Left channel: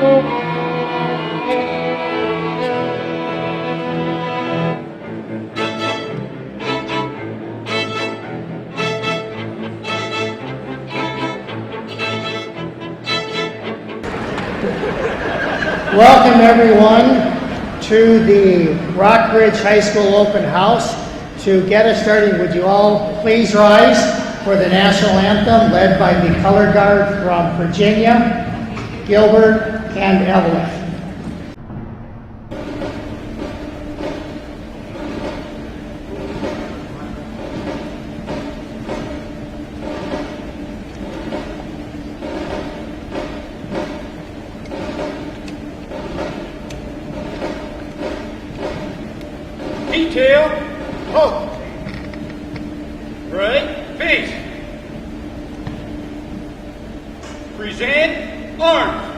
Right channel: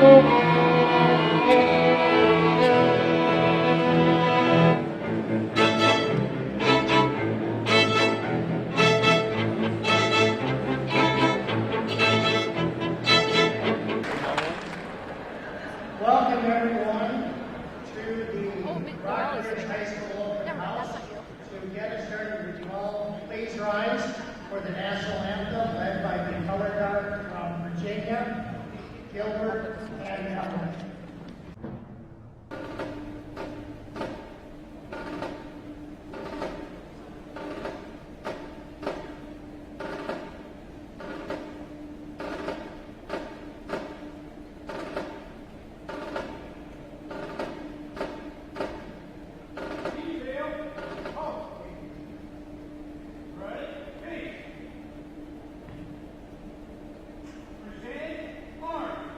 Welcome everyone to the Rockbridge High School Open House. To get us started, would you all please rise for the national anthem led by the color guard from Virginia, Gilbert, and Evelyn. Detail, halt. Right, face. Present, arms.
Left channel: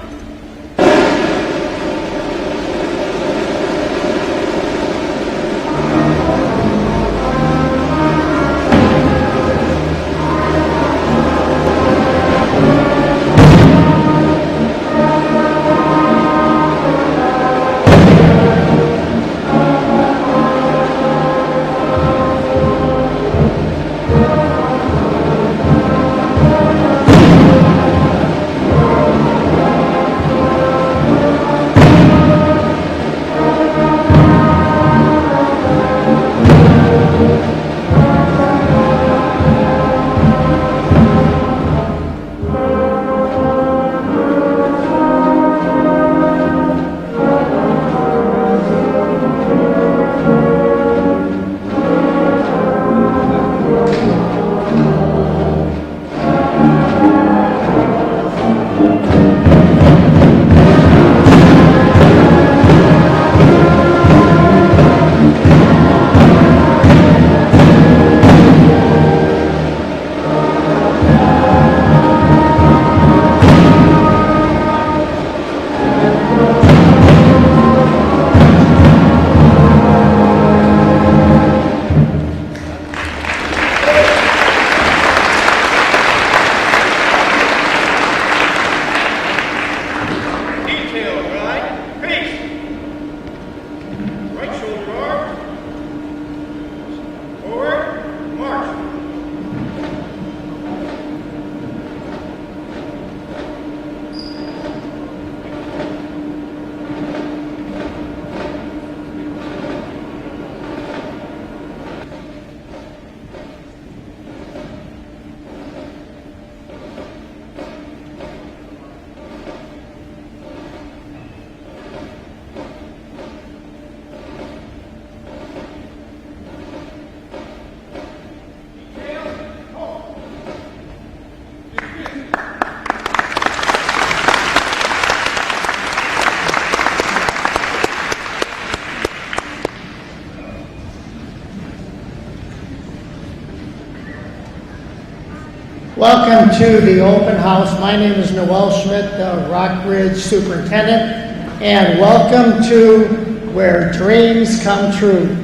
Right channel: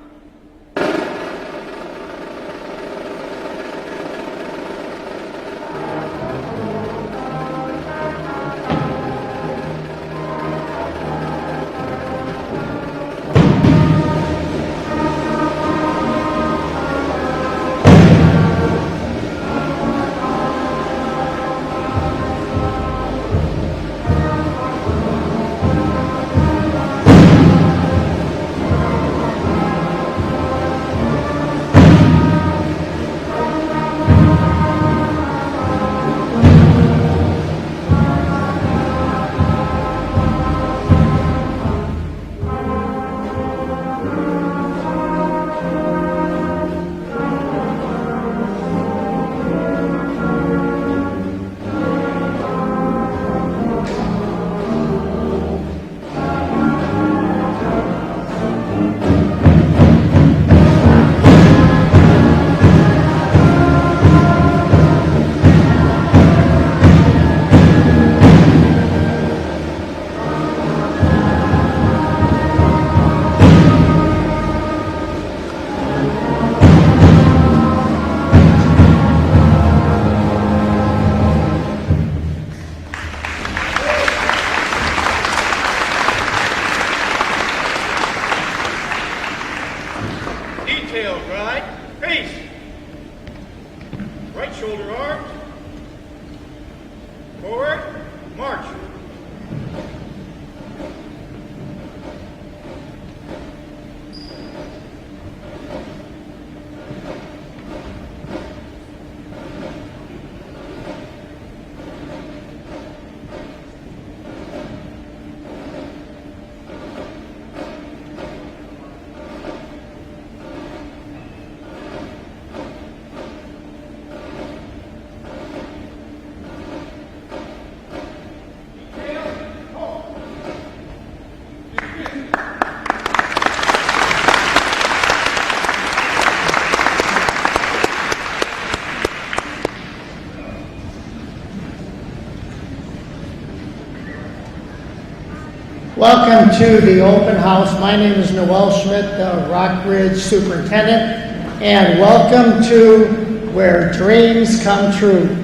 Welcome to the open house. My name is Noel Schmidt, the Rockbridge Superintendent, and welcome to where dreams come true.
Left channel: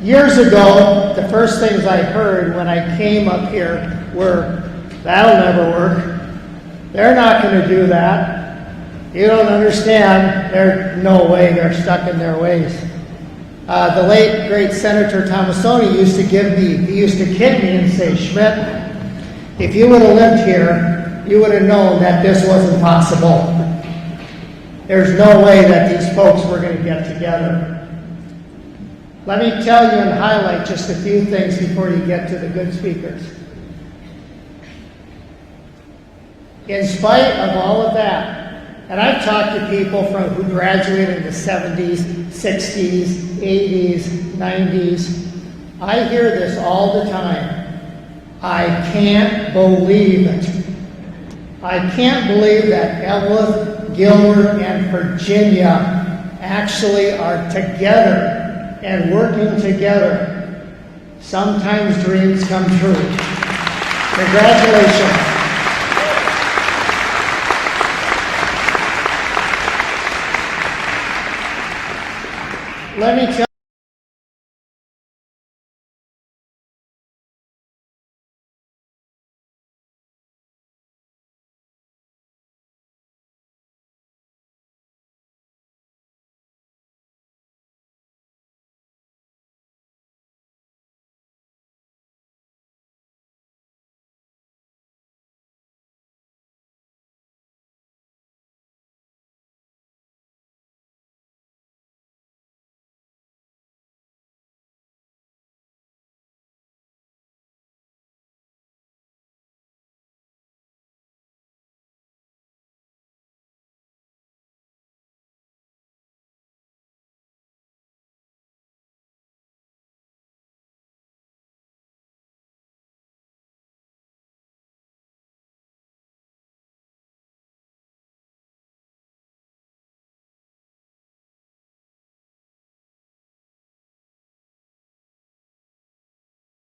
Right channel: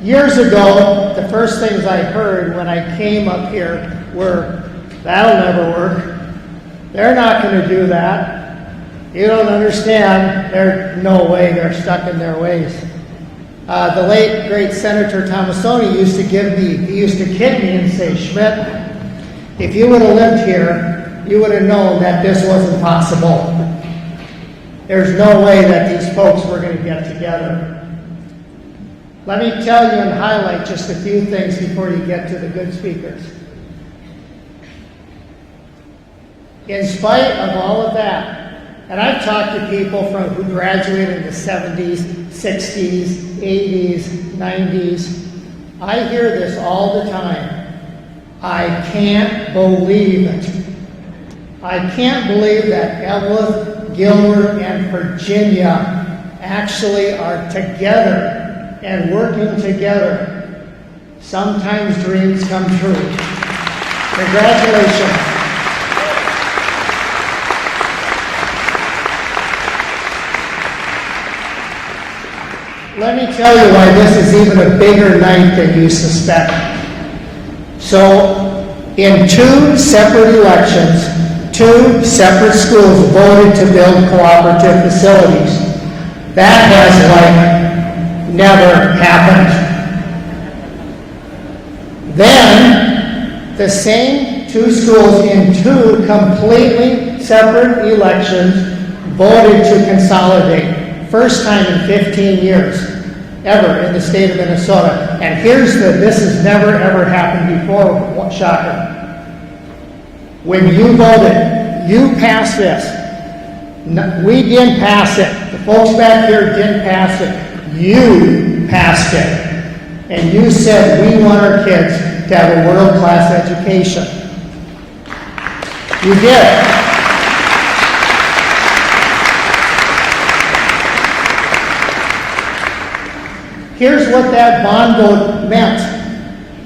Years ago, the first things I heard when I came up here were, "That'll never work. They're not going to do that. You don't understand. There's no way. They're stuck in their ways." The late, great Senator Thomasoni used to kid me and say, "Schmidt, if you would have lived here, you would have known that this wasn't possible. There's no way that these folks were going to get together." Let me tell you and highlight just a few things before you get to the good speakers. In spite of all of that, and I've talked to people who graduated in the 70s, 60s, 80s, 90s. I hear this all the time. I can't believe it. I can't believe that Evelyn, Gilbert, and Virginia actually are together and working together. Sometimes dreams come true. Congratulations. Let me tell you why this is even a bigger night than you suspect. So, in two separate elections, 2 separate schools voted to build cooperative facilities. That has like never happened. Then, the same 2 schools in 2 completely separate elections voted to consolidate. First time in 15 years ever in the state of Minnesota. And this has never ever happened before, shocker. When you voted, you passed this. No, we didn't pass it. The folks back here didn't pass it. You passed it. And you said we want our kids to have a world-class education. You did. Here's what that bond vote meant.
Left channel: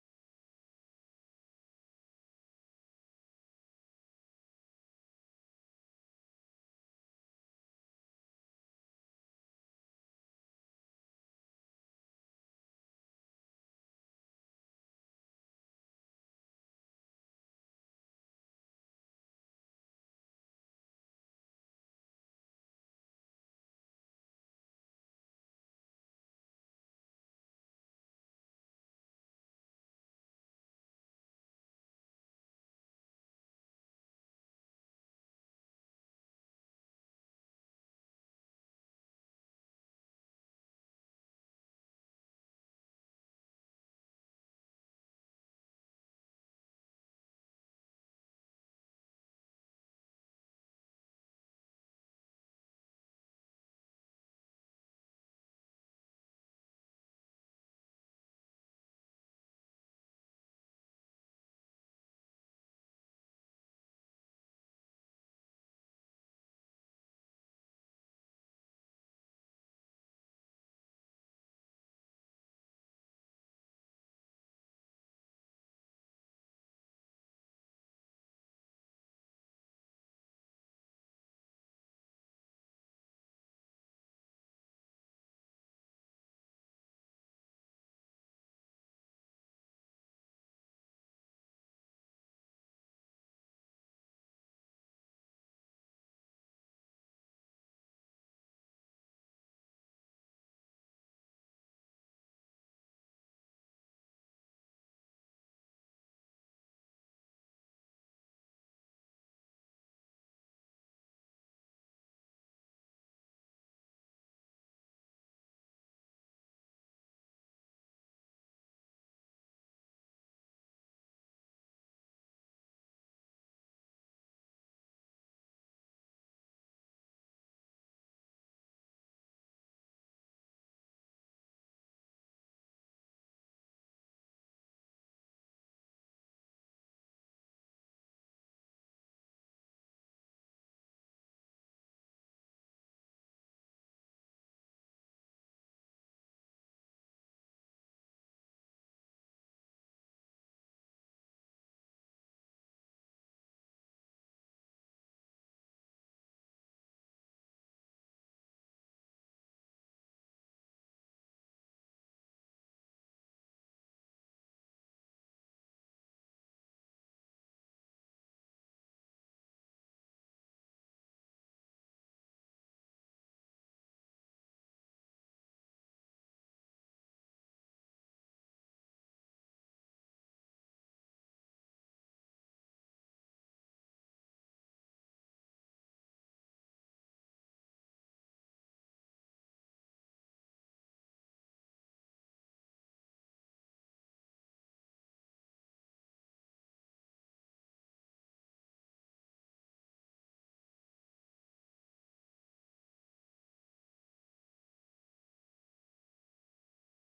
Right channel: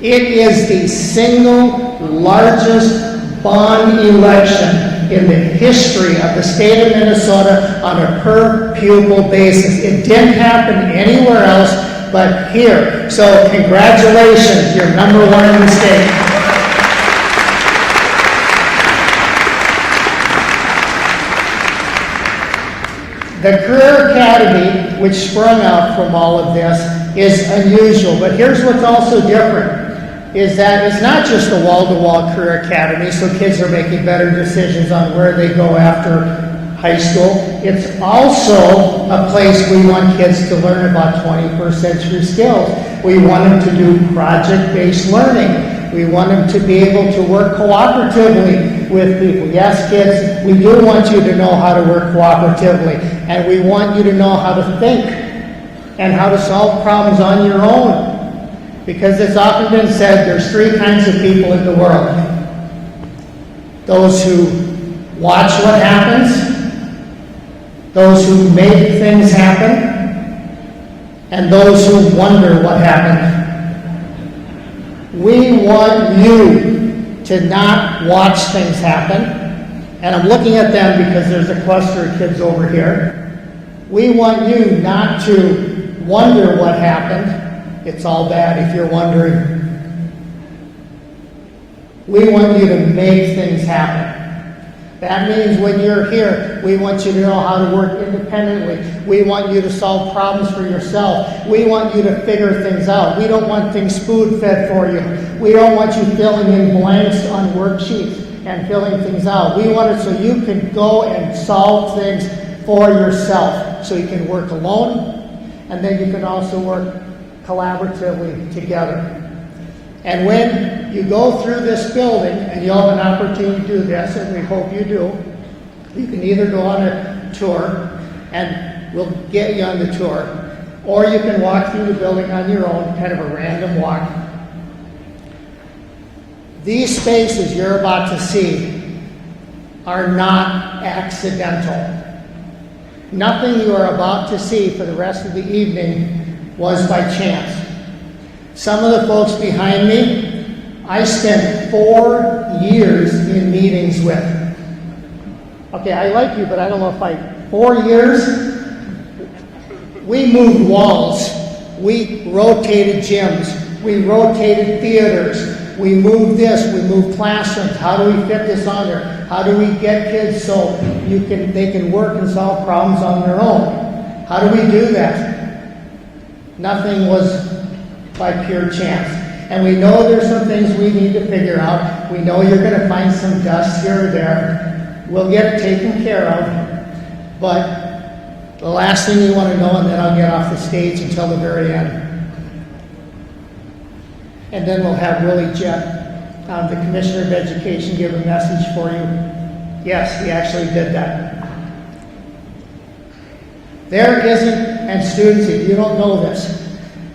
It is the single largest bond election in the history of the state of Minnesota on a per pupil basis. It didn't happen anywhere else but here. So congratulations, you're number 1 in the state. The Career Academy, which sprung out from all of this, is unusual. But here's what's also different, is that it's not just a wall-to-wall career academy, so kids are making better decisions on where they go after high school. It's also a place we want kids to learn about 21st century skills. We want them to do project-based learning. We want them to be able to work cooperatively with people. Yes, kids, we do want you to know how to work cooperatively, and we want you to know how to think and how to solve problems on your own. Because it's often been said there's 3 kinds of people in the world. Those who watch what happens, those who make things happen, and those who wonder what happened. We want you to not watch things happen, and I'm looking at them because there's a cluster of kids over here. We want you not to wonder what happened. It's all bad if you're wondering. We want you to make things happen. That means when you're here, we want you to know how to work independently. We want you to solve problems for yourself. We want you to figure things out. We don't want things spoon-fed for you. We don't want you filling in blanks on worksheets and filling things out. We want it so you can go and solve things for yourself. So you can work alone, and then you can also work collaboratively together. And when you go through this building, and you'll have an opportunity to do this, and we hope you do, you can either go on a tour, and we'll get you on the tour, or you can walk through the building on your own, kind of a random walk. These spaces you're about to see are not accidental. Nothing you are about to see for the rest of the evening was by chance. Some of the folks behind me, I spent 4 years in meetings with. Okay, I like you, but I don't know if 4 years? We moved walls. We rotated gyms. We rotated theaters. We moved this. We moved classrooms. How do we fit this on there? How do we get kids so they can work and solve problems on their own? How do we do that? Nothing was by pure chance. And we know there's some things we need to figure out. We know you're going to find some dust here or there. We'll get it taken care of. But the last thing you want to know, and then I'll get off the stage until the very end. And then we'll have Willie Jett, the Commissioner of Education, give a message for you. Yes, he actually did that. There isn't, and students, if you don't know this,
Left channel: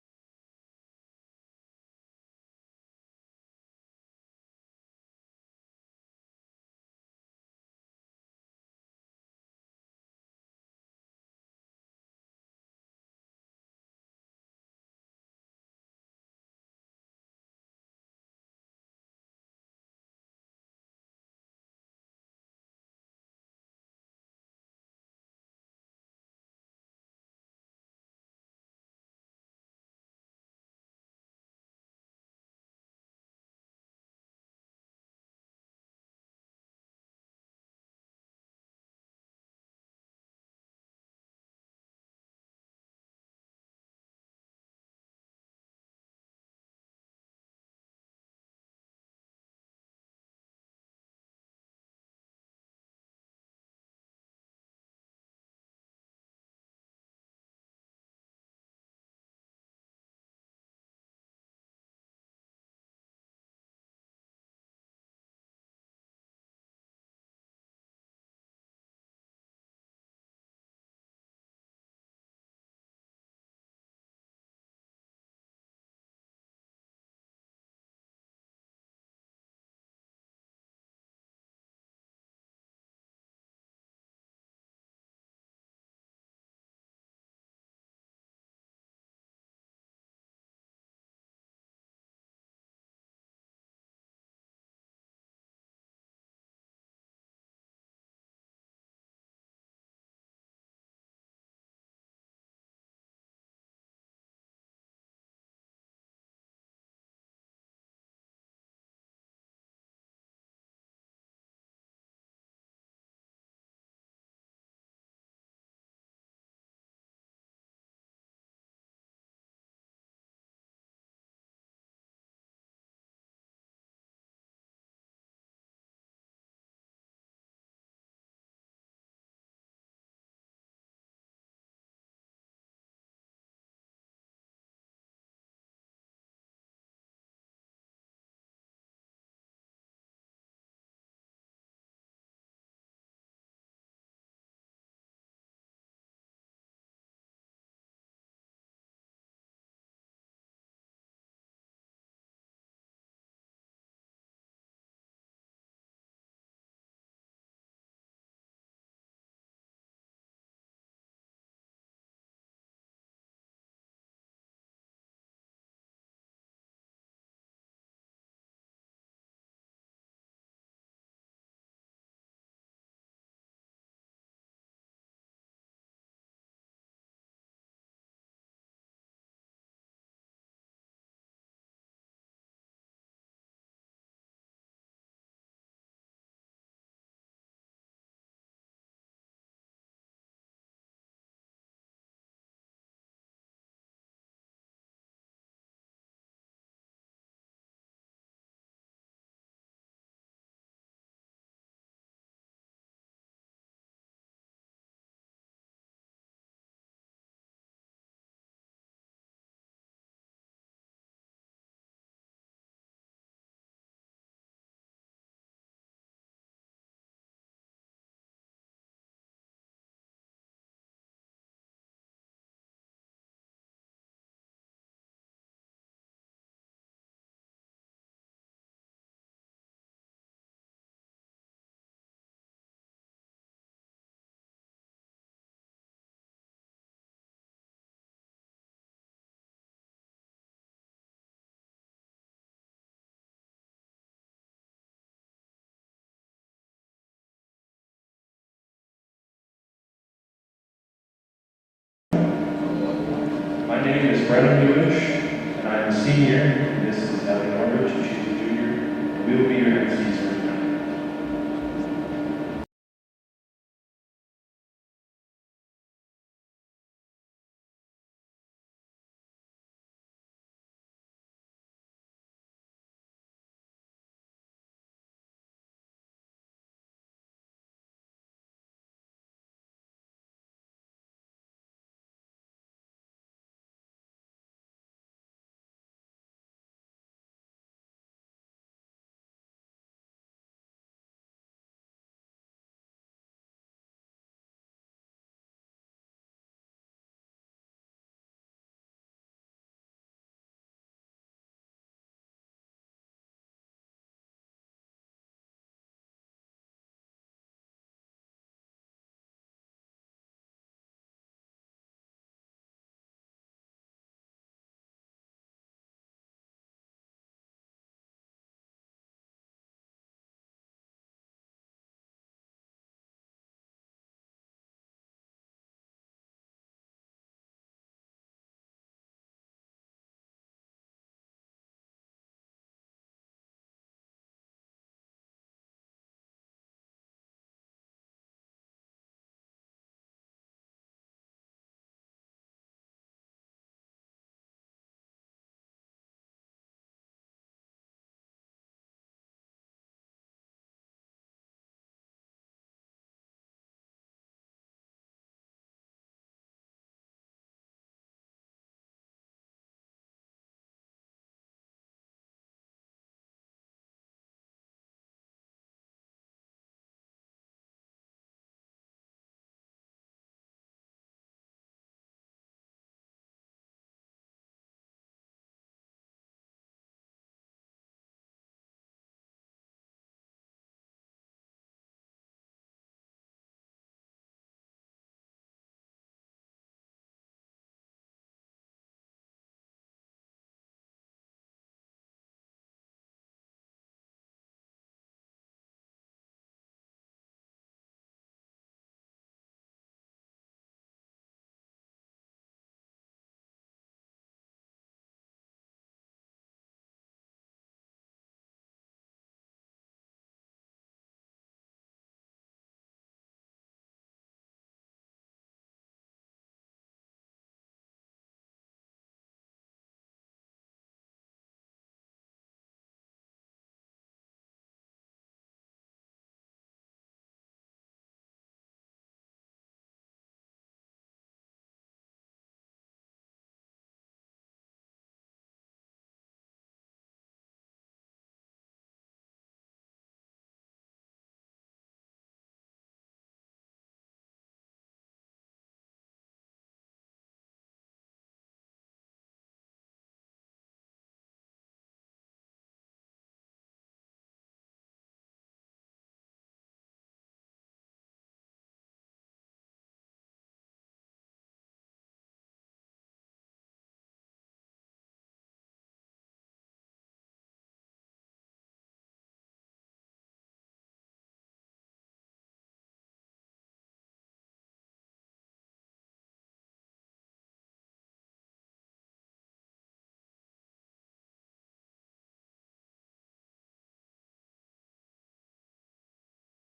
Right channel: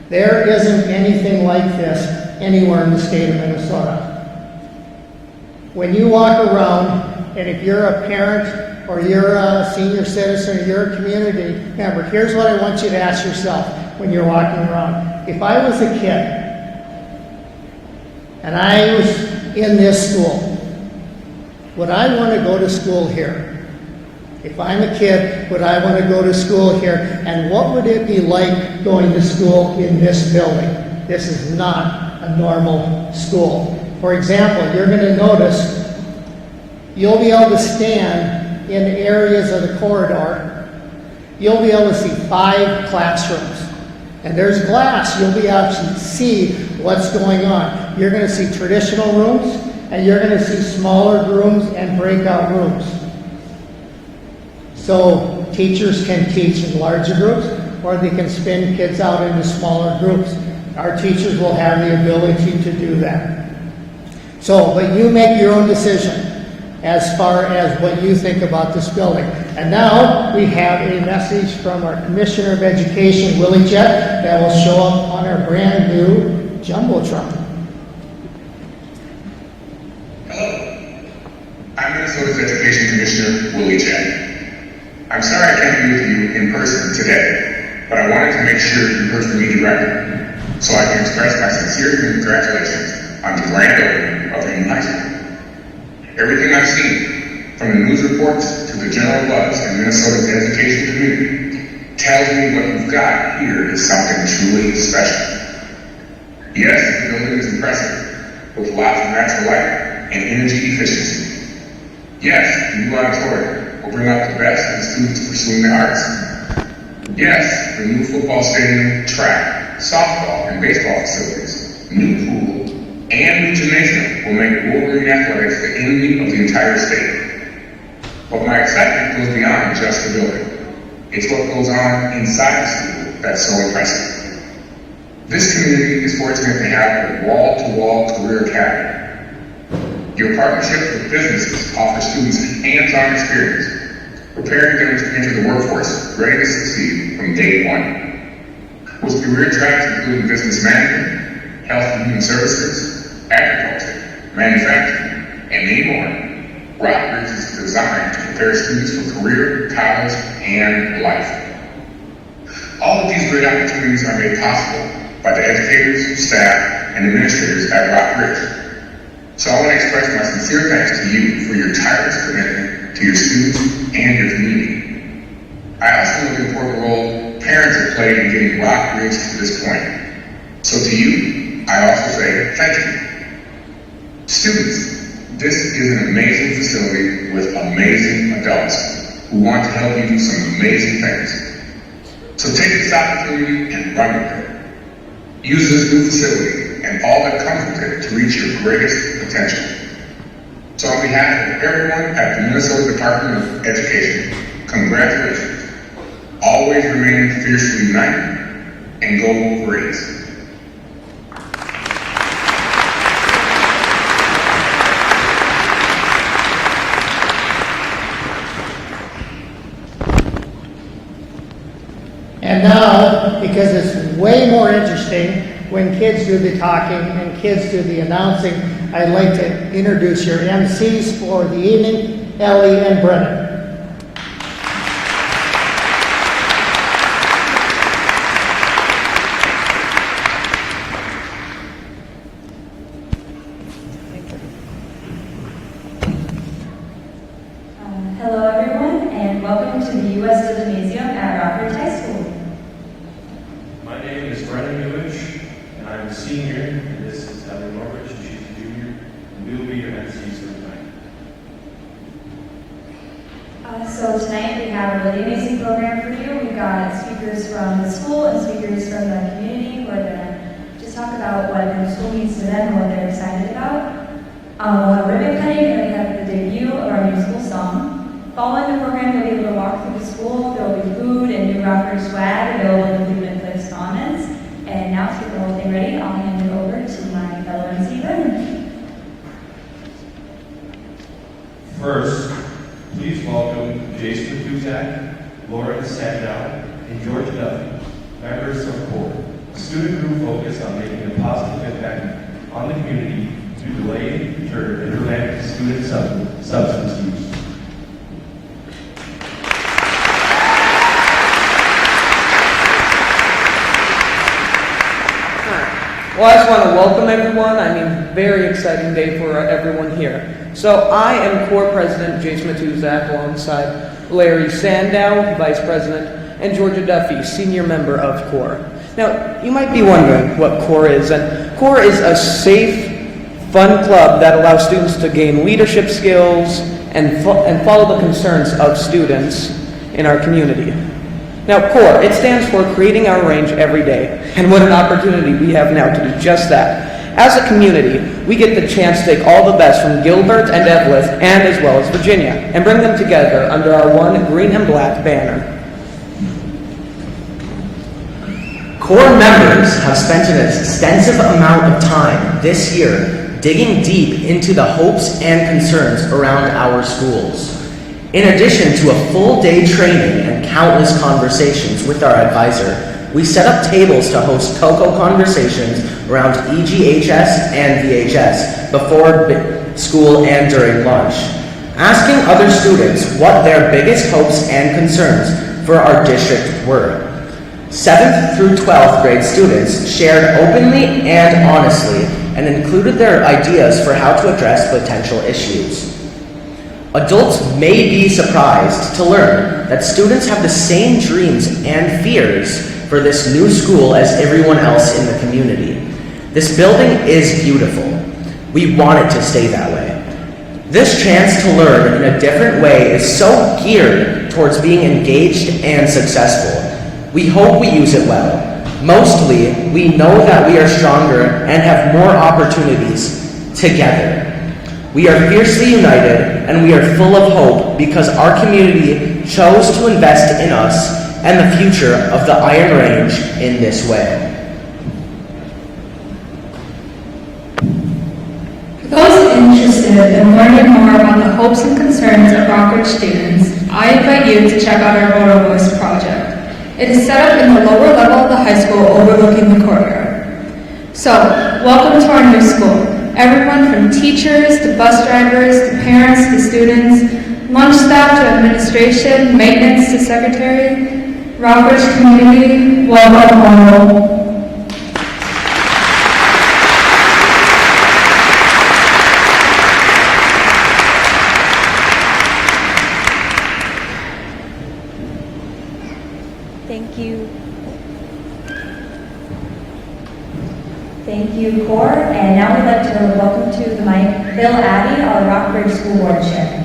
there isn't anything like this anywhere in the state of Minnesota. When you walk around, and if you're a parent, or you're a senior citizen, or you're a community member, here's what I want you to ask yourself when you're walking around. If I was a kid, and I was in this school, would I want to go to school here? If I'm a kid, would I want to go to school here? And what would it be like going to school in this building? This is not a normal school. For example, you're going to notice You'll be able to stand in areas of the corridor. You'll be able to see 5 classrooms. And there's glass. You'll be able to see what's going on. You're going to see traditional rooms, and you're going to see smaller rooms and breakout rooms. So teachers can teach in larger groups, or they can spin kids out into smaller groups. Our teachers will have the ability to do that. So, but you make your own decision as far as what you think about this building. And now we have a message from our Commissioner of Education, Willie Jett, that will show up on our brand new Jumbotron. Hello, I'm Minnesota's Education Commissioner, Willie Jett. I'm sorry I can't be with you in person today, but I wanted to make sure you heard from me directly, so I can express my sincere congratulations on the grand opening of the new high school. Everything I've seen, from the news reports to the general buzz in Minnesota's education community, tells me what you've got here is something truly special. Yes, the building is impressive, with lots of natural light and energy efficiency. Yes, the new auditorium will bring out the best in students pursuing the arts. Yes, the new football stadium, track, softball, and baseball facilities, new pool, and new gymnasium will make Wolverine athletics the envy of the entire state. But my excitement goes beyond just the building. It's what goes on inside the school that's so impressive. This community is fortunate to have a wall-to-wall career academy. Your partnerships with businesses offer students hands-on experience, preparing them to enter the workforce ready to succeed from day one. With career tracks including business management, health and human services, agriculture, manufacturing, and many more, Rockbridge is designed to prepare students for career, college, and life. All of these great opportunities are made possible by the educators, staff, and administrators at Rockbridge. So I want to express my sincere thanks to you for your tireless commitment to your students and your community. I also know the important role parents have played in getting Rockbridge to this point. So to you, I also say thank you. Students, this is an amazing facility with amazing adults who want to help you do some amazing things. So take this opportunity and run with it. Use this new facility and all that comes with it to reach your greatest potential. So on behalf of everyone at the Minnesota Department of Education, congratulations. Always remain fiercely united and go Wolverines. And now, because it's way more interesting when kids do the talking and kids do the announcing, I'd like to introduce your MCs for the evening, Ellie and Brennan. Hello everyone, and welcome to the U.S. Gymnasium at Rockbridge High School. My name is Brennan Buish, and I'm a senior, and this is Sally Albert, she's a junior. We will be your MCs. So tonight we have a really amazing program for you. We've got speakers from the school and speakers from the community who are going to just talk about what the school means to them and what they're excited about. We'll have ribbon cutting, and we have the debut of our new school song. Following the program, you'll be able to walk through the school. There will be food and new Rockbridge swag available in the Food and Correspondence. And now to get the whole thing ready, I'll hand it over to my fellow MC, Brennan. First, please welcome Jason Matuzak, Lauren Sandow, and George Duffy, members of CORE, a student group focused on making a positive impact on the community to delay and deter internet student substance use. Well, I just want to welcome everyone. I mean, very exciting day for everyone here. So I am CORE President Jason Matuzak alongside Larry Sandow, Vice President, and Georgia Duffy, Senior Member of CORE. Now, you might be wondering what CORE is, and CORE is a safe, fun club that allows students to gain leadership skills and follow the concerns of students in our community. Now, CORE, it stands for Creating Our Range Every Day, and what an opportunity we have now to do just that. As a community, we get the chance to take all the best from Gilbert and Evelyn, and as well as Virginia, and bring them together under our one green and black banner. CORE members have spent an extensive amount of time this year digging deep into the hopes and concerns around our schools. In addition to a full-day training and countless conversations with our advisor, we set up tables to host COCO conversations around EGHS and VHS before school and during lunch, asking other students what their biggest hopes and concerns for our district were. 7th through 12th grade students shared openly and honestly and included their ideas for how to address potential issues. Adults may be surprised to learn that students have the same dreams and fears for this new school as everyone else in the community. This building is beautiful. We want it to stay that way. This chance to learn in a different way is so geared towards being engaged and successful. We hope we use it well. Mostly, we know that we are stronger and have more opportunities together. We are fiercely united and we are full of hope because our community chose to invest in us and the future of the Iron Range in this way. For those interested in learning more about the hopes and concerns of Rockridge students, I invite you to check out our Voter Voice project. It is set up in the lower level of the high school overlooking the courtyard. So, welcome to our new school. Everyone from teachers to bus drivers to parents to students, lunch staff to administration, maintenance to secretary, Rockridge community, welcome home. Thank you. Thank you, CORE. And now we'd like to welcome to the mic Bill Addy, our Rockridge School Board Chair.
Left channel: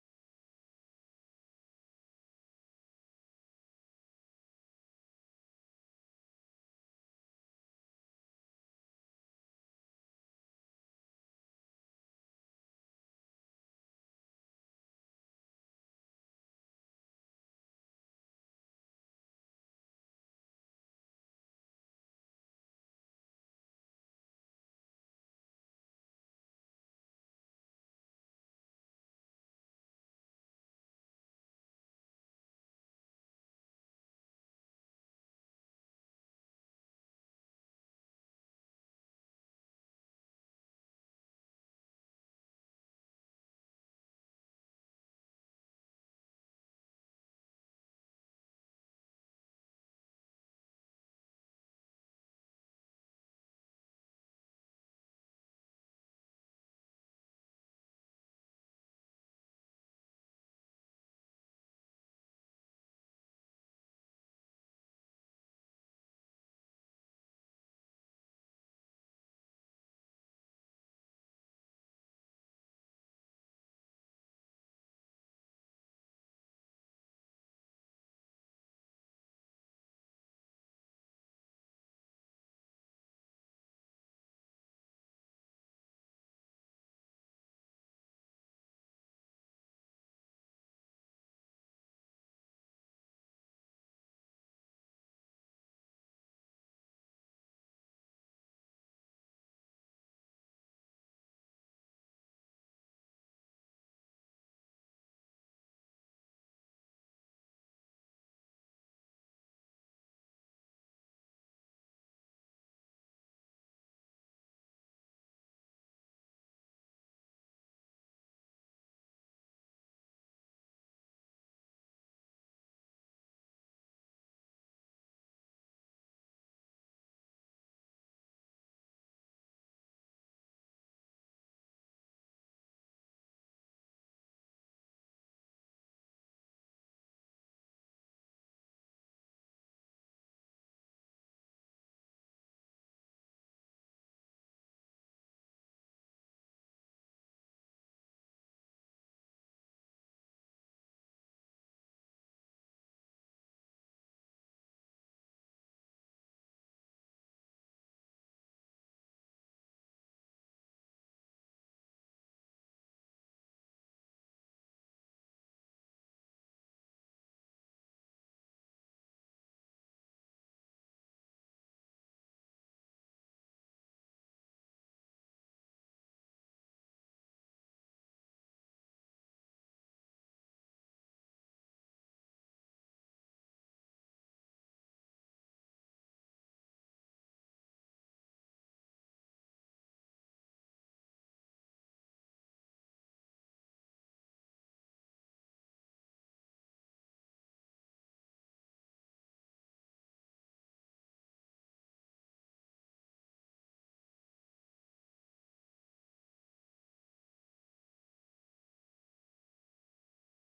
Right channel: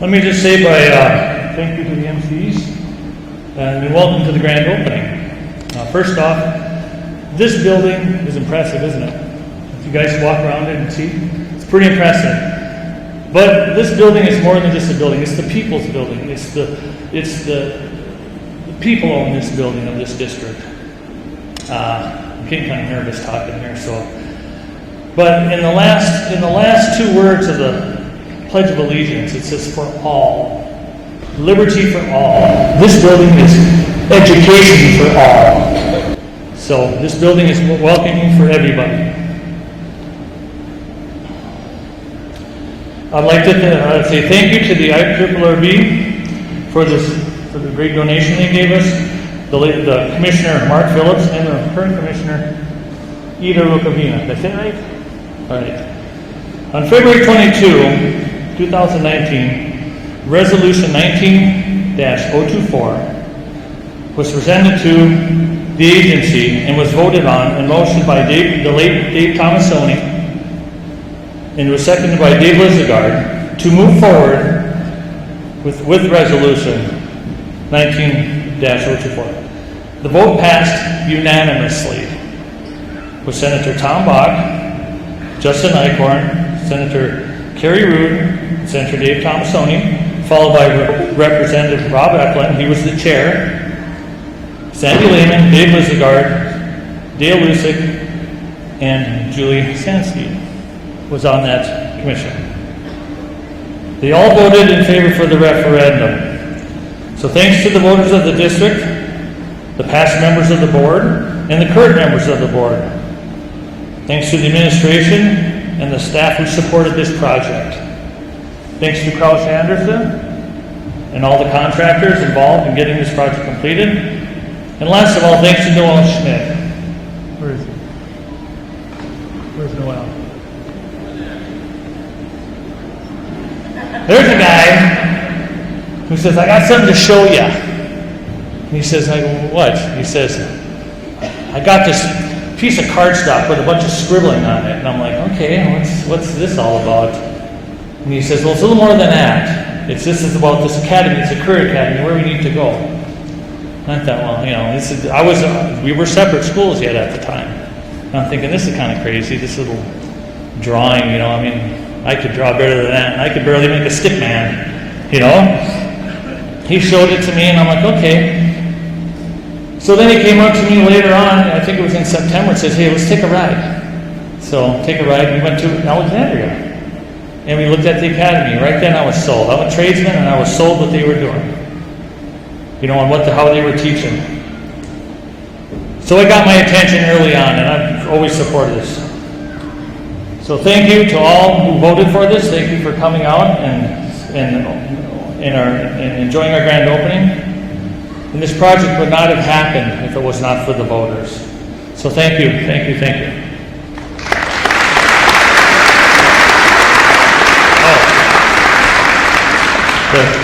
Let me just say thank you to the MCs and welcome to the grand opening. First off, this building is impressive, isn't it? If you guys walk around it and see, it's pretty impressive. But this building is more than just a building. It's the people's building. It's the people own this building of this district. I'm getting kind of nervous talking here, so. But in the last two words of the Pledge of Allegiance, it says for all. Liberty for all. This building is education for all. So this building is welcoming for everybody. I'd like to say thank you to the IRRB for the great donation they gave us. The Commissioner Mark Phillips and the current Commissioner Ida Rukavina. Did I say it right? All right. On February 22, 2019, Resolution 19-024 was presented to the agency and was voted on and motioned by the late Dave Tomasoni, and was seconded by Dave Lizagard to move forward with Resolution 19-024. The vote passed unanimously with Senator Tom Bach, Justin Eichhorn, Senator Kerry Rood, Senator Dave Tomasoni, followed by Representative Rob Eklund. He was the chair. Sandy Lehman, Dave Lizagard, Dale Lusick, and Julie Sansky was on that commission. They all voted in favor for the referendum. So thanks to the voters of the district, the past members of the board, and the current members of the board. Thanks to the administration and the staff who supported this project. Thanks to Kraus Anderson and all the contractors involved in getting this project completed. And last of all, thanks to Noel Schmidt. Where is he? Where's Noel? there's a guy who says, I got something to show you. And he says, I go, what? He says, I got this piece of cardstock with a bunch of scribbling on it. And I'm like, okay, what's this all about? And he says, well, it's a little more than that. This is about this academy. It's a career academy, where we need to go. And I thought, well, we were separate schools yet at the time. And I'm thinking, this is kind of crazy, this little drawing, I could draw better than that. And I could barely make a stick man, He showed it to me, and I'm like, okay. So then he came up to me later on, I think it was in September, and says, hey, let's take a ride. So, take a ride. We went to Alexandria, and we looked at the academy. Right then I was sold. I'm a tradesman, and I was sold what they were doing. On how they were teaching. So it got my attention early on, and I've always supported this. So thank you to all who voted for this. Thank you for coming out and enjoying our grand opening. And this project would not have happened if it was not for the voters. So thank you, thank you, thank you.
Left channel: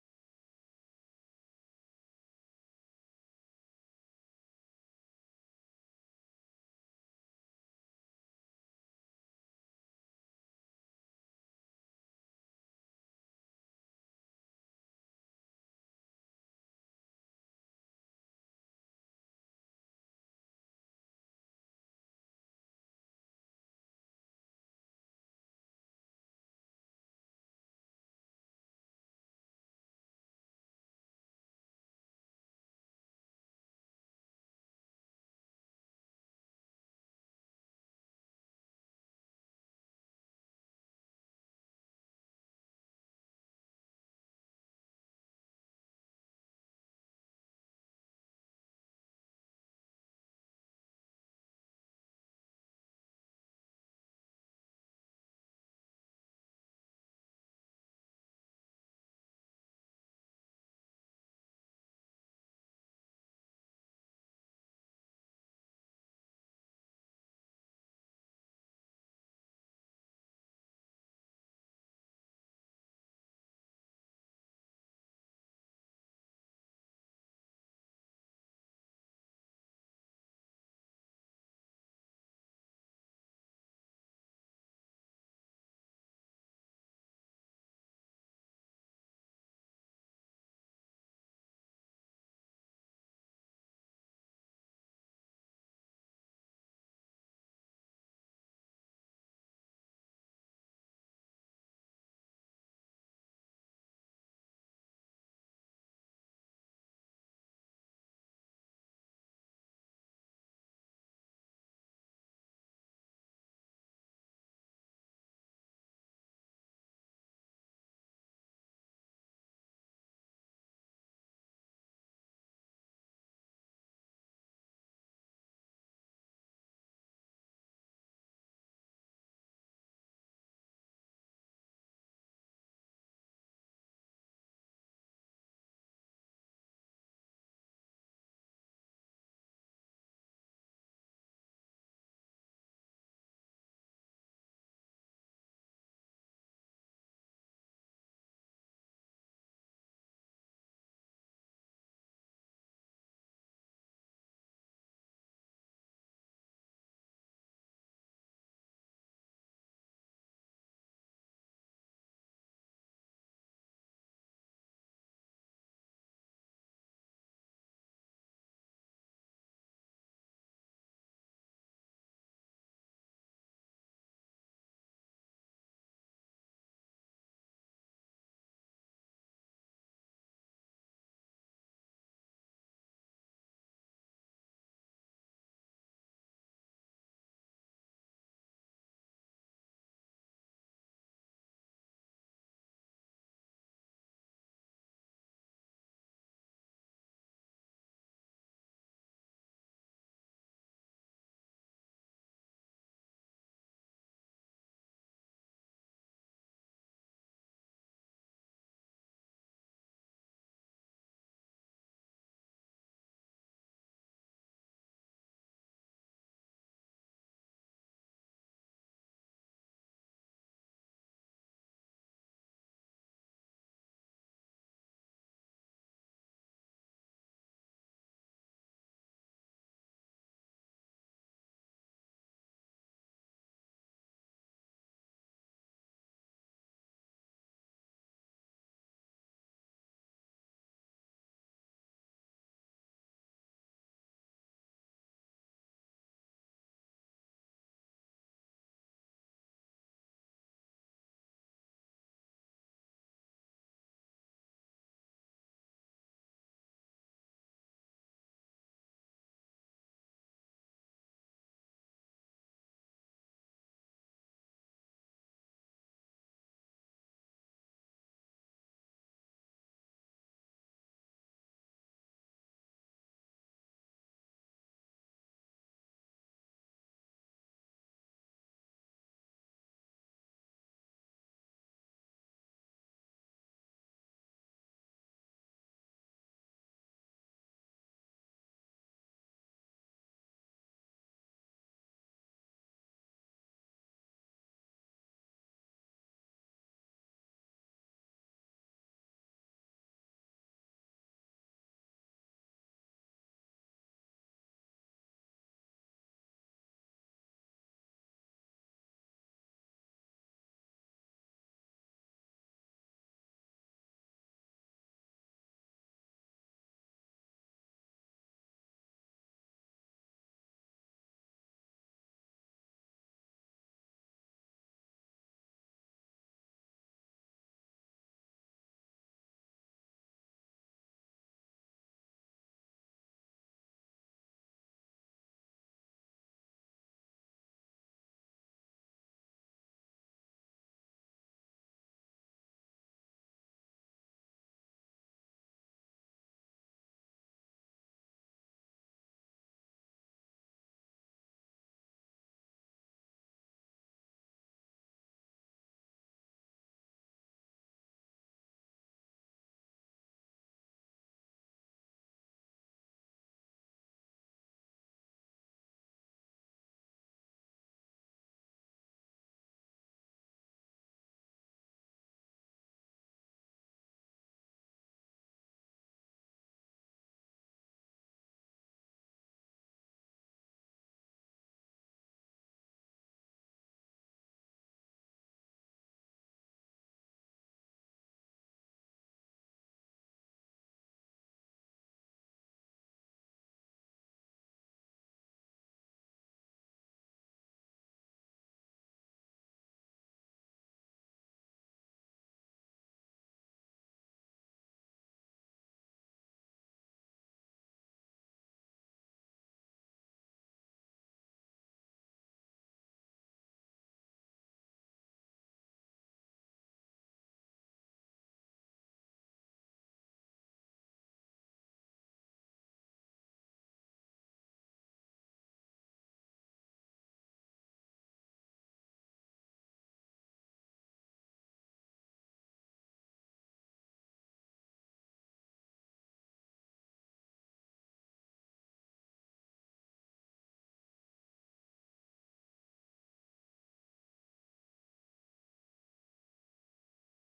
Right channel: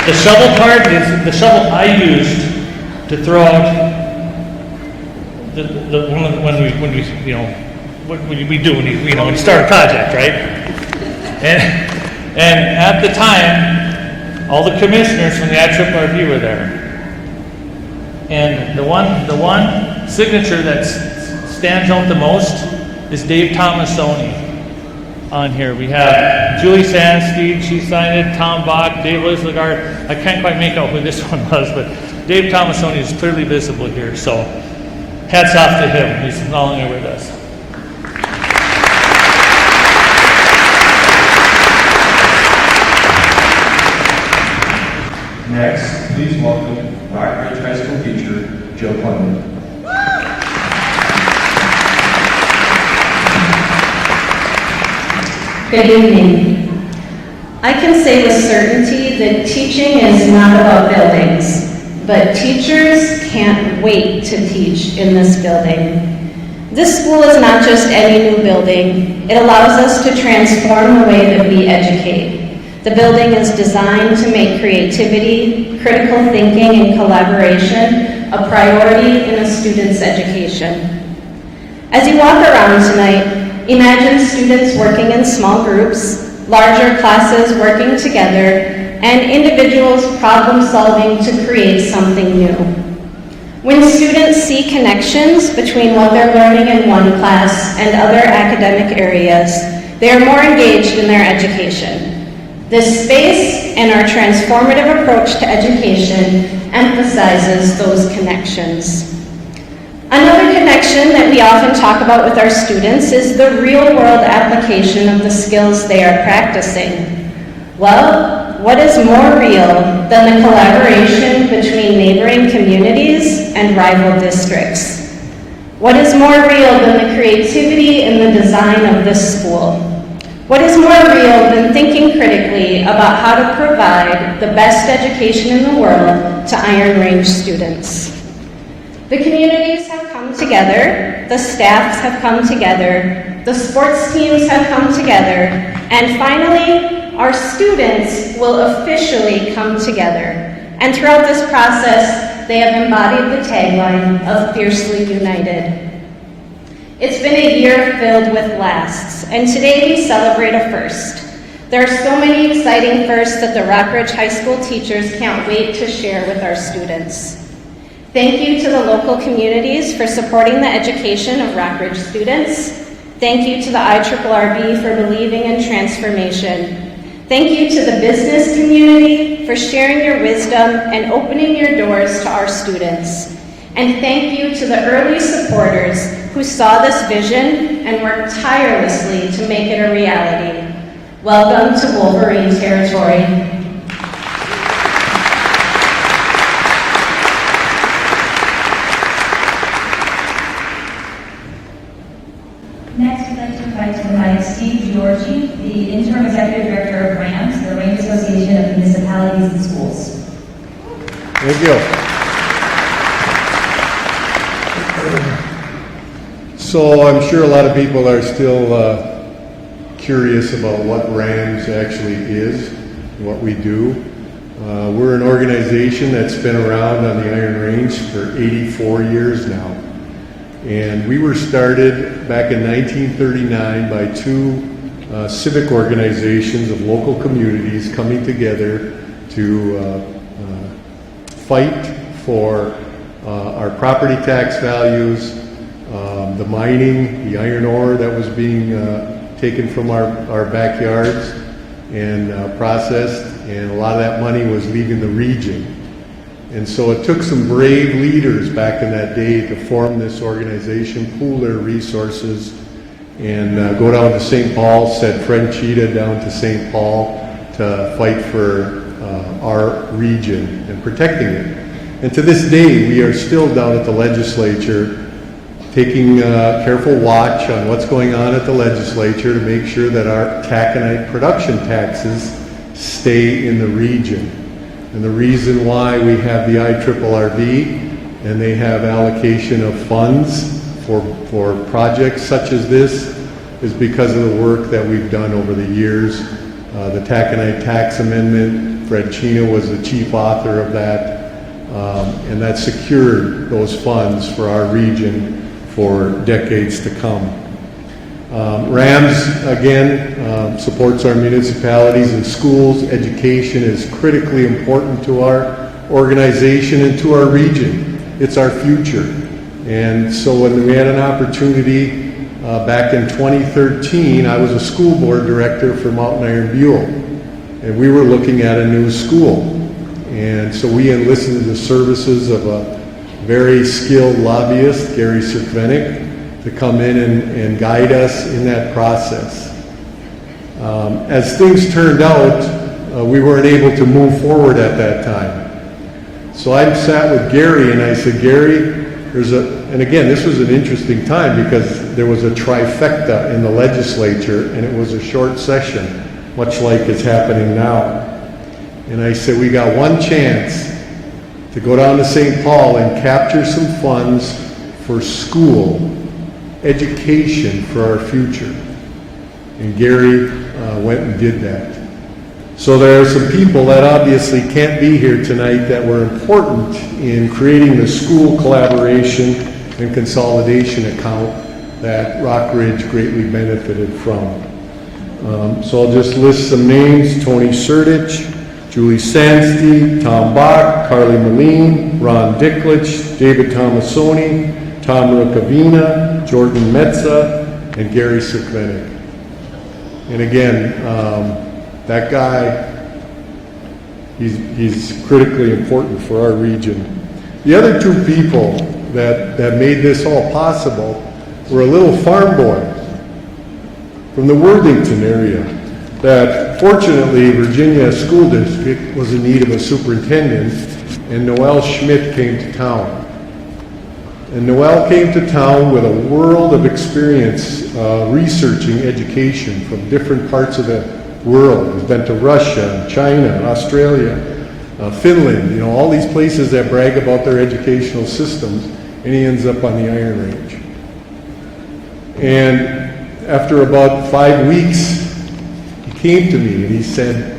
The shovel part is the shovel I used to throw out when you start a project, right? And at the time, all the commissioners from the IRRB were there. And the one signature that stands out the most is Dave Tomasoni. On here we have Julie Sandsteed, she signed it, Tom Bach, Dave Lislagard. I can't quite make out who this one was, but Dave Tomasoni is clearly visible here, so hats off to him. He's no longer with us. Next, please welcome Rockbridge High School teacher Joe Plummer. Good evening. I can say with certainty that teaching is not about buildings, but teachers can't wait to teach in this building. This school is not just any new building. It allows us to transform the way that we educate. The building is designed to make creativity, critical thinking, and collaboration a priority in a student's education. As you walk around tonight, imagine students working in small groups, larger classes working together, and individuals problem solving to create something new. When students see connections between what they're learning in one class and other academic areas, they are more engaged in their education. This space and our transformative approach to education emphasizes those connections. Another connection that we often talk about with our students is the real-world application of the skills they are practicing. Well, what is more real than the collaboration between neighboring communities and rival districts? What is more real than the creativity in the design of this school? What is more real than thinking critically about how to provide the best education in the world to Iron Range students? The communities have come together, the staffs have come together, the sports teams have come together, and finally, our students will officially come together. And throughout this process, they have embodied the tagline of Fiercely United. It's been a year filled with lasts, and today we celebrate a first. There are so many exciting firsts that the Rockbridge High School teachers can't wait to share with our students. Thank you to the local communities for supporting the education of Rockbridge students. Thank you to the IRRB for believing in transformation. Thank you to the business community for sharing your wisdom and opening your doors to our students. And thank you to the early supporters who saw this vision and worked tirelessly to make it a reality. Welcome to Wolverine territory. Next, we'd like to invite to the mic Steve Giorgi, the Interim Executive Director of RAMS, the Range Association of Municipalities and Schools. Thank you. So I'm sure a lot of people are still curious about what RAMS actually is. what we do. We're an organization that's been around on the Iron Range for 84 years now. And we were started back in 1939 by two civic organizations of local communities coming together to fight for our property tax values, the mining, the iron ore that was being taken from our backyards and processed, and a lot of that money was leaving the region. And so it took some brave leaders back in that day to form this organization, pool their resources, and go down to St. Paul, send Fred Cheetah down to St. Paul to fight for our region and protecting it. And to this day, we are still down at the legislature taking careful watch on what's going on at the legislature to make sure that our taconite production taxes stay in the region. And the reason why we have the IRRB and they have allocation of funds for projects such as this is because of the work that we've done over the years. The taconite tax amendment, Fred Cheetah was the chief author of that, and that secured those funds for our region for decades to come. RAMS, again, supports our municipalities and schools. Education is critically important to our organization and to our region. It's our future. And so when we had an opportunity back in 2013, I was a school board director for Mountain Iron Buell, and we were looking at a new school. And so we enlisted the services of a very skilled lobbyist, Gary Cirkvenik, to come in and guide us in that process. As things turned out, we weren't able to move forward at that time. So I sat with Gary and I said, Gary, and again, this was an interesting time because there was a trifecta in the legislature and it was a short session, much like is happening now. And I said, we got one chance to go down to St. Paul and capture some funds for school education for our future. And Gary went and did that. So there are some people that obviously can't be here tonight that were important in creating the school collaboration and consolidation account that Rockridge greatly benefited from. So I'll just list some names: Tony Sertich, Julie Sandsty, Tom Bach, Carly Moline, Ron Dicklich, David Tomasoni, Tom Rukavina, Jordan Metza, and Gary Cirkvenik. And again, that guy, he's critically important for our region. The other two people that made this all possible were a little farm boy from the Worthington area that fortunately Virginia School District was in need of a superintendent, and Noel Schmidt came to town. And Noel came to town with a world of experience researching education from different parts of the world. He's been to Russia, China, Australia, Finland, all these places that brag about their educational systems, and he ends up on the Iron Range. And after about 5 weeks, he came to me and he said,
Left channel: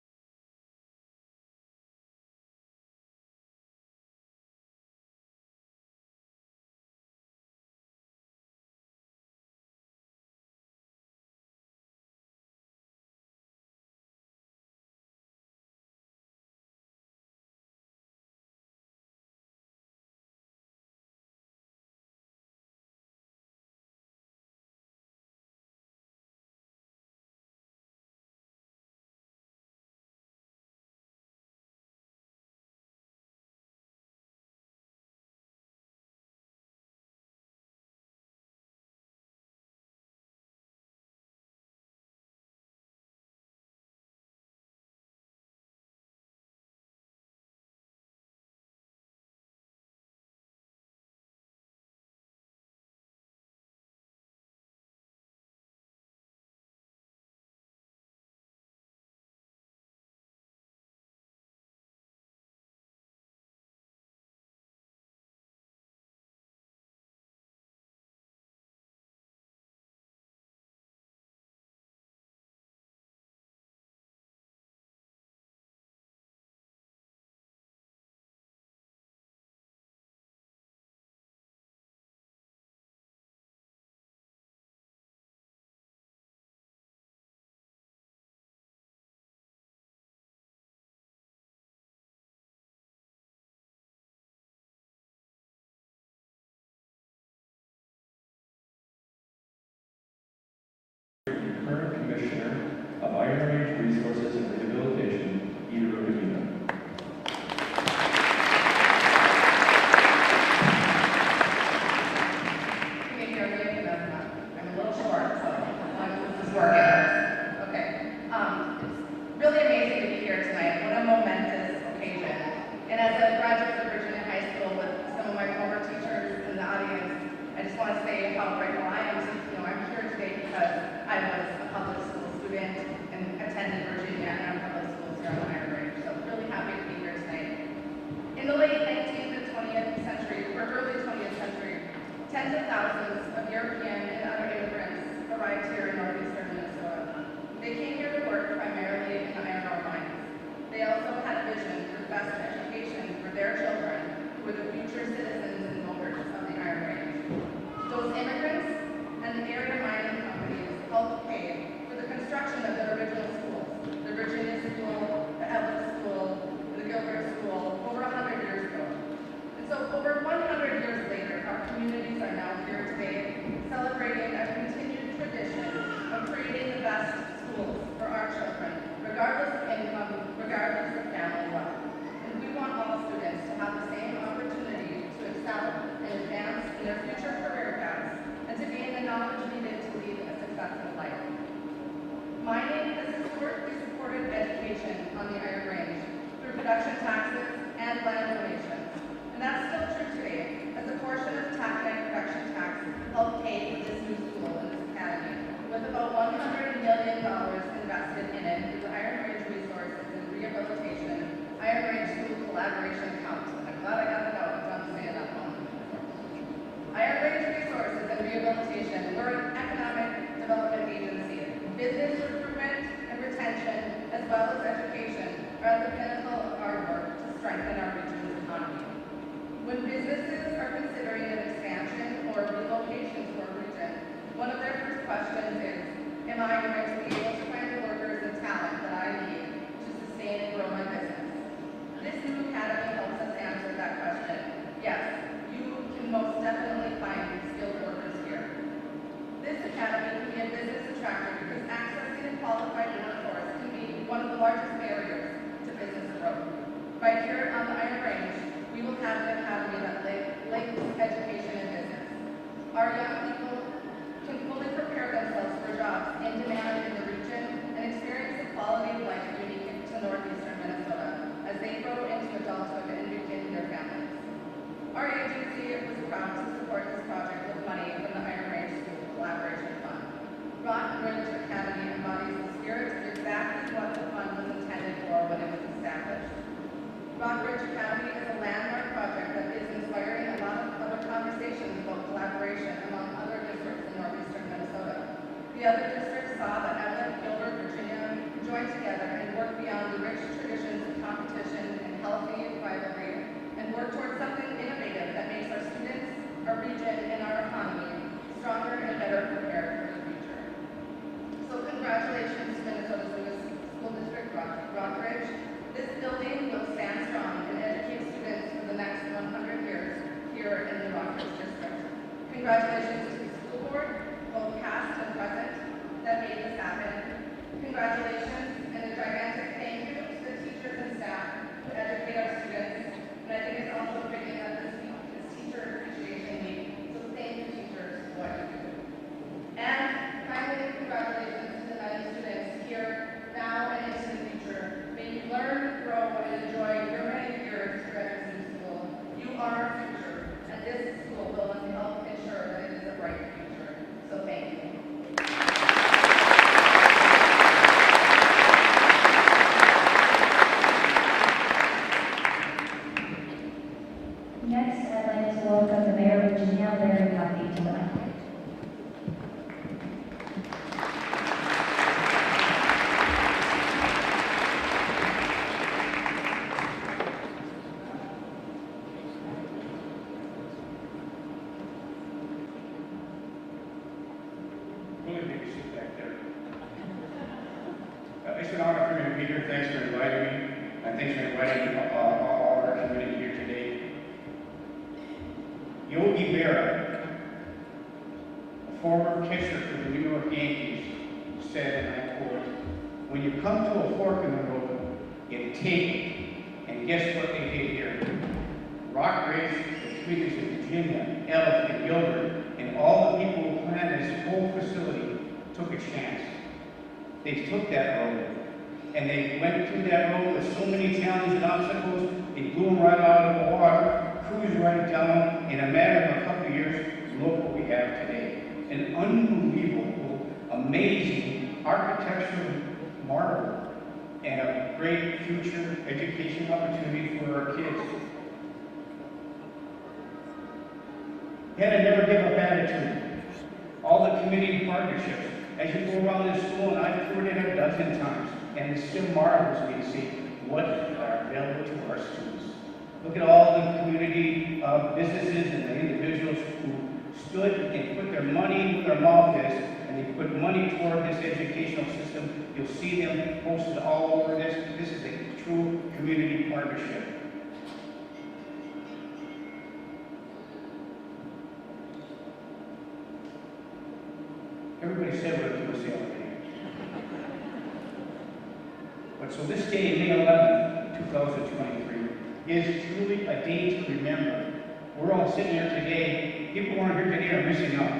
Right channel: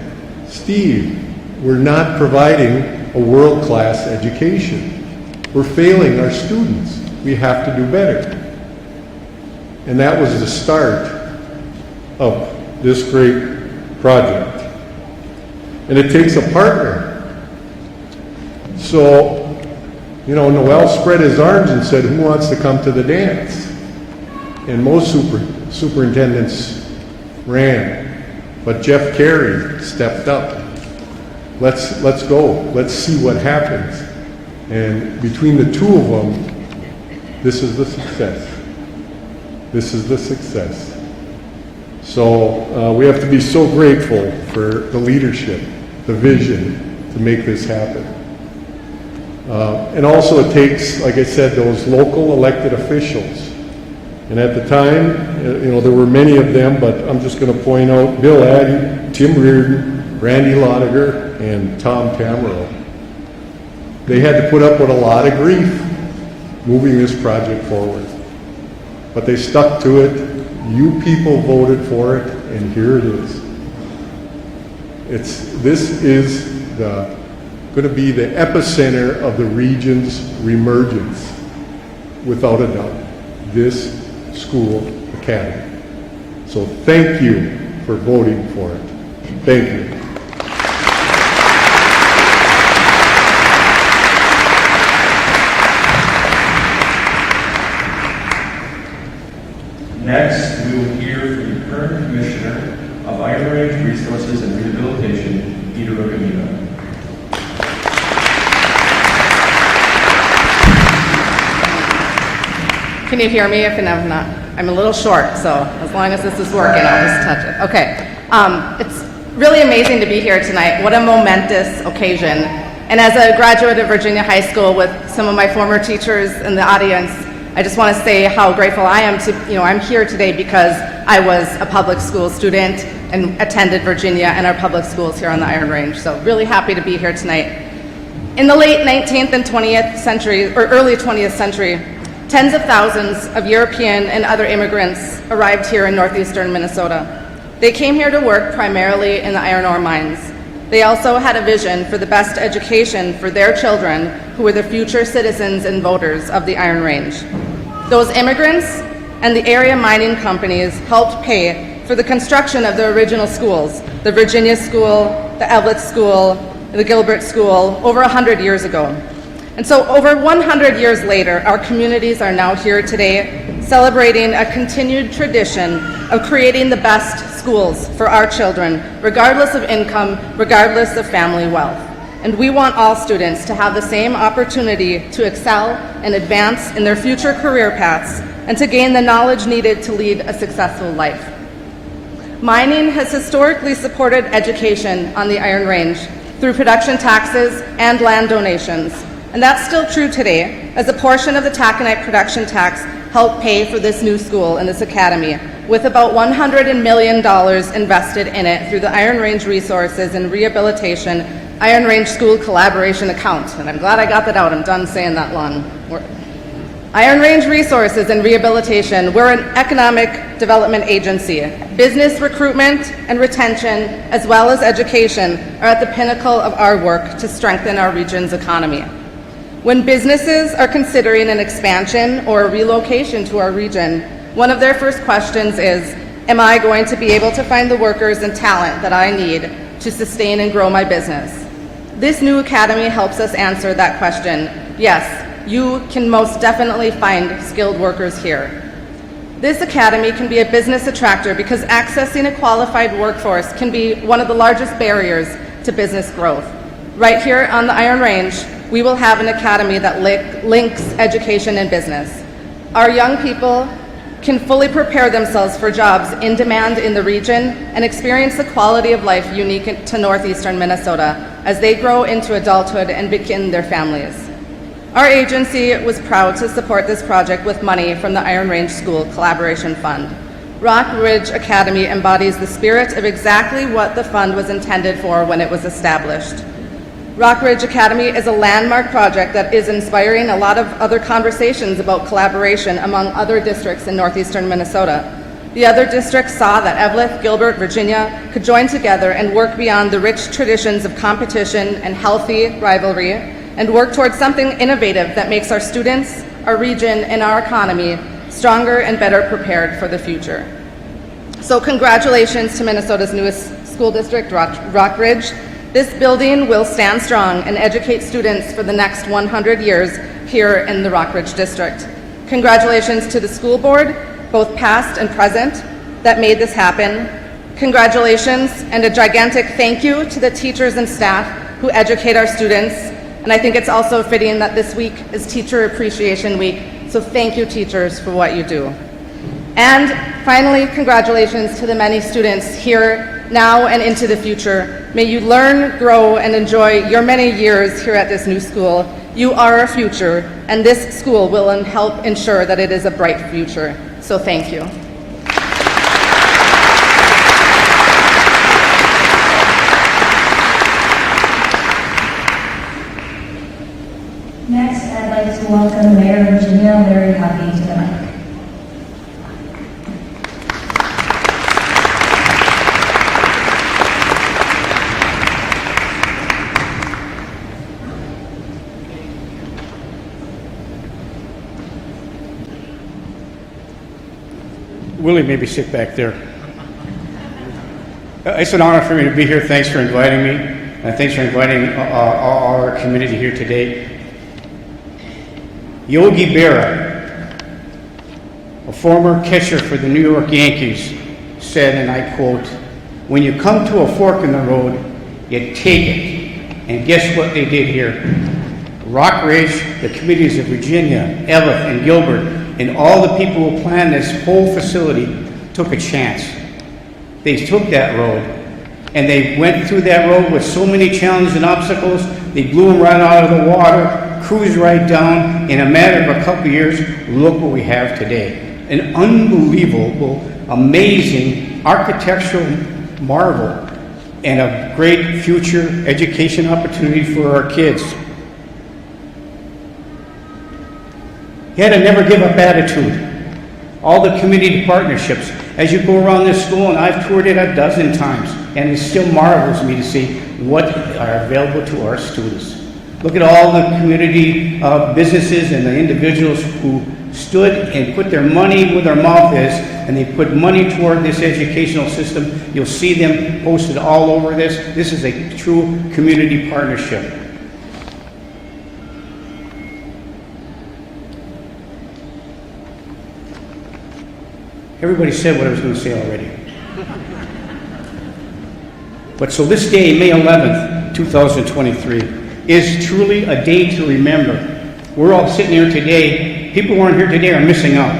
Steve, we're not providing a world-class education. We're failing our students. We have to do better. And that was the start of this great project. And it takes a partner. So, Noel spread his arms and said, who wants to come to the dance? And most superintendents ran. But Jeff Carey stepped up. Let's go. Let's see what happens. And between the two of them, this is the success. This is the success. So we have to be so grateful for the leadership, the vision to make this happen. And also it takes, like I said, those local elected officials. And at the time, there were many of them, but I'm just going to point out Bill Addy, Tim Reardon, Randy Lotiger, and Tom Tamero. They had to put up with a lot of grief moving this project forward. But they stuck to it. You people voted for it, and here it is. This is going to be the epicenter of the region's reemergence, without a doubt, this school academy. So thank you for voting for it. Thank you. Next, we will hear from the current Commissioner of Iron Range Resources and Rehabilitation, Peter Ogamita. Can you hear me? If I'm not, I'm a little short, so as long as this is working, I'll just touch it. Okay. It's really amazing to be here tonight. What a momentous occasion. And as a graduate of Virginia High School with some of my former teachers in the audience, I just want to say how grateful I am to, I'm here today because I was a public school student and attended Virginia and our public schools here on the Iron Range. So really happy to be here tonight. In the late 19th and 20th century, or early 20th century, tens of thousands of European and other immigrants arrived here in northeastern Minnesota. They came here to work primarily in the iron ore mines. They also had a vision for the best education for their children, who were the future citizens and voters of the Iron Range. Those immigrants and the area mining companies helped pay for the construction of the original schools, the Virginia School, the Evelyn School, the Gilbert School, over 100 years ago. And so over 100 years later, our communities are now here today celebrating a continued tradition of creating the best schools for our children, regardless of income, regardless of family wealth. And we want all students to have the same opportunity to excel and advance in their future career paths and to gain the knowledge needed to lead a successful life. Mining has historically supported education on the Iron Range through production taxes and land donations. And that's still true today, as a portion of the taconite production tax helped pay for this new school and this academy, with about $100 million invested in it through the Iron Range Resources and Rehabilitation Iron Range School Collaboration Account. And I'm glad I got that out. I'm done saying that long word. Iron Range Resources and Rehabilitation, we're an economic development agency. Business recruitment and retention, as well as education, are at the pinnacle of our work to strengthen our region's economy. When businesses are considering an expansion or a relocation to our region, one of their first questions is, am I going to be able to find the workers and talent that I need to sustain and grow my business? This new academy helps us answer that question. Yes, you can most definitely find skilled workers here. This academy can be a business attractor because accessing a qualified workforce can be one of the largest barriers to business growth. Right here on the Iron Range, we will have an academy that links education and business. Our young people can fully prepare themselves for jobs in demand in the region and experience the quality of life unique to northeastern Minnesota as they grow into adulthood and begin their families. Our agency was proud to support this project with money from the Iron Range School Collaboration Fund. Rock Ridge Academy embodies the spirit of exactly what the fund was intended for when it was established. Rock Ridge Academy is a landmark project that is inspiring a lot of other conversations about collaboration among other districts in northeastern Minnesota. The other districts saw that Evelyn, Gilbert, Virginia could join together and work beyond the rich traditions of competition and healthy rivalry and work towards something innovative that makes our students, our region, and our economy stronger and better prepared for the future. So congratulations to Minnesota's newest school district, Rock Ridge. This building will stand strong and educate students for the next 100 years here in the Rock Ridge District. Congratulations to the school board, both past and present, that made this happen. Congratulations and a gigantic thank you to the teachers and staff who educate our students. And I think it's also fitting that this week is Teacher Appreciation Week, so thank you, teachers, for what you do. And finally, congratulations to the many students here now and into the future. May you learn, grow, and enjoy your many years here at this new school. You are our future, and this school will help ensure that it is a bright future. So thank you. Next, I'd like to welcome Mayor of Virginia, Larry Huffey, to the mic. Willie maybe sit back there. It's an honor for me to be here. Thanks for inviting me, and thanks for inviting all our community here today. Yogi Berra, a former catcher for the New York Yankees, said, and I quote, "When you come to a fork in the road, you take it." And guess what they did here? Rockridge, the committees of Virginia, Ellis, and Gilbert, and all the people who planned this whole facility took a chance. They took that road, and they went through that road with so many challenges and obstacles. They blew them right out of the water, cruised right down. In a matter of a couple of years, look what we have today. An unbelievable, amazing architectural marvel and a great future education opportunity for our kids. He had a never give up attitude. All the community partnerships. As you go around this school, and I've toured it a dozen times, and it still marvels me to see what are available to our students. Look at all the community businesses and the individuals who stood and put their money where their mouth is, and they put money toward this educational system. You'll see them posted all over this. This is a true community partnership. Everybody said what I was going to say already. But so this day, May 11th, 2023, is truly a day to remember. We're all sitting here today. People who aren't here today are missing out.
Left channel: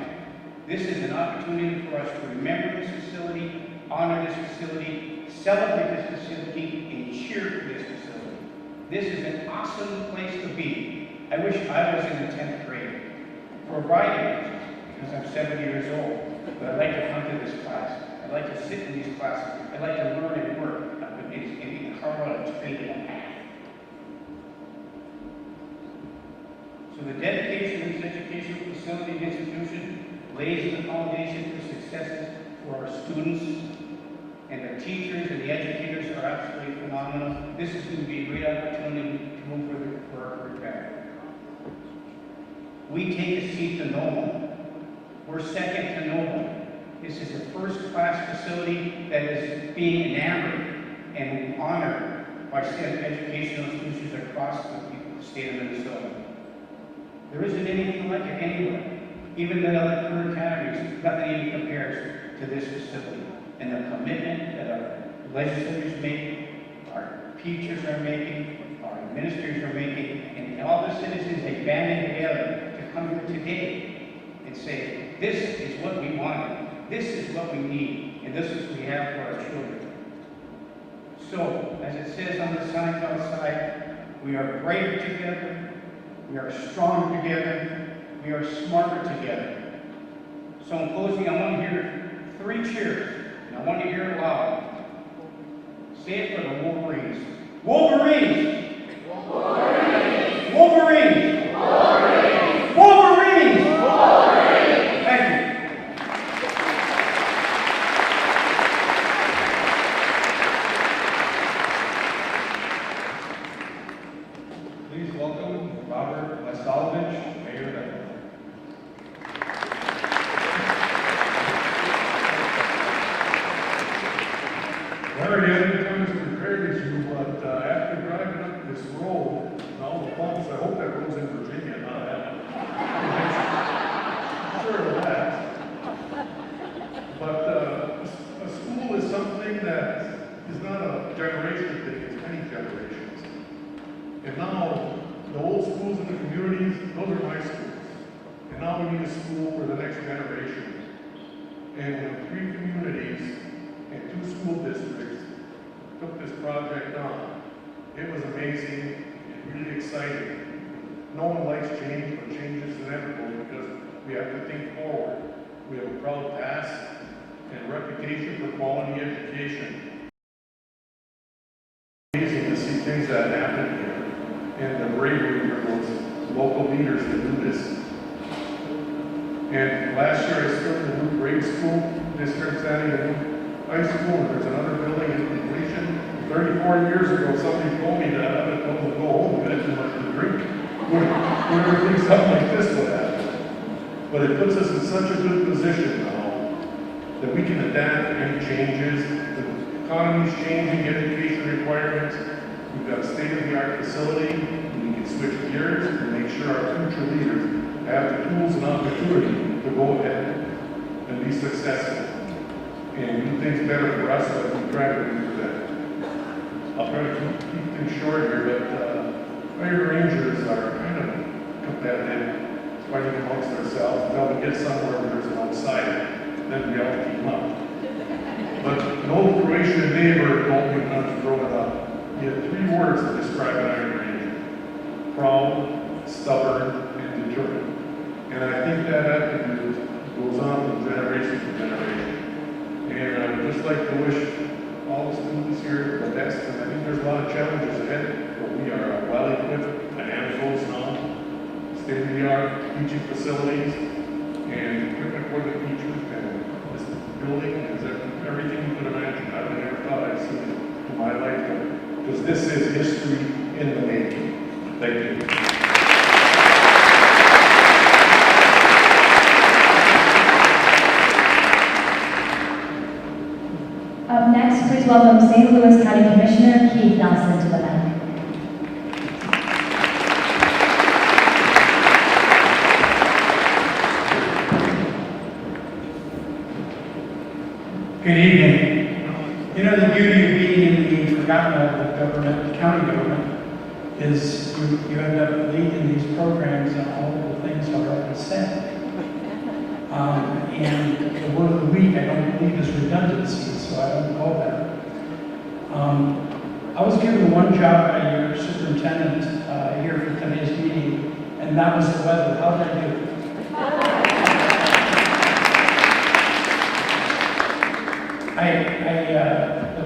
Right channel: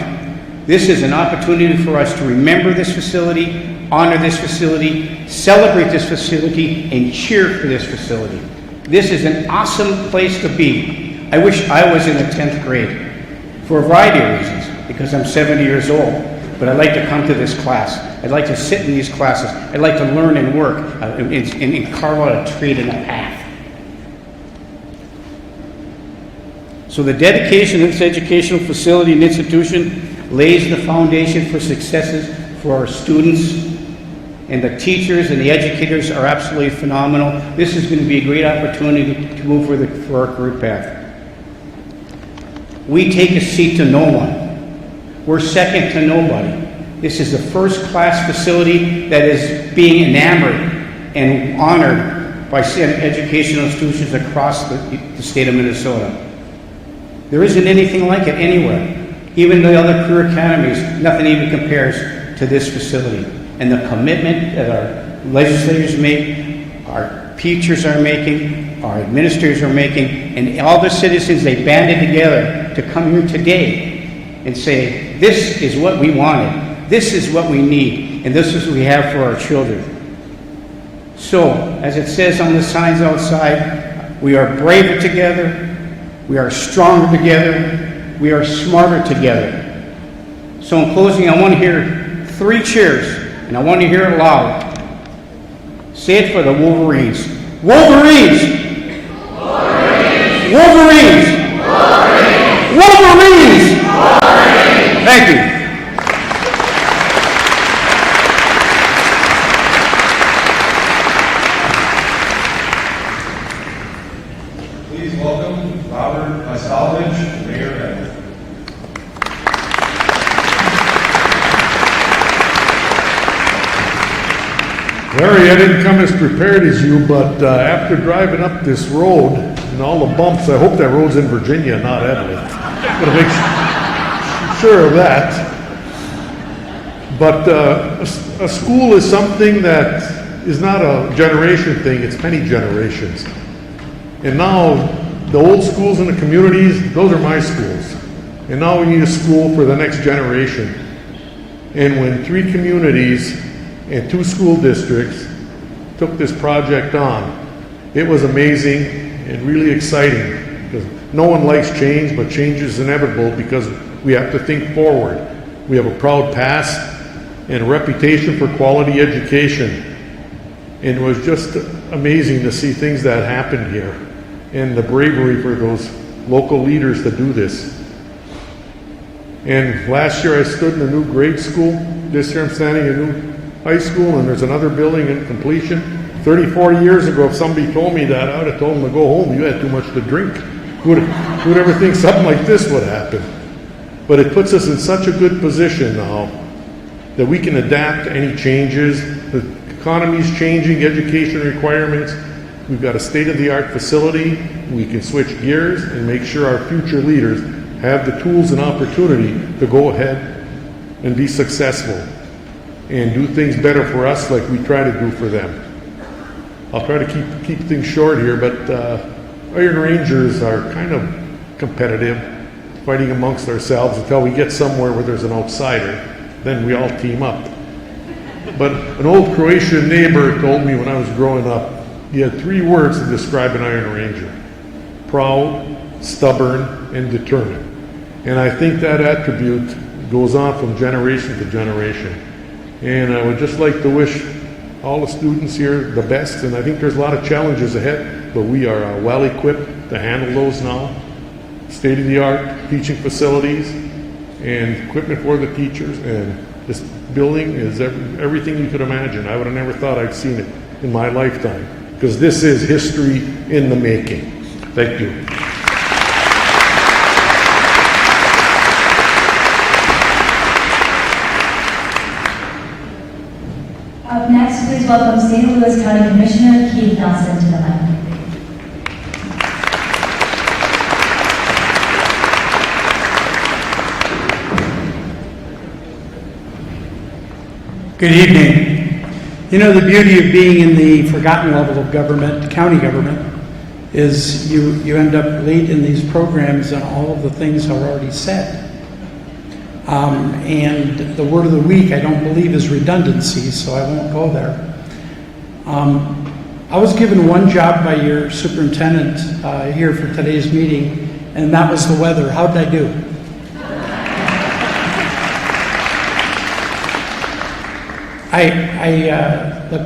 This is an opportunity for us to remember this facility, honor this facility, celebrate this facility, and cheer for this facility. This is an awesome place to be. I wish I was in the 10th grade for a variety of reasons, because I'm 70 years old. But I'd like to come to this class. I'd like to sit in these classes. I'd like to learn and work and carve out a trade and a path. So the dedication of this educational facility and institution lays the foundation for successes for our students, and the teachers and the educators are absolutely phenomenal. This is going to be a great opportunity to move for our career path. We take a seat to no one. We're second to nobody. This is the first class facility that is being enamored and honored by educational institutions across the state of Minnesota. There isn't anything like it anywhere. Even the other career academies, nothing even compares to this facility. And the commitment that our legislators make, our teachers are making, our administrators are making, and all the citizens, they banded together to come here today and say, this is what we wanted, this is what we need, and this is what we have for our children. So, as it says on the signs outside, we are braver together, we are stronger together, we are smarter together. So in closing, I want to hear 3 cheers, and I want to hear it loud. Say it for the Wolverines. Wolverines! Wolverines! Wolverines! Wolverines! Wolverines! Thank you. Please welcome Robert Salvage, Mayor Edwards. Larry, I didn't come as prepared as you, but after driving up this road and all the bumps, I hope that road's in Virginia, not Edley. I'm gonna make sure of that. But a school is something that is not a generation thing, it's many generations. And now, the old schools in the communities, those are my schools. And now we need a school for the next generation. And when 3 communities and 2 school districts took this project on, it was amazing and really exciting, because no one likes change, but change is inevitable because we have to think forward. We have a proud past and a reputation for quality education. And it was just amazing to see things that happened here and the bravery for those local leaders to do this. And last year I stood in a new grade school. This year I'm standing in a new high school, and there's another building in completion. 30, 40 years ago, if somebody told me that, I would have told them to go home. You had too much to drink. Who'd ever think something like this would happen? But it puts us in such a good position now that we can adapt to any changes. The economy's changing, education requirements. We've got a state-of-the-art facility. We can switch gears and make sure our future leaders have the tools and opportunity to go ahead and be successful and do things better for us like we try to do for them. I'll try to keep things short here, but Iron Rangers are kind of competitive, fighting amongst ourselves until we get somewhere where there's an outsider. Then we all team up. But an old Croatian neighbor told me when I was growing up, he had 3 words to describe an Iron Ranger: proud, stubborn, and determined. And I think that attribute goes on from generation to generation. And I would just like to wish all the students here the best, and I think there's a lot of challenges ahead, but we are well equipped to handle those now. State-of-the-art teaching facilities and equipment for the teachers, and this building is everything you could imagine. I would have never thought I'd seen it in my lifetime, because this is history in the making. Thank you. Up next, please welcome St. Louis County Commissioner Keith Nelson to the mic. Good evening. You know, the beauty of being in the forgotten level of government, county government, is you end up late in these programs and all of the things are already said. And the word of the week, I don't believe, is redundancy, so I won't go there. I was given one job by your superintendent here for today's meeting, and that was the weather. How did I do?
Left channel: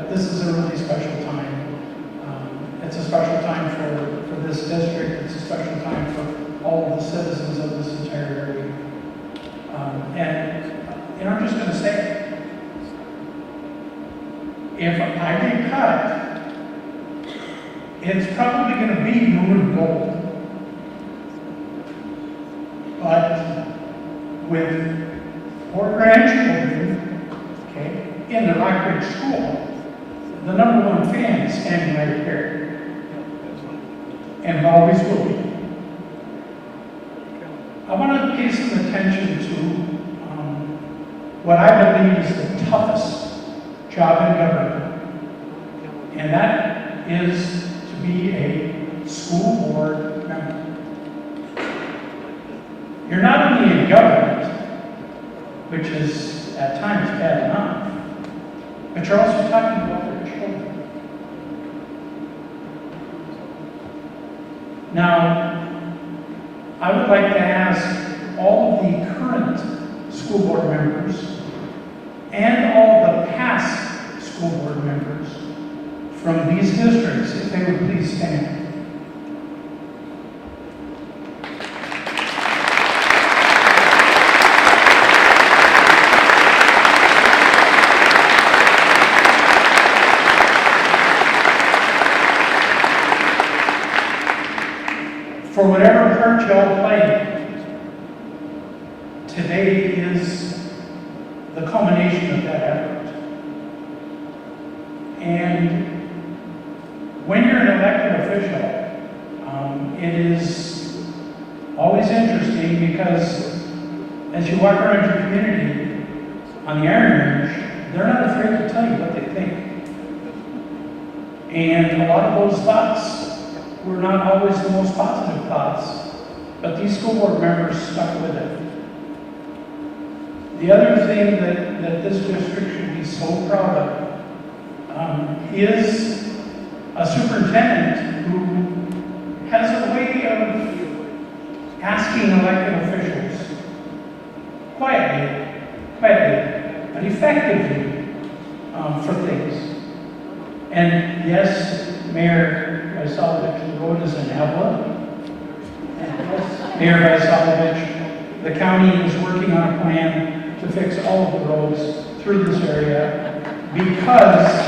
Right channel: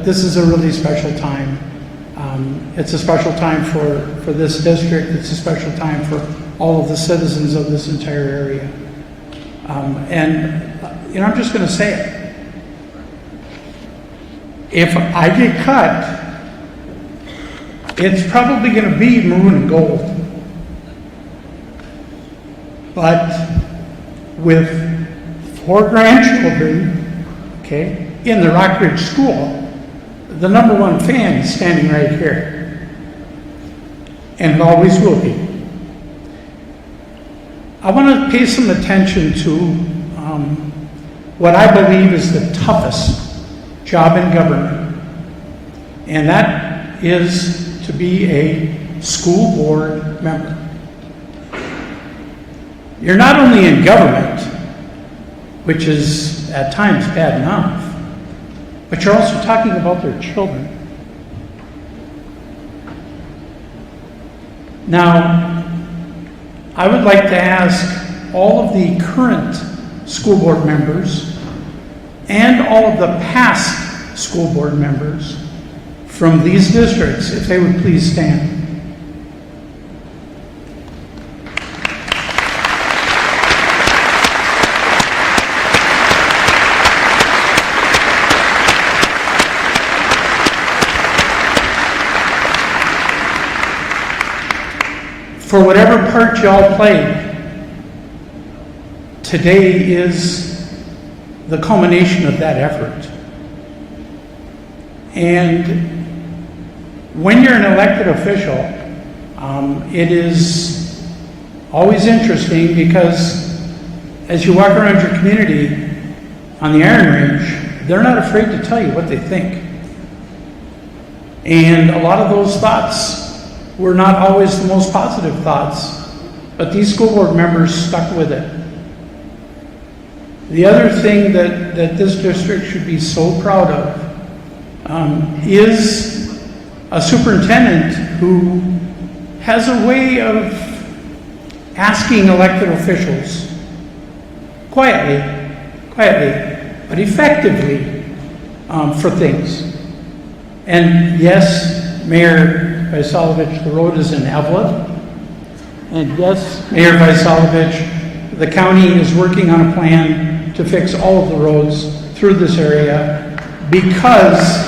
This is a really special time. It's a special time for this district. It's a special time for all of the citizens of this entire area. I'm just going to say it. If I get cut, it's probably going to be maroon and gold. But with 4 grandchildren, okay, in the Rockridge School, the #1 fan is standing right here, and always will be. I want to pay some attention to what I believe is the toughest job in government, and that is to be a school board member. You're not only in government, which is at times bad enough, but you're also talking about their children. Now, I would like to ask all of the current school board members and all of the past school board members from these districts, if they would please stand. For whatever part y'all played, today is the culmination of that effort. And when you're an elected official, it is always interesting because as you walk around your community on the Iron Range, they're not afraid to tell you what they think. And a lot of those thoughts were not always the most positive thoughts, but these school board members stuck with it. The other thing that this district should be so proud of is a superintendent who has a way of asking elected officials quietly, but effectively for things. And yes, Mayor Vaisalovich, the road is in Evelyn. And yes, Mayor Vaisalovich, the county is working on a plan to fix all of the roads through this area because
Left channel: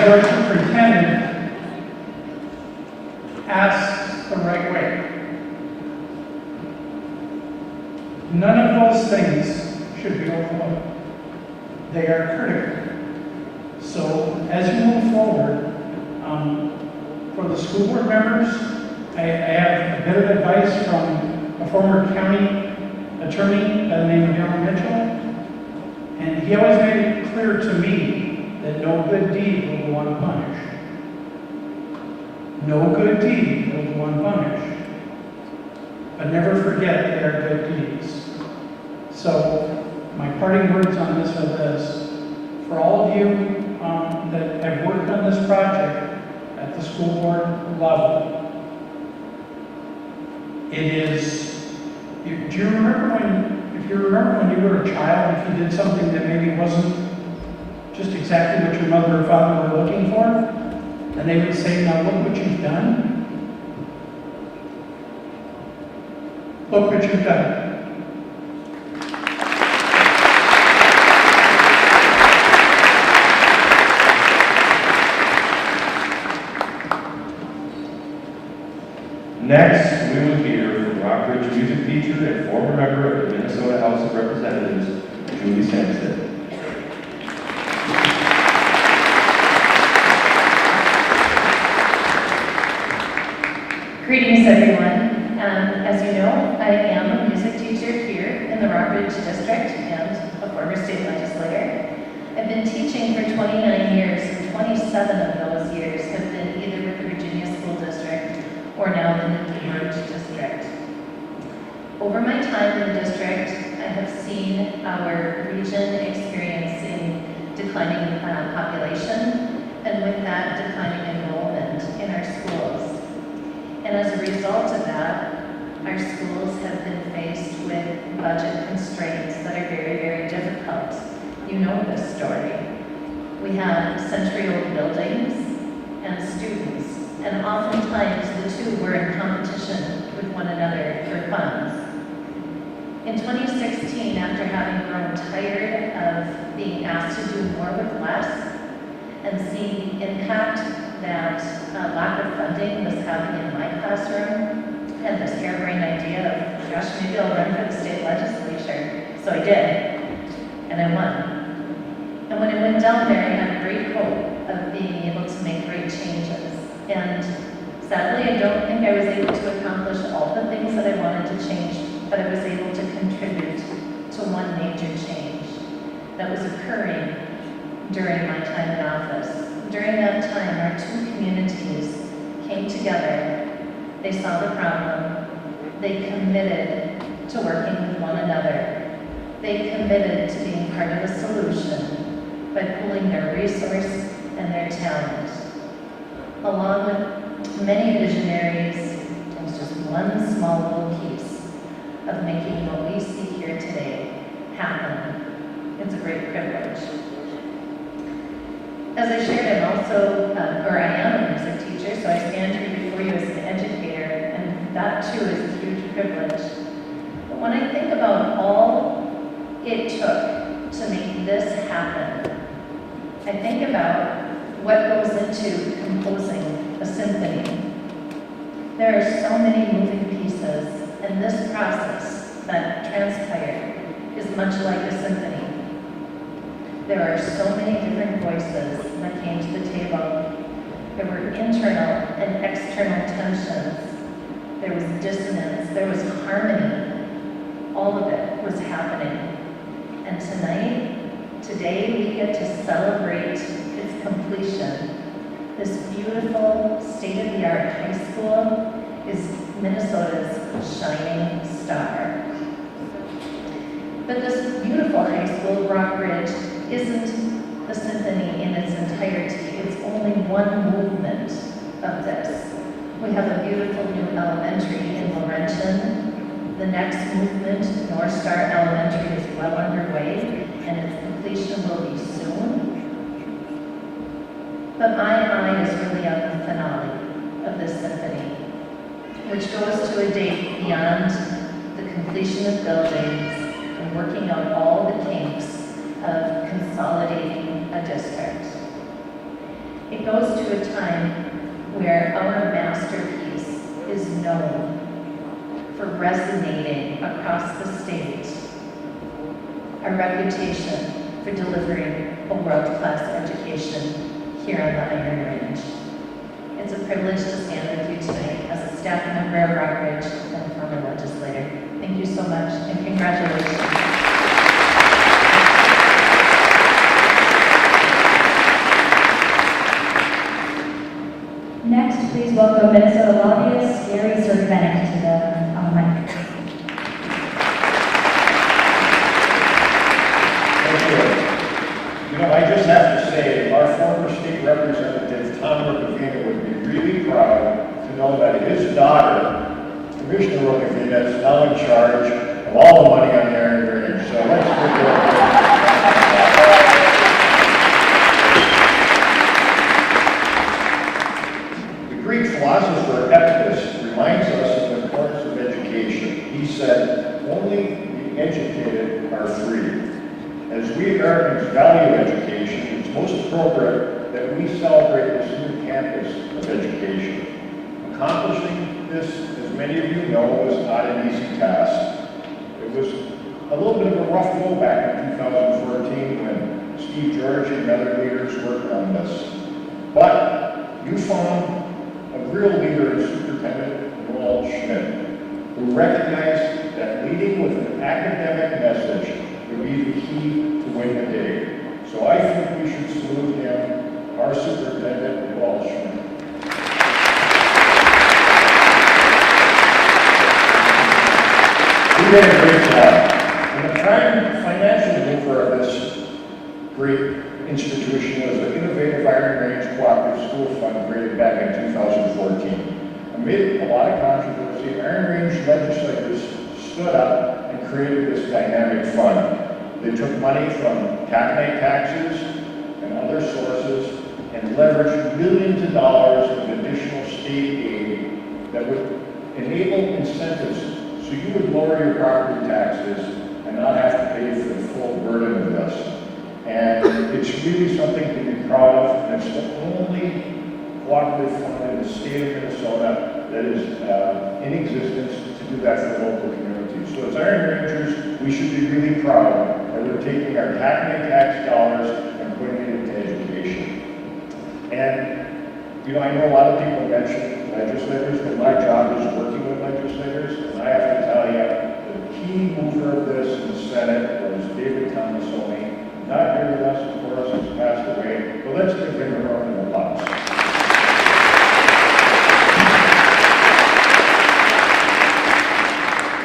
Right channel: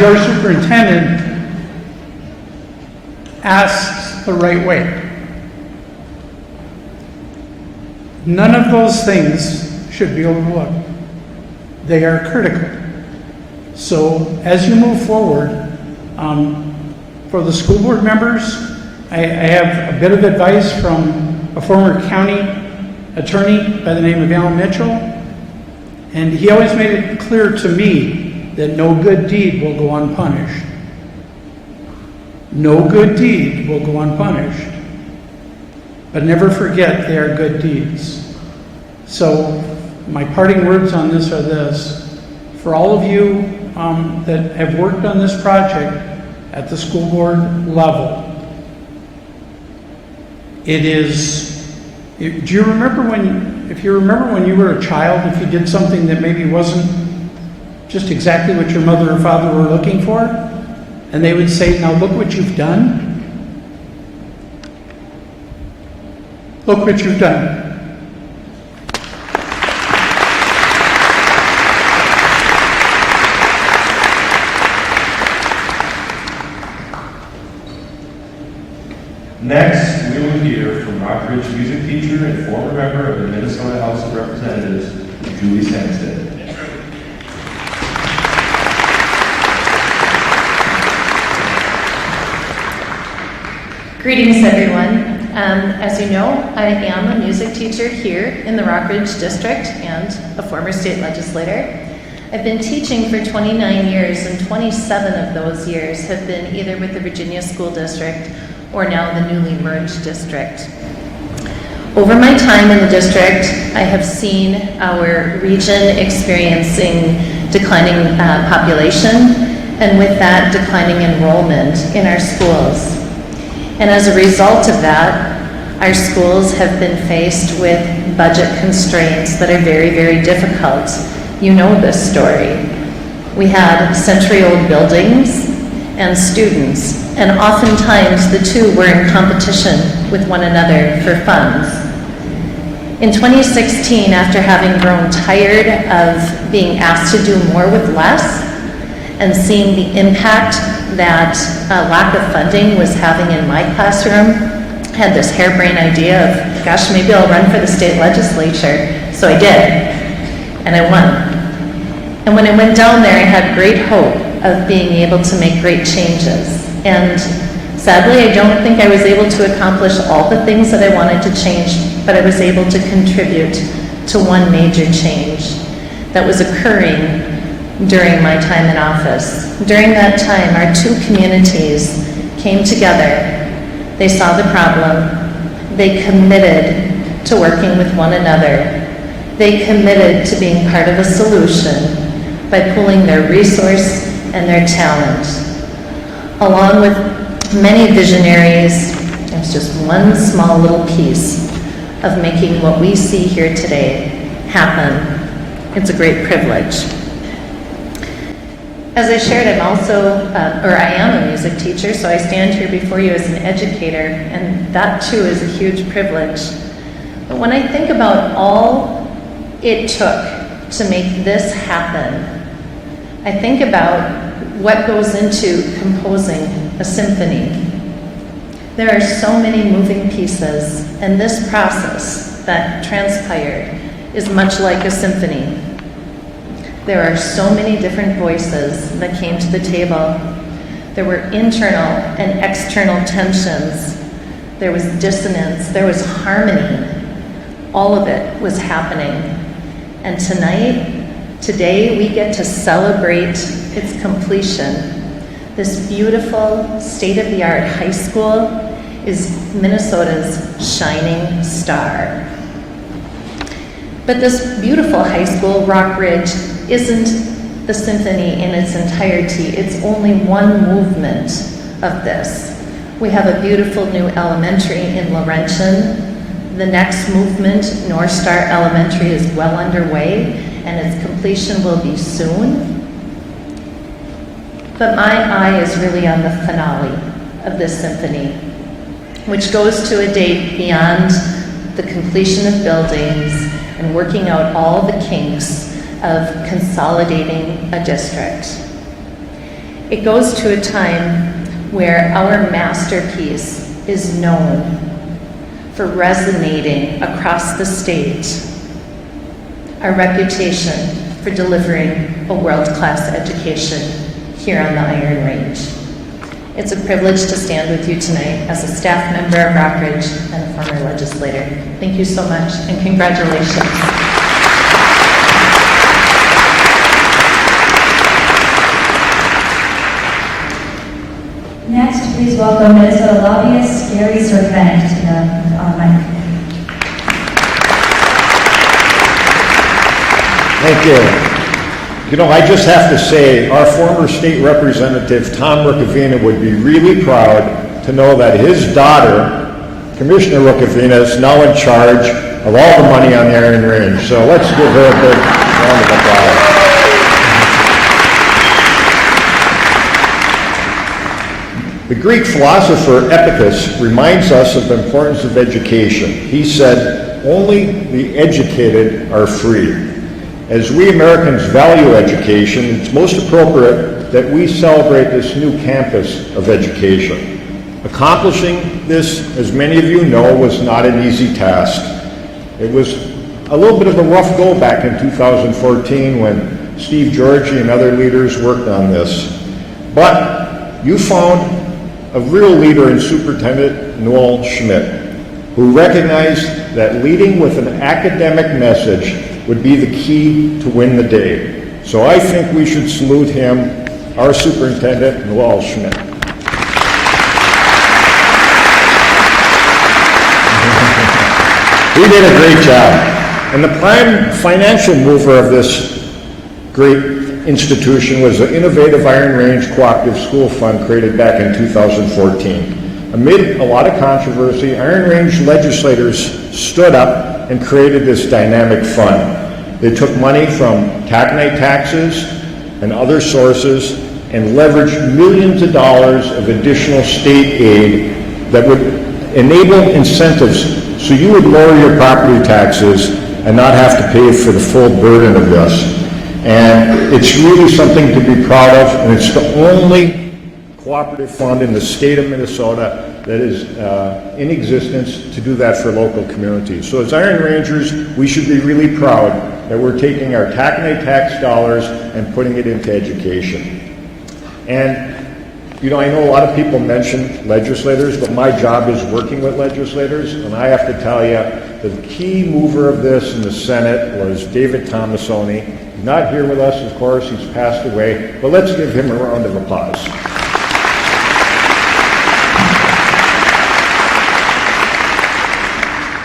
your superintendent asks the right way. None of those things should be overlooked. They are critical. So as you move forward, for the school board members, I have a bit of advice from a former county attorney by the name of Alan Mitchell, and he always made it clear to me that no good deed will go unpunished. No good deed will go unpunished. But never forget they are good deeds. So my parting words on this are this. For all of you that have worked on this project at the school board level, it is, do you remember if you remember when you were a child, if you did something that maybe wasn't just exactly what your mother or father were looking for, and they would say, now look what you've done. Look what you've done. Next, we will hear from Rockridge music teacher and former member of the Minnesota House of Representatives, Julie Sanstead. Greetings, everyone. As you know, I am a music teacher here in the Rockridge District and a former state legislator. I've been teaching for 29 years, and 27 of those years have been either with the Virginia School District or now the newly merged district. Over my time in the district, I have seen our region experiencing declining population, and with that, declining enrollment in our schools. And as a result of that, our schools have been faced with budget constraints that are very, very difficult. You know this story. We had century-old buildings and students, and oftentimes the two were in competition with one another for funds. In 2016, after having grown tired of being asked to do more with less and seeing the impact that lack of funding was having in my classroom, I had this harebrained idea of, gosh, maybe I'll run for the state legislature. So I did, and I won. And when I went down there, I had great hope of being able to make great changes. And sadly, I don't think I was able to accomplish all the things that I wanted to change, but I was able to contribute to one major change that was occurring during my time in office. During that time, our two communities came together. They saw the problem. They committed to working with one another. They committed to being part of a solution by pooling their resource and their talent. Along with many visionaries, it's just one small little piece of making what we see here today happen. It's a great privilege. As I shared, I am a music teacher, so I stand here before you as an educator, and that too is a huge privilege. But when I think about all it took to make this happen, I think about what goes into composing a symphony. There are so many moving pieces, and this process that transpired is much like a symphony. There are so many different voices that came to the table. There were internal and external tensions. There was dissonance. There was harmony. All of it was happening. And today, we get to celebrate its completion. This beautiful, state-of-the-art high school is Minnesota's shining star. But this beautiful high school, Rockridge, isn't the symphony in its entirety. It's only one movement of this. We have a beautiful new elementary in Laurentian. The next movement, North Star Elementary, is well underway, and its completion will be soon. But my eye is really on the finale of this symphony, which goes to a date beyond the completion of buildings and working out all the kinks of consolidating a district. It goes to a time where our masterpiece is known. for resonating across the state, our reputation for delivering a world-class education here on the Iron Range. It's a privilege to stand with you tonight as a staff member of Rockridge and a former legislator. Thank you so much, and congratulations. Next, please welcome Minnesota lobbyist Gary Serpent to the mic. Thank you. You know, I just have to say, our former state representative, Tom Rukavina, would be really proud to know that his daughter, Commissioner Rukavina, is now in charge of all the money on the Iron Range. So let's give her a big round of applause. The Greek philosopher Epictetus reminds us of the importance of education. He said, "Only the educated are free." As we Americans value education, it's most appropriate that we celebrate this new campus of education. Accomplishing this, as many of you know, was not an easy task. It was a little bit of a rough go back in 2014 when Steve Georgie and other leaders worked on this. But you found a real leader in Superintendent Noel Schmidt, who recognized that leading with an academic message would be the key to win the day. So I think we should salute him, our Superintendent Noel Schmidt. He did a great job. And the prime financial mover of this great institution was the innovative Iron Range Cooperative School Fund created back in 2014. Amid a lot of controversy, Iron Range legislators stood up and created this dynamic fund. They took money from taconite taxes and other sources and leveraged millions of dollars of additional state aid that would enable incentives so you would lower your property taxes and not have to pay for the full burden of this. And it's really something to be proud of, and it's the only cooperative fund in the state of Minnesota that is in existence to do that for local communities. So as Iron Rangers, we should be really proud that we're taking our taconite tax dollars and putting it into education. And, you know, I know a lot of people mention legislators, but my job is working with legislators, and I have to tell you, the key mover of this in the Senate was David Tomasoni. He's not here with us, of course, he's passed away, but let's give him a round of applause.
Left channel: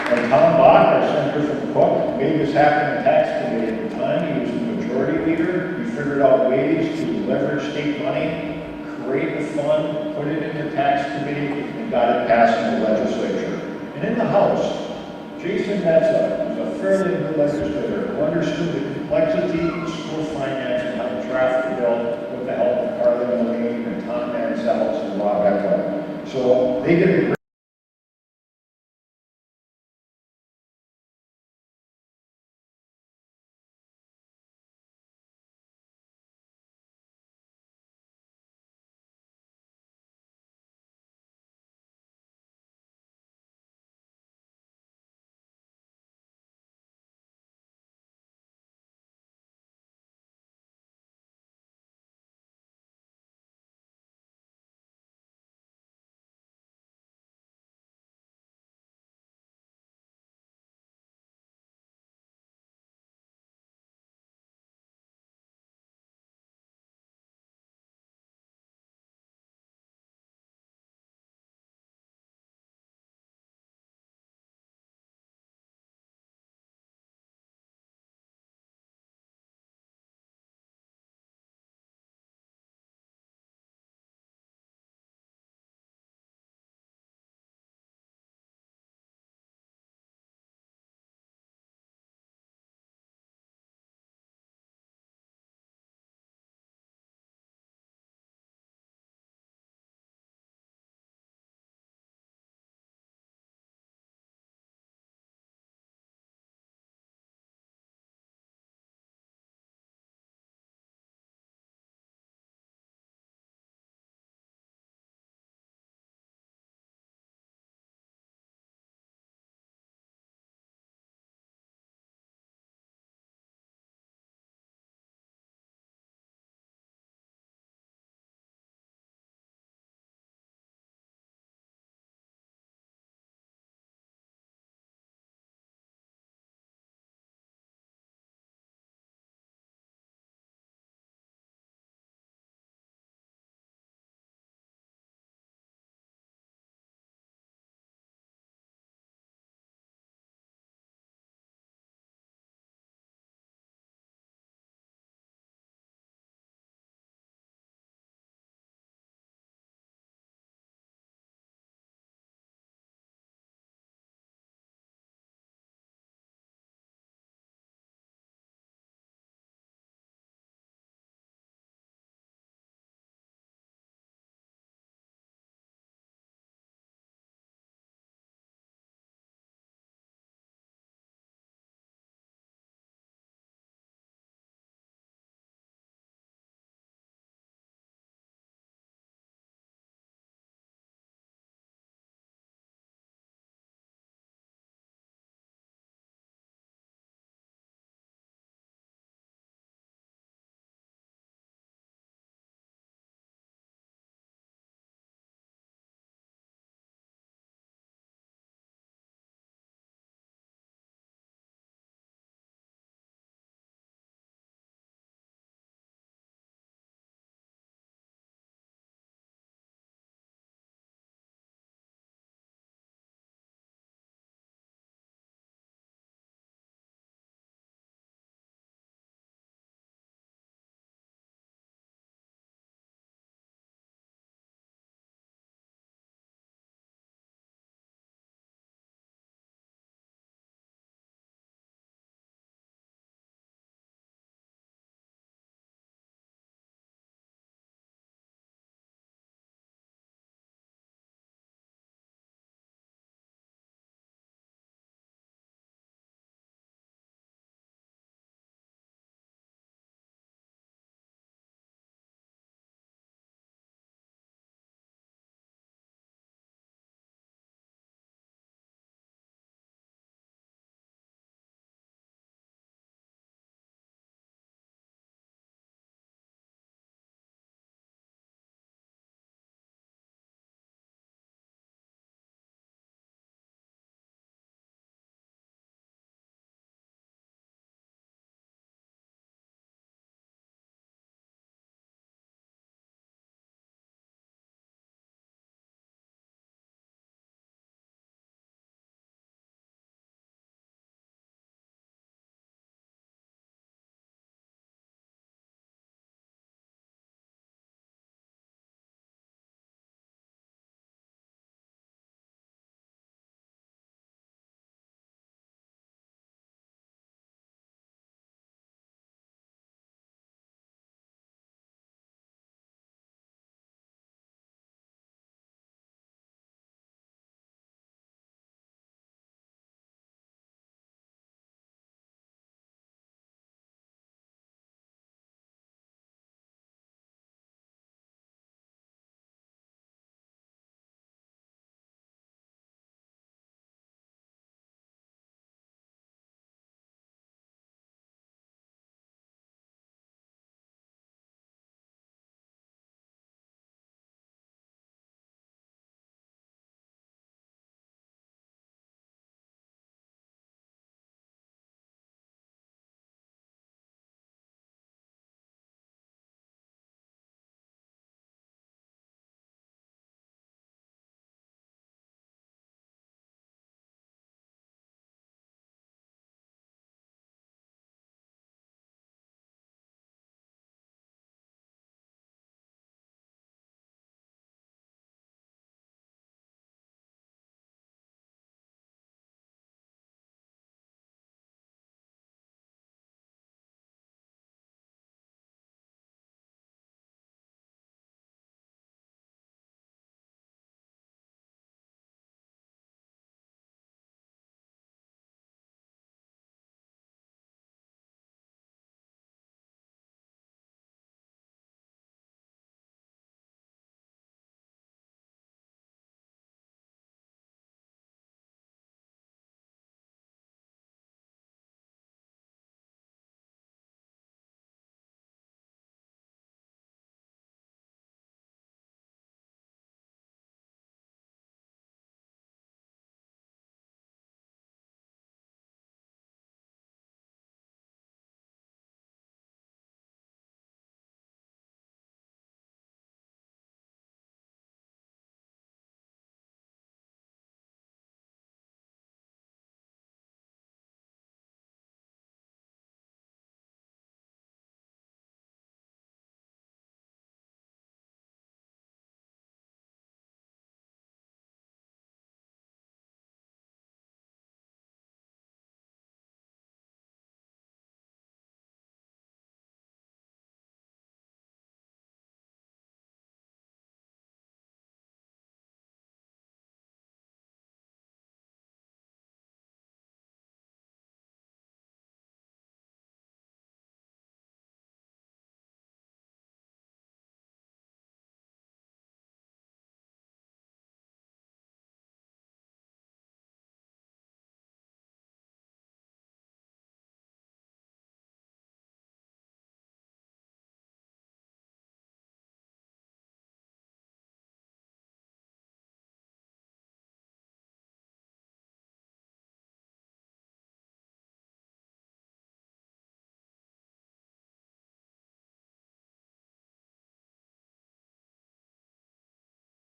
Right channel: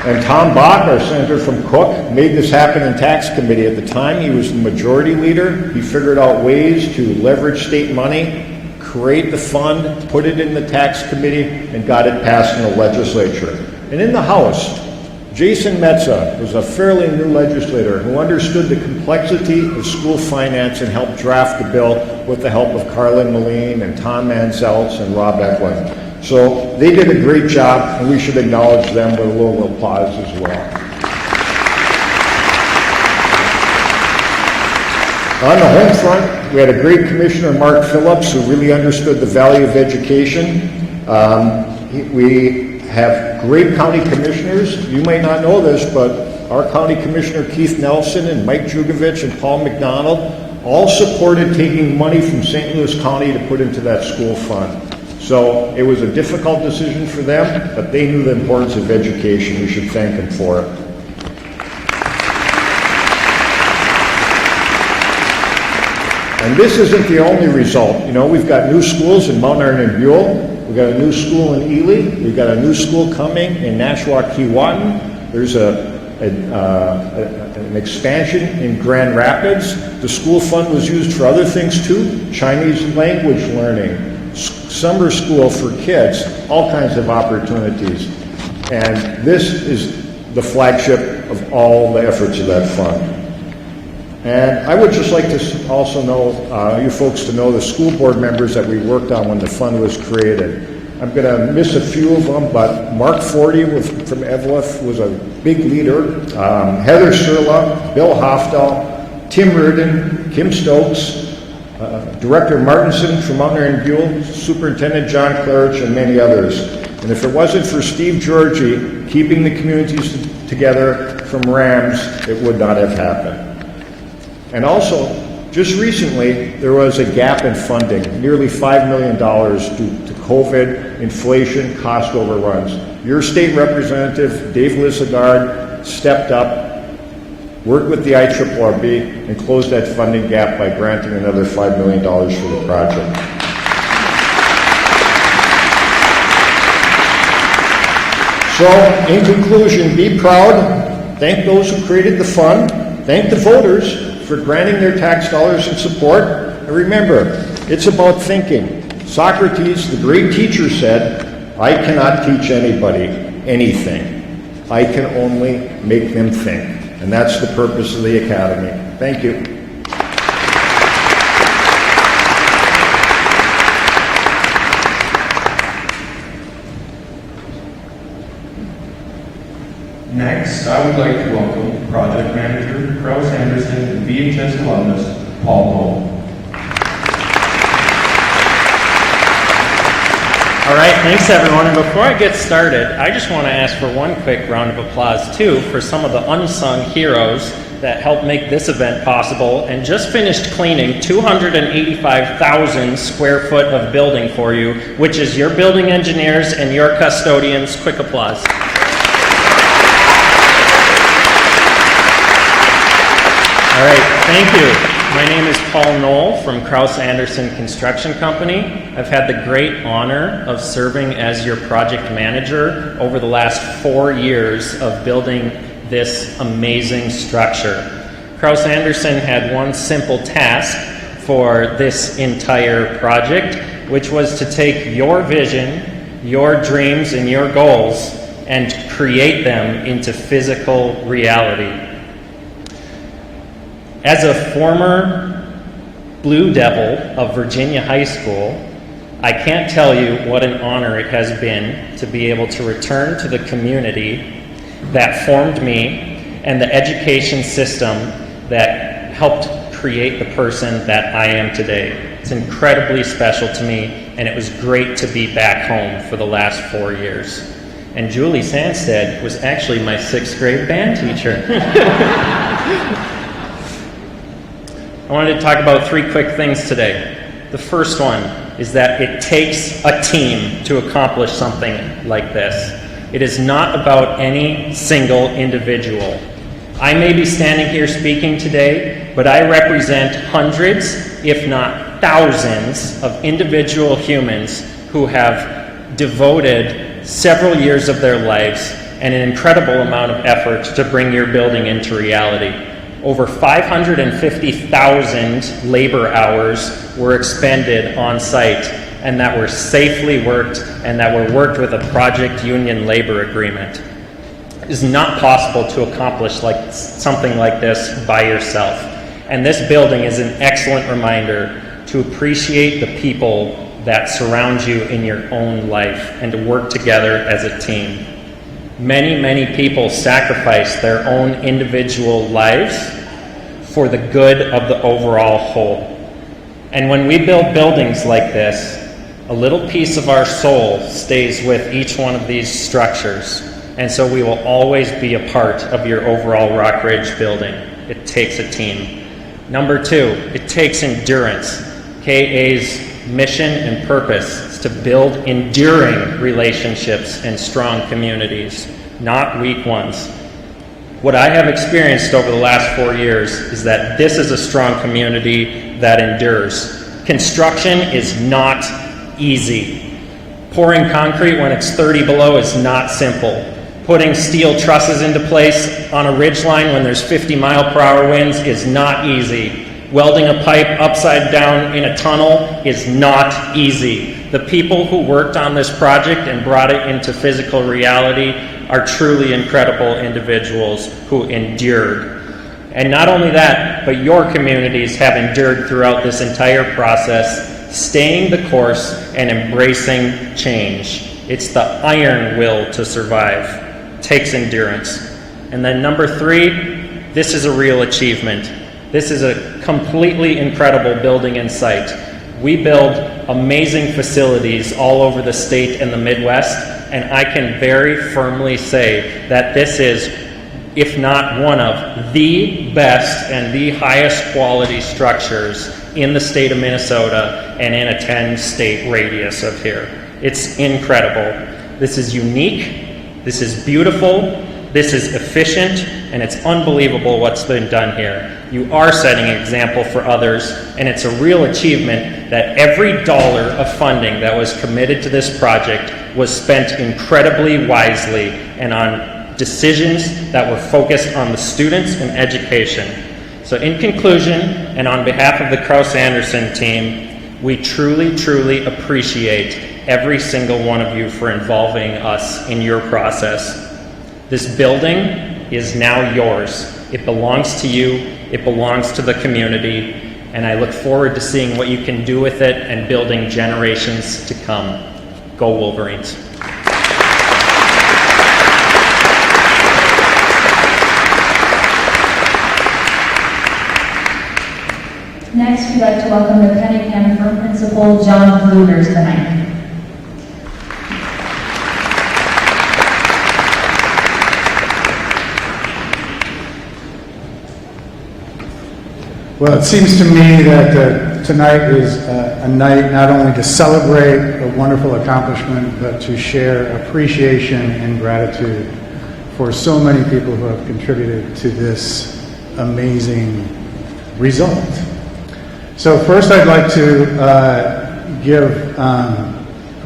And Tom Bach, our senator from Cook, made this happen in tax committee. At the time, he was the majority leader. He figured out ways to leverage state money, create the fund, put it in the tax committee, and got it passed in the legislature. And in the House, Jason Metza was a fairly new legislator who understood the complexity of school finance and helped draft the bill with the help of Carlin Moline and Tom Manzeltz and Rob Eklund. So they did a great job, and we should acknowledge them with a little applause as well. On the home front, we had a great commissioner, Mark Phillips, who really understood the value of education. We have great county commissioners. You might not know this, but our county commissioner, Keith Nelson, and Mike Jugovich and Paul McDonald all supported taking money from St. Louis County to put into that school fund. So it was a difficult decision for them, but they knew the importance of education. We should thank them for it. And this isn't the only result. You know, we've got new schools in Mount Iron and Buell. We've got a new school in Ely. We've got a new school coming in Nashua-Keewatin. There's an expansion in Grand Rapids. The school fund was used for other things too, Chinese language learning, summer school for kids, all kinds of opportunities. And this is the flagship of all the efforts of that fund. And I would just like to also know, you folks to know the school board members that we worked on when the fund was created. I'm going to miss a few of them, but Mark Forty from Eveleth was a big leader. Heather Surla, Bill Hofdahl, Tim Reardon, Kim Stokes, Director Martinson from Mount Iron Buell, Superintendent John Clarich, and many others. And if it wasn't for Steve Georgie keeping the communities together from Rams, it would not have happened. And also, just recently, there was a gap in funding, nearly $5 million due to COVID, inflation, cost overruns. Your state representative, Dave Lissagard, stepped up, worked with the IRRB, and closed that funding gap by granting another $5 million for the project. So, in conclusion, be proud, thank those who created the fund, thank the voters for granting their tax dollars in support, and remember, it's about thinking. Socrates, the great teacher, said, I cannot teach anybody anything. I can only make them think. And that's the purpose of the Academy. Thank you. Next, I would like to welcome Project Manager, Krause Anderson, and VHS alumnus, Paul Lowell. All right, thanks everyone. And before I get started, I just want to ask for one quick round of applause too for some of the unsung heroes that helped make this event possible and just finished cleaning 285,000 square foot of building for you, which is your building engineers and your custodians. Quick applause. All right, thank you. My name is Paul Knoll from Krause Anderson Construction Company. I've had the great honor of serving as your project manager over the last 4 years of building this amazing structure. Krause Anderson had one simple task for this entire project, which was to take your vision, your dreams, and your goals and create them into physical reality. As a former Blue Devil of Virginia High School, I can't tell you what an honor it has been to be able to return to the community that formed me and the education system that helped create the person that I am today. It's incredibly special to me, and it was great to be back home for the last 4 years. And Julie Sandstead was actually my 6th grade band teacher. I wanted to talk about 3 quick things today. The first one is that it takes a team to accomplish something like this. It is not about any single individual. I may be standing here speaking today, but I represent hundreds, if not thousands, of individual humans who have devoted several years of their lives and an incredible amount of effort to bring your building into reality. Over 550,000 labor hours were expended on site and that were safely worked and that were worked with a project union labor agreement. It is not possible to accomplish something like this by yourself. And this building is an excellent reminder to appreciate the people that surround you in your own life and to work together as a team. Many, many people sacrifice their own individual lives for the good of the overall whole. And when we build buildings like this, a little piece of our soul stays with each one of these structures. And so we will always be a part of your overall Rock Ridge building. It takes a team. Number 2, it takes endurance. KA's mission and purpose is to build enduring relationships and strong communities, not weak ones. What I have experienced over the last 4 years is that this is a strong community that endures. Construction is not easy. Pouring concrete when it's 30 below is not simple. Putting steel trusses into place on a ridgeline when there's 50-mile-per-hour winds is not easy. Welding a pipe upside down in a tunnel is not easy. The people who worked on this project and brought it into physical reality are truly incredible individuals who endured. And not only that, but your communities have endured throughout this entire process, staying the course and embracing change. It's the iron will to survive. It takes endurance. And then number 3, this is a real achievement. This is a completely incredible building and site. We build amazing facilities all over the state and the Midwest, and I can very firmly say that this is, if not one of, the best and the highest quality structures in the state of Minnesota and in a 10-state radius of here. It's incredible. This is unique, this is beautiful, this is efficient, and it's unbelievable what's been done here. You are setting an example for others, and it's a real achievement that every dollar of funding that was committed to this project was spent incredibly wisely and on decisions that were focused on the students and education. So in conclusion, and on behalf of the Krause-Anderson team, we truly, truly appreciate every single one of you for involving us in your process. This building is now yours. It belongs to you, it belongs to the community, and I look forward to seeing what you can do with it and building generations to come. Go Wolverines. Next, we'd like to welcome the Cunningham Firm Principal, John Bluders, tonight. Well, it seems to me that tonight is a night not only to celebrate a wonderful accomplishment, but to share appreciation and gratitude for so many people who have contributed to this amazing result. So first I'd like to give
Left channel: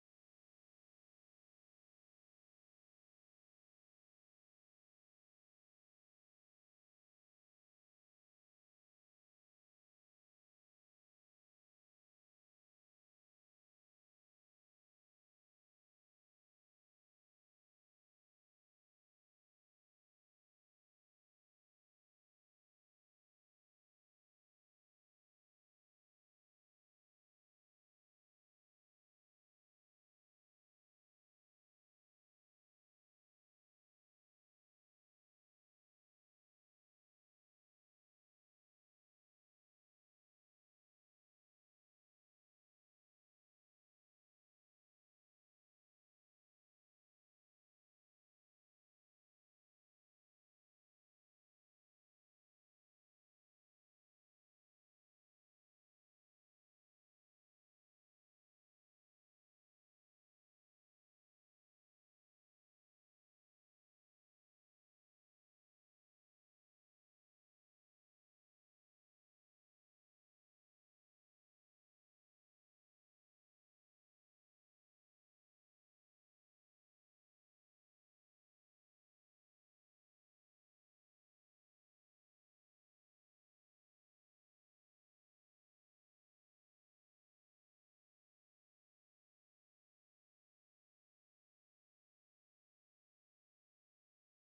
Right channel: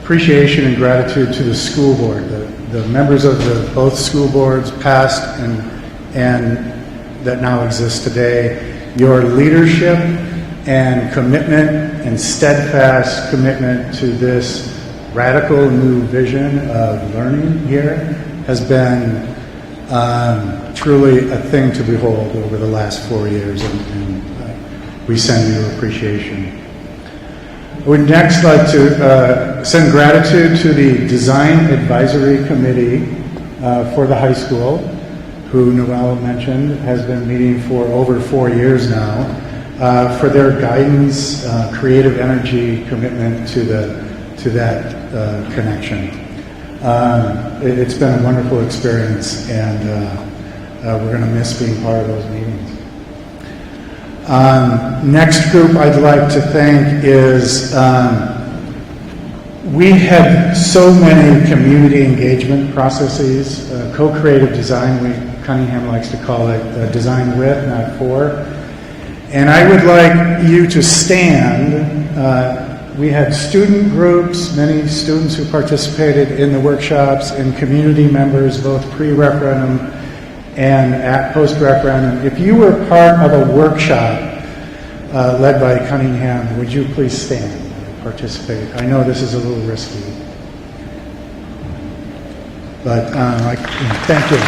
appreciation and gratitude to the school board, the members of both school boards, past and that now exist today. Your leadership and commitment and steadfast commitment to this radical new vision of learning here has been truly a thing to behold over the last 4 years, and we send you appreciation. I would next like to send gratitude to the Design Advisory Committee for the high school, who Noel mentioned has been meeting for over 4 years now, for their guidance, creative energy, commitment to that connection. It's been a wonderful experience, and we're going to miss being part of those meetings. Next group I'd like to thank is we had so many community engagement processes, co-creative design, Cunningham likes to call it design with, not for. And I would like you to stand. We had student groups, many students who participated in the workshops, and community members, both pre-referendum and at post-referendum. If you were part of a workshop led by Cunningham, would you please stand and participate? I know this is a little risky, but thank you.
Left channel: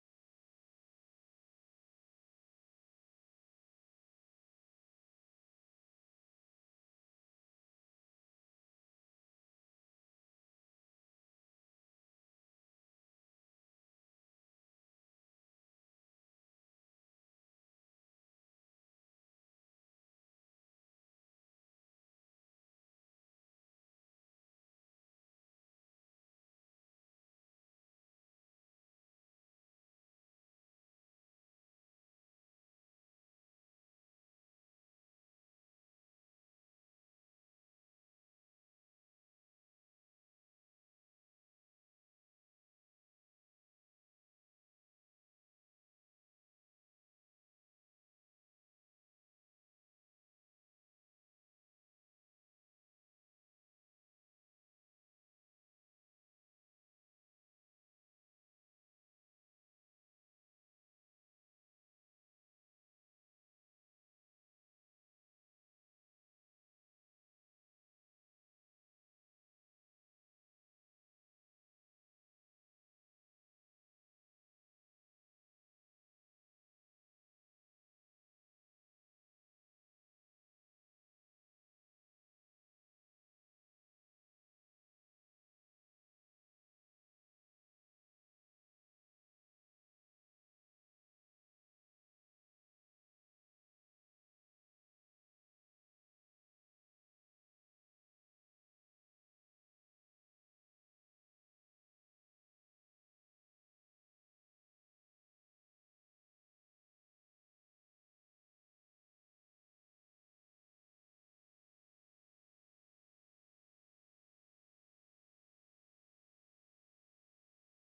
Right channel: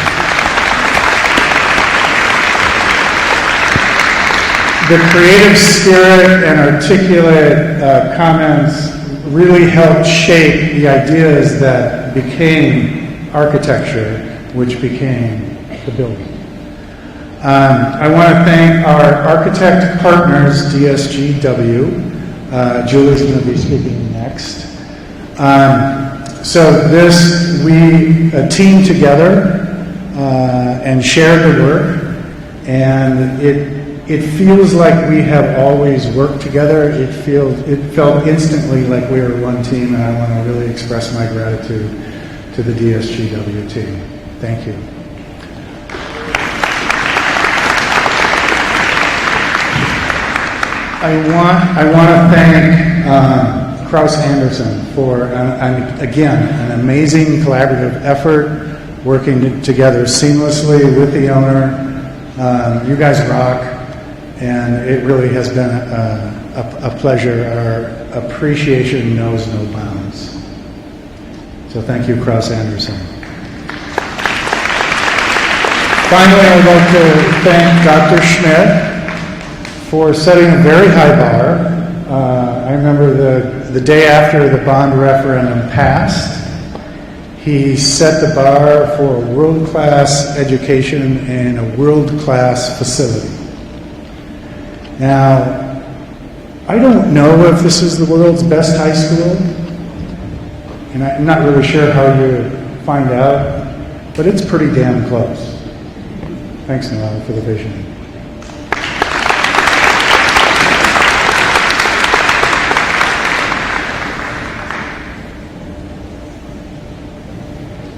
The creative spirit and articulate comments really helped shape the ideas that became architecture, which became the building. I want to thank our architect partners, DSGW. Julie's going to be speaking next. So we teamed together and shared the work, and it feels like we have always worked together. It felt instantly like we were one team, and I want to really express my gratitude to the DSGW team. Thank you. I want to thank Krause-Anderson for, again, an amazing collaborative effort, working together seamlessly with the owner. You guys rock. And it really has been a pleasure. Our appreciation knows no bounds. So thank you, Krause-Anderson. Finally, I'd like to thank Dr. Schmidt for setting a very high bar. I remember the day after the bond referendum passed, he set the bar for world-class education and a world-class facility. Now, I don't know if this is the world's best high school, and I'm not really sure how you find out, but it's pretty damn close. Thanks, Noel, for the vision.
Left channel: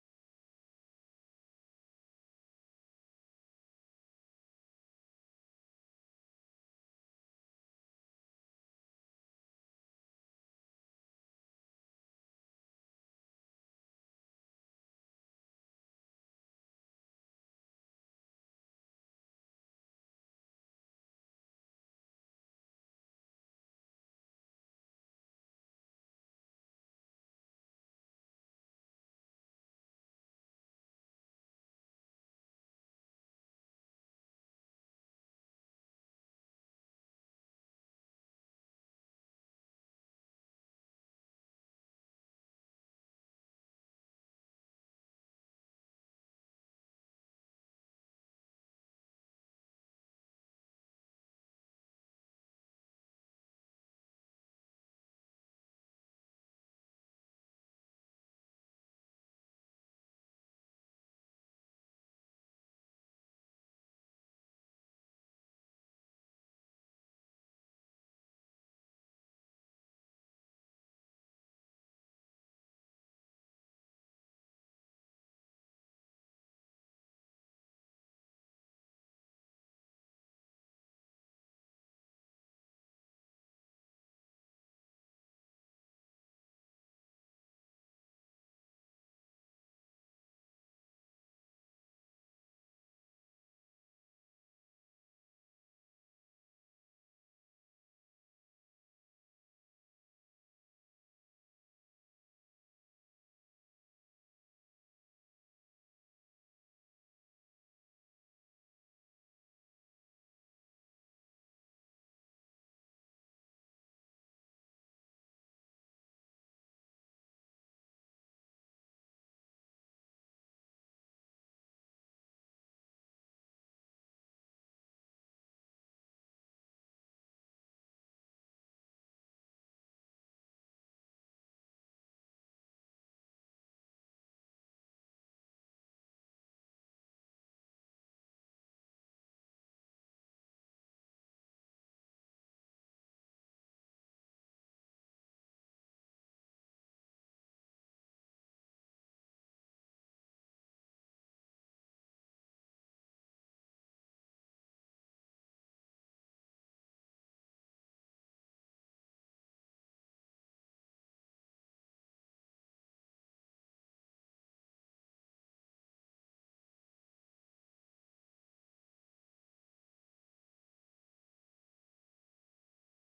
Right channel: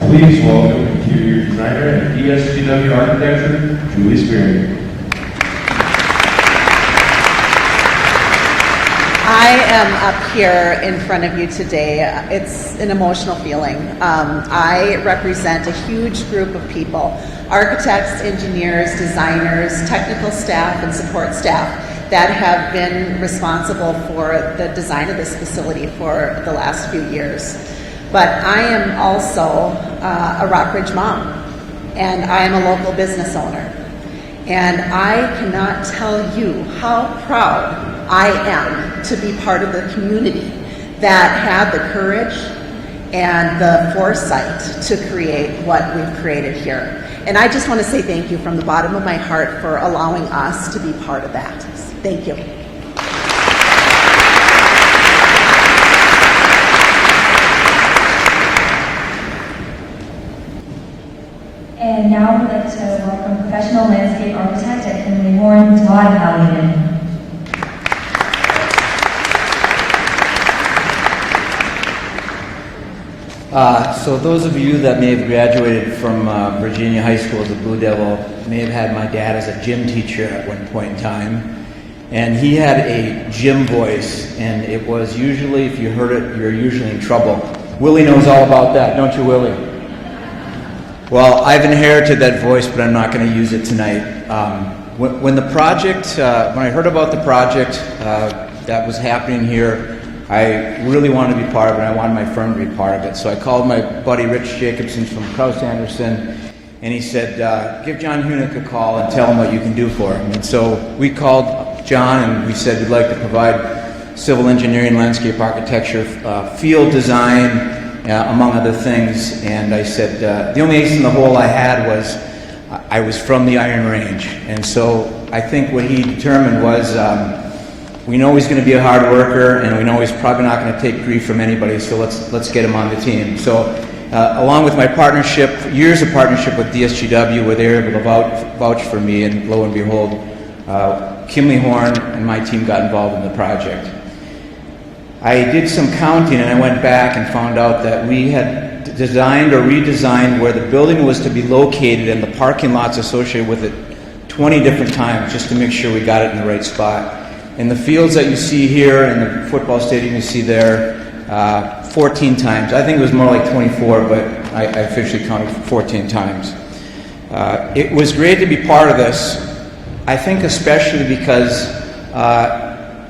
Please welcome interior designer and ESGW architecture, Julie Spearman. I am up here in front of you today. It's an emotional feeling. I represent a huge group of people, architects, engineers, designers, technical staff, and support staff that have been responsible for the design of this facility for the last few years. But I am also a Rockridge mom, and I am a local business owner. And I cannot tell you how proud I am to be part of the community that had the courage and the foresight to create what we've created here. And I just want to say thank you from the bottom of my heart for allowing us to be part of that. Thank you. And now we'd like to welcome professional landscape architect at Kinley Horn, Todd Halligan. So those of you that may have graduated from Virginia High School as a Blue Devil may have had my dad as a gym teacher at one point in time. And he had a gym voice, and it was usually, if you heard it, you're usually in trouble. Willie knows all about that, don't you, Willie? Well, I've inherited that voice, but I'm not going to use it tonight. When the project, when I heard about the project that was happening here, I really wanted to be part of it. I wanted my firm to be part of it. So I called my buddy Rich Jacobson from Kraus Anderson, and he said, give John Hunick a call and tell him what you can do for him. And so we called John, and we said we'd like to provide civil engineering, landscape architecture, field design, among other things. And I said, the only ace in the hole I had was I was from the Iron Range. And so I think what he determined was, we know he's going to be a hard worker, and we know he's probably not going to take grief from anybody, so let's get him on the team. So along with my partnership, years of partnership with DSGW, where they were able to vouch for me, and lo and behold, Kimley Horn and my team got involved in the project. I did some counting, and I went back and found out that we had designed or redesigned where the building was to be located and the parking lots associated with it 20 different times just to make sure we got it in the right spot. And the fields that you see here and the football stadium you see there, 14 times. I think it was more like 24, but I officially counted 14 times. It was great to be part of this. I think especially because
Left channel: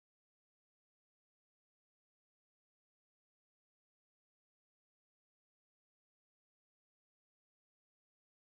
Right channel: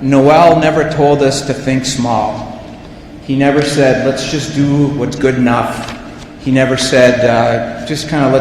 Noel never told us to think small. He never said, let's just do what's good enough. He never said, just kind of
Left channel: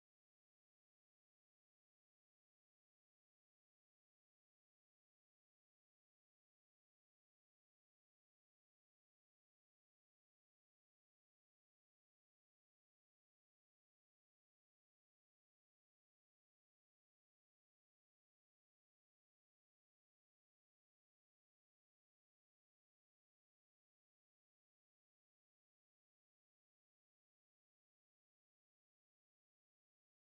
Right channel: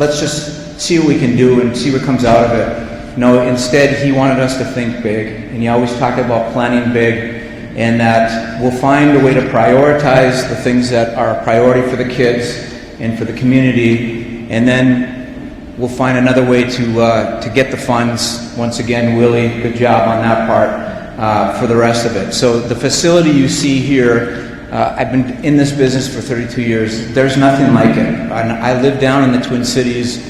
let's just see what we can do and see what comes out of it. No, instead he wanted us to think big, and he always talked about planning big, and that we'll find a way to prioritize the things that are a priority for the kids and for the community, and then we'll find another way to get the funds. Once again, Willie, good job on that part for the rest of it. So the facility you see here, I've been in this business for 32 years. There's nothing like it. I live down in the Twin Cities.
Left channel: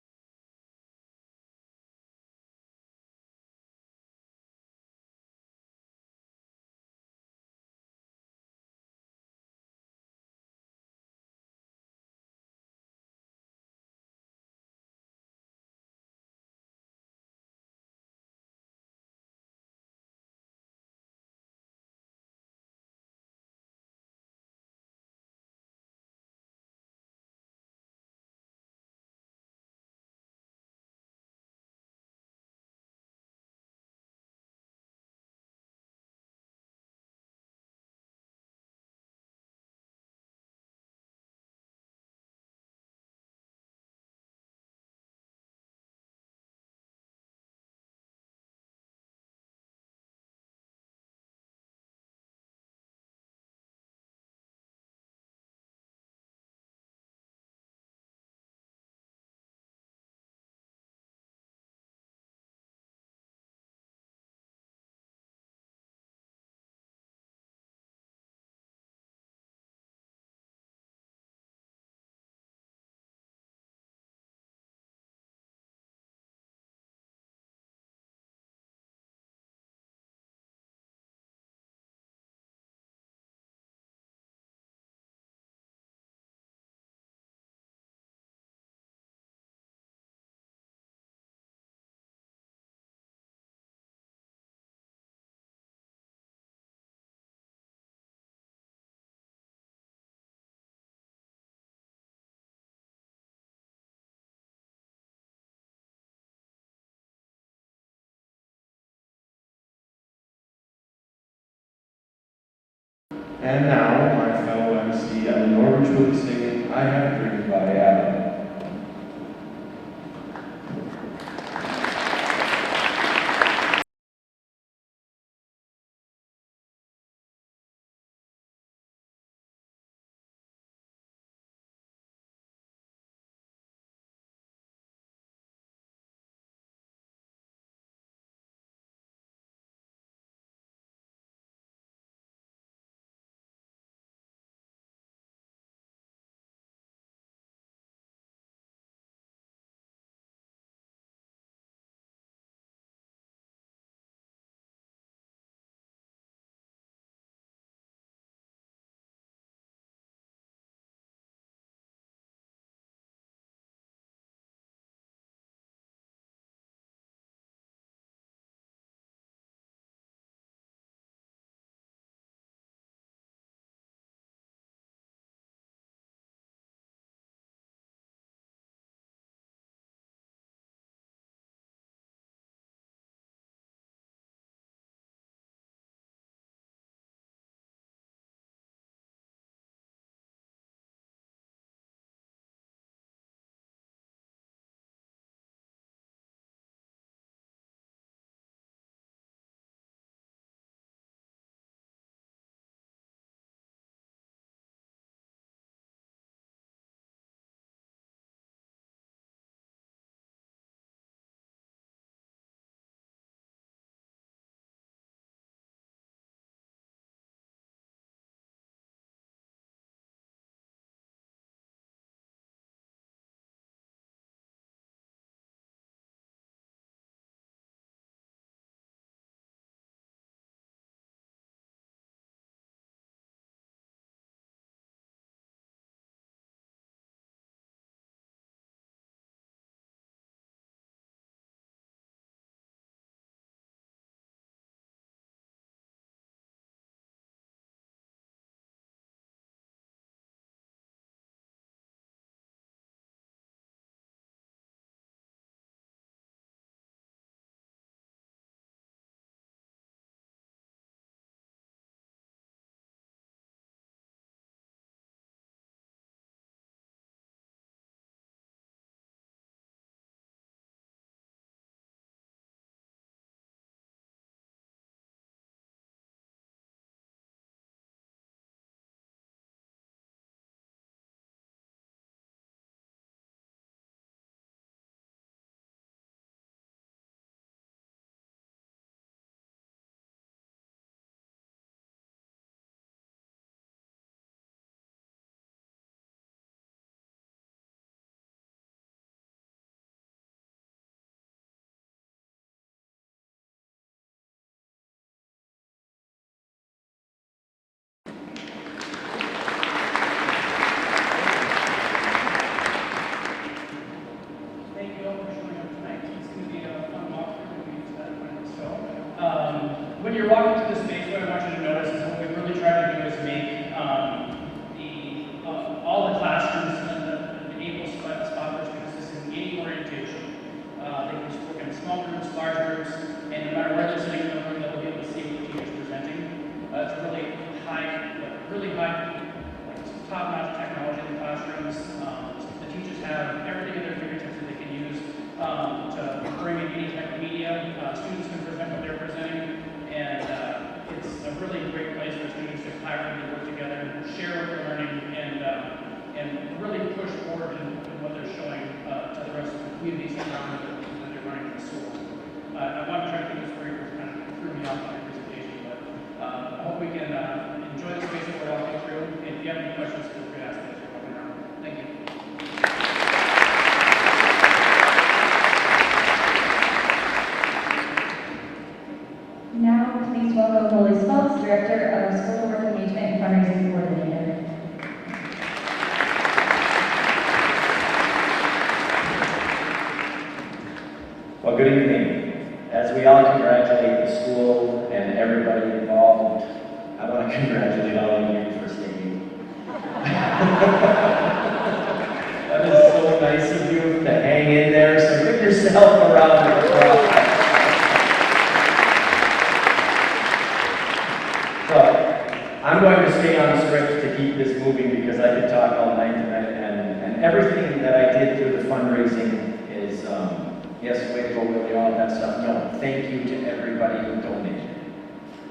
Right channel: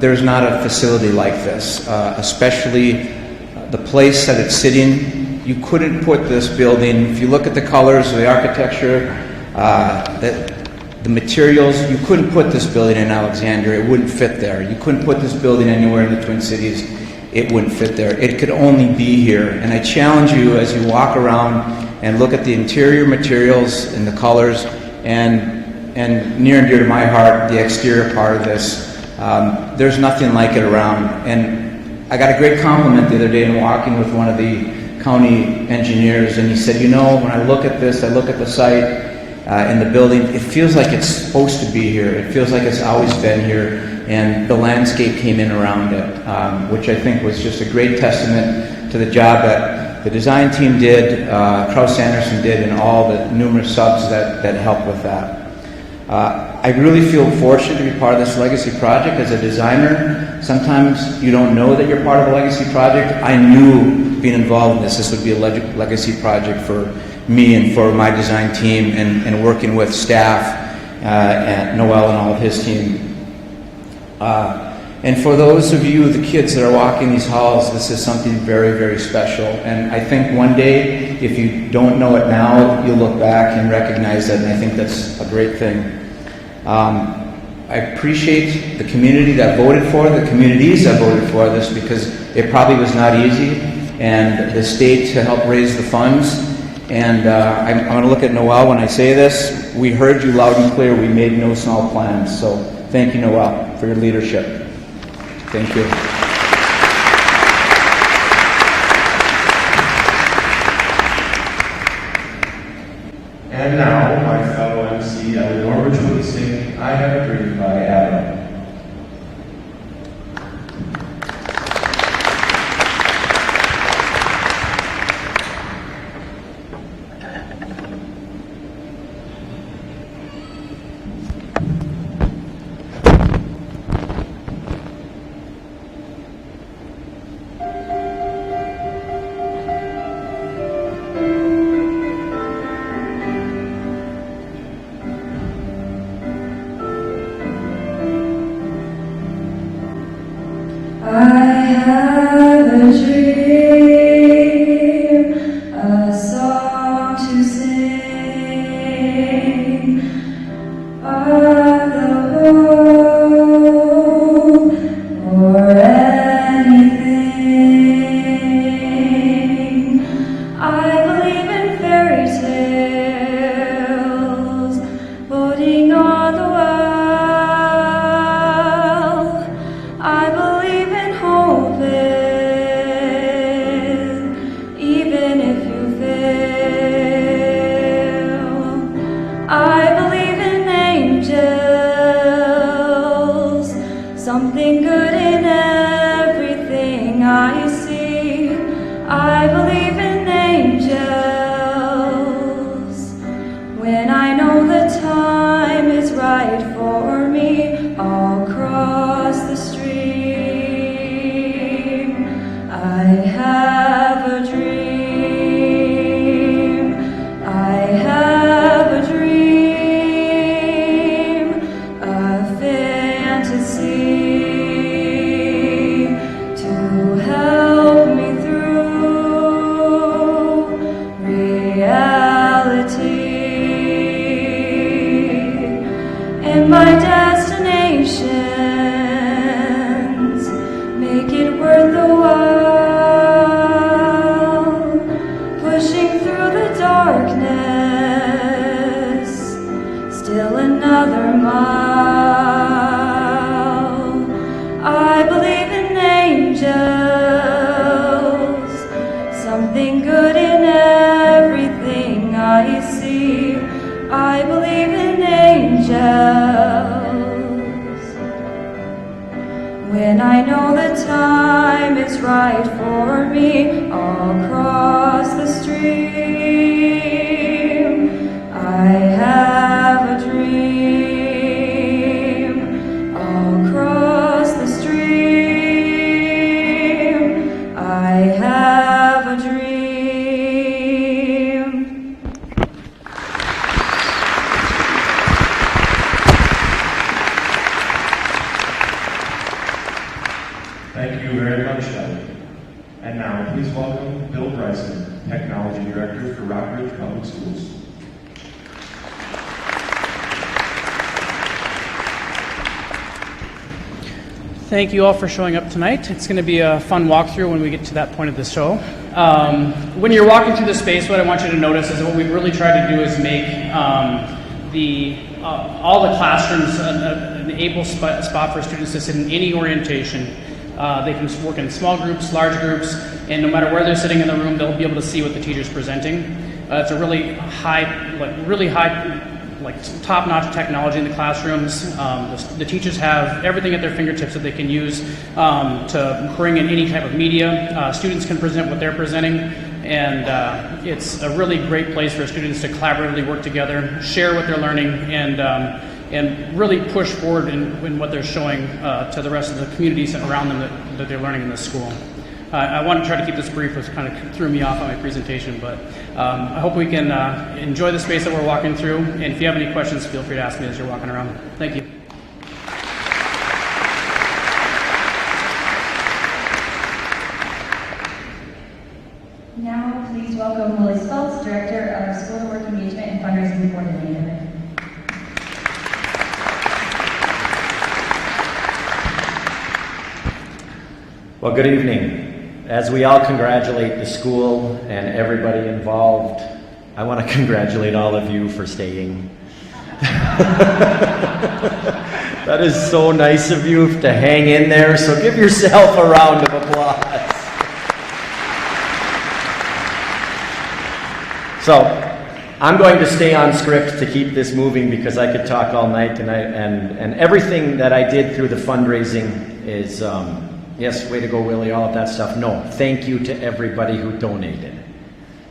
There's not a facility like this, especially the place that it's sitting. You couldn't put this building, if you look at the colors, the architecture, the materials, you couldn't put this building in Alexandria. It wouldn't fit there. You couldn't put this building anywhere in the Twin Cities. It wouldn't fit there. It could only be here. And I challenge you as you walk around and look at the interior materials and the colors, and near and dear to my heart, the exterior part of this. There's nothing like it around. And I got a great compliment the other day in walking with one of the county engineers, and he said, you know, when I look at this, I look at the site and the building, it feels like it's supposed to be here. It feels like it's always been here, and the landscape came in around it, which I think was just a great testament to the job that the design team did, Kraus Anderson did, and all the numerous subs that helped with that. I really feel fortunate to be part of this legacy project. As a designer, sometimes you don't know that you're part of a legacy project. I knew being involved in this would be a legacy project for me and for my design team, and working with staff and Noel and all of his team. And for those of you, the kids that are walking these halls, this is something very, very special. And I think one day, if you don't know it now, you'll look back and recognize it, and I think that's a great thing. I appreciate the community that voted for it, the communities that voted for this, because it probably was not easy, and the state to help raise the funds. And I'm going to look at Noel when I say this. We heard you loud and clear. We made no small plans. So thank you, Noel, for your leadership. Thank you. And now, my fellow MC, I will order to sing I Have a Dream by Adam. Something good in everything I see. I believe in angels. When I know the time is right for me, I'll cross the stream. I have a dream. I have a dream. A fantasy. My destinations make it worth the while, pushing through the darkness, still another mile. I believe in angels, something good in everything I see. I believe in angels. When I know the time is right for me, I'll cross the stream. I have a dream. I'll cross the stream. I have a dream. Thank you very much, Kelly. And now, please welcome Bill Bryson, Technology Director for Rockridge Public Schools. Thank you all for showing up tonight. It's going to be a fun walkthrough when we get to that point of the show. When you're walking through the space, what I want you to notice is what we've really tried to do is make all the classrooms an able spot for students to sit in any orientation. They can work in small groups, large groups, and no matter where they're sitting in the room, they'll be able to see what the teacher's presenting. It's a really high, top-notch technology in the classrooms. The teachers have everything at their fingertips that they can use to bring in any type of media. Students can present what they're presenting, and it's a really great place for students to collaboratively work together, share what they're learning, and really push forward in what they're showing to the rest of the communities around them that they're learning in the school. I want to try to keep this brief, which kind of threw me off on my presentation, but I hope we can enjoy the space that we're walking through, and if you have any questions, feel free to ask me as you're walking around. Thank you. Now, please welcome Willie Stoltz, Director of School Work Engagement and Fundraising Coordinator. Well, good evening. As we all congratulate the school and everybody involved, I want to congratulate all of you for staying. That is so nice of you to hang in there, so give yourself a round of applause. So, I'm going to stay on script to keep this moving because I could talk all night, and everything that I did through the fundraising is, yes, way to go, Willie, all of that stuff. No, thank you to everybody who donated.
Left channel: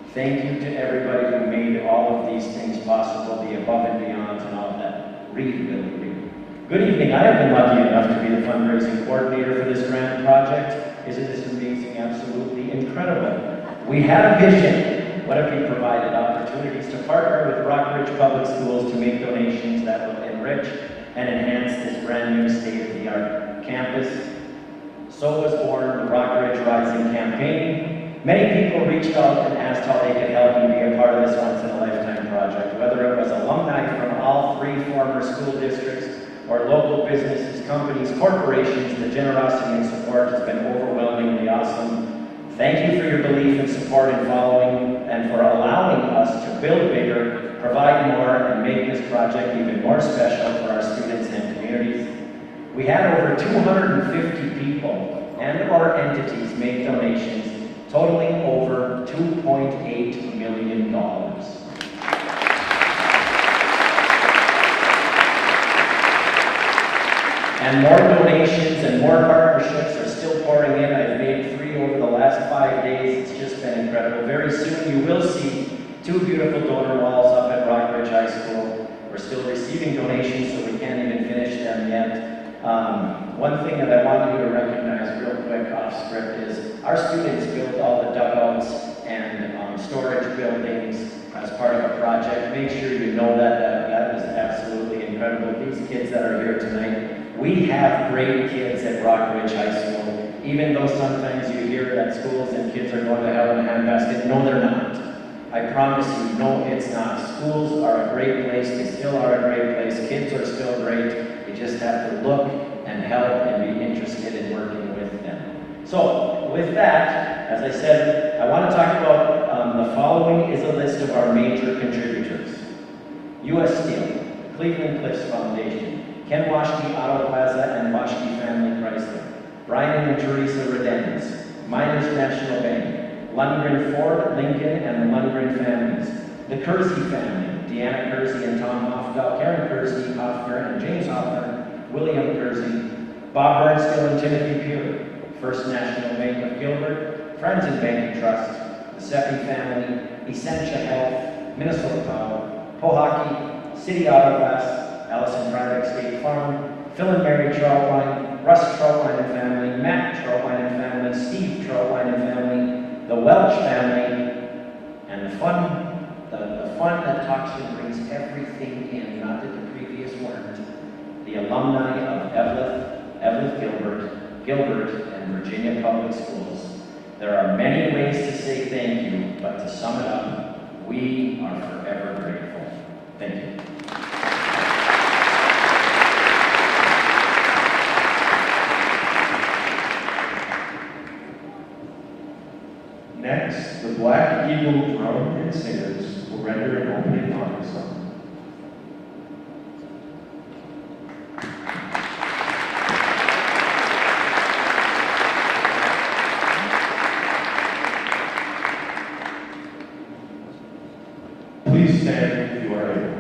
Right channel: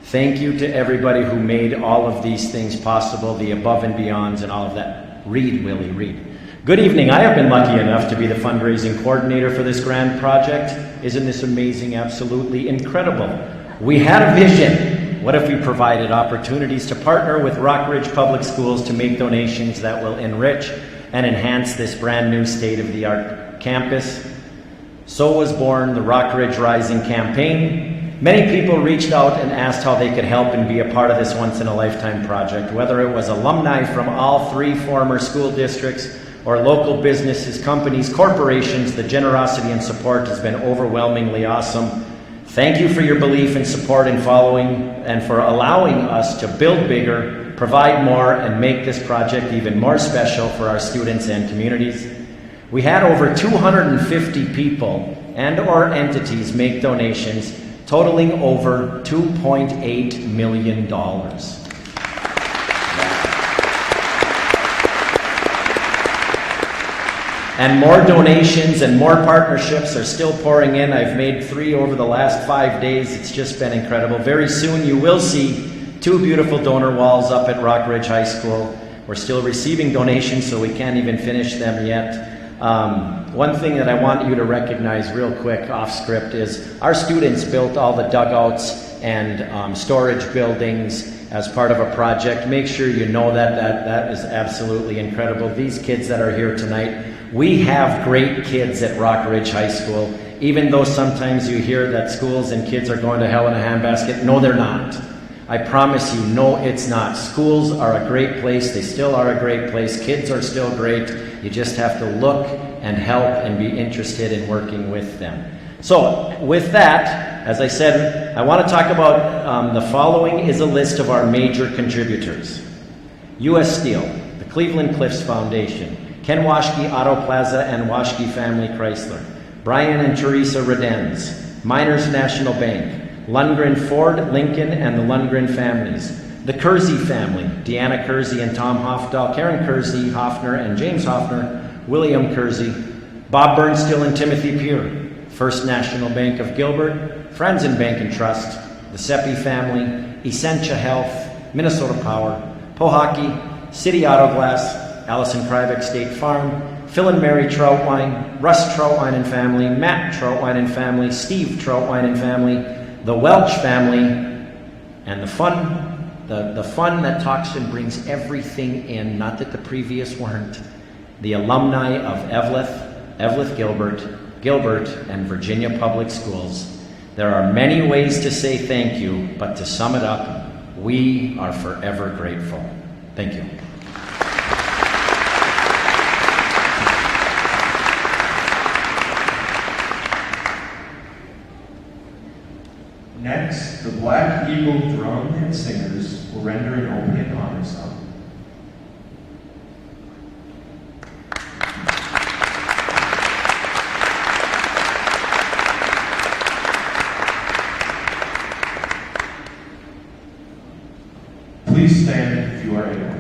Thank you to everybody who made all of these things possible, the above and beyonds and all of that. Read, Willie, read. Good evening. I have been lucky enough to be the fundraising coordinator for this grand project. Isn't this amazing? Absolutely incredible. We had a vision. What if we provided opportunities to partner with Rockridge Public Schools to make donations that will enrich and enhance this brand new state-of-the-art campus? So was born the Rockridge Rising campaign. Many people reached out and asked how they could help and be a part of this once-in-a-lifetime project, whether it was alumni from all 3 former school districts or local businesses, companies, corporations. The generosity and support has been overwhelmingly awesome. Thank you for your belief and support in following and for allowing us to build bigger, provide more, and make this project even more special for our students and communities. We had over 250 people and or entities make donations totaling over $2.8 million. And more donations and more partnerships are still pouring in. I've made 3 over the last 5 days. It's just been incredible. Very soon you will see 2 beautiful donor walls up at Rockridge High School. We're still receiving donations, so we can't even finish them yet. One thing that I want you to recognize real quick off script is our students built all the dugouts and storage buildings as part of a project. Make sure you know that is absolutely incredible. These kids that are here tonight, we have great kids at Rockridge High School. Even though sometimes you hear that schools and kids are going to hell in a handbasket, no, they're not. I promise you, no, it's not. Schools are a great place. They still are a great place. Kids are still great. You just have to look and help and be interested in working with them. So, with that, as I said, I want to talk about the following is a list of our major contributors. U.S. Steel, the Cleveland Cliffs Foundation, Ken Waschke Auto Plaza and Waschke Family Chrysler, Brian and Teresa Redens, Miners National Bank, Lundgren Ford, Lincoln, and the Lundgren families, the Kersey family, Deanna Kersey and Tom Hofdahl, Karen Kersey, Hoffner and James Hoffner, William Kersey, Bob Bernstill and Timothy Pure, First National Bank of Gilbert, Friends and Bank and Trust, the Seppi family, Essentia Health, Minnesota Power, Pohaki, City Auto Glass, Allison Krivik State Farm, Phil and Mary Troutwine, Russ Troutwine and family, Matt Troutwine and family, Steve Troutwine and family, the Welch family, and the fun that talks and brings everything in, not that the previous weren't, the alumni of Eveleth Gilbert, and Virginia Public Schools. There are many ways to say thank you, but to sum it up, we are forever grateful. Thank you. Next, the Black Eagle Drum and Singers will render an opening honor song. Please stand if you are able.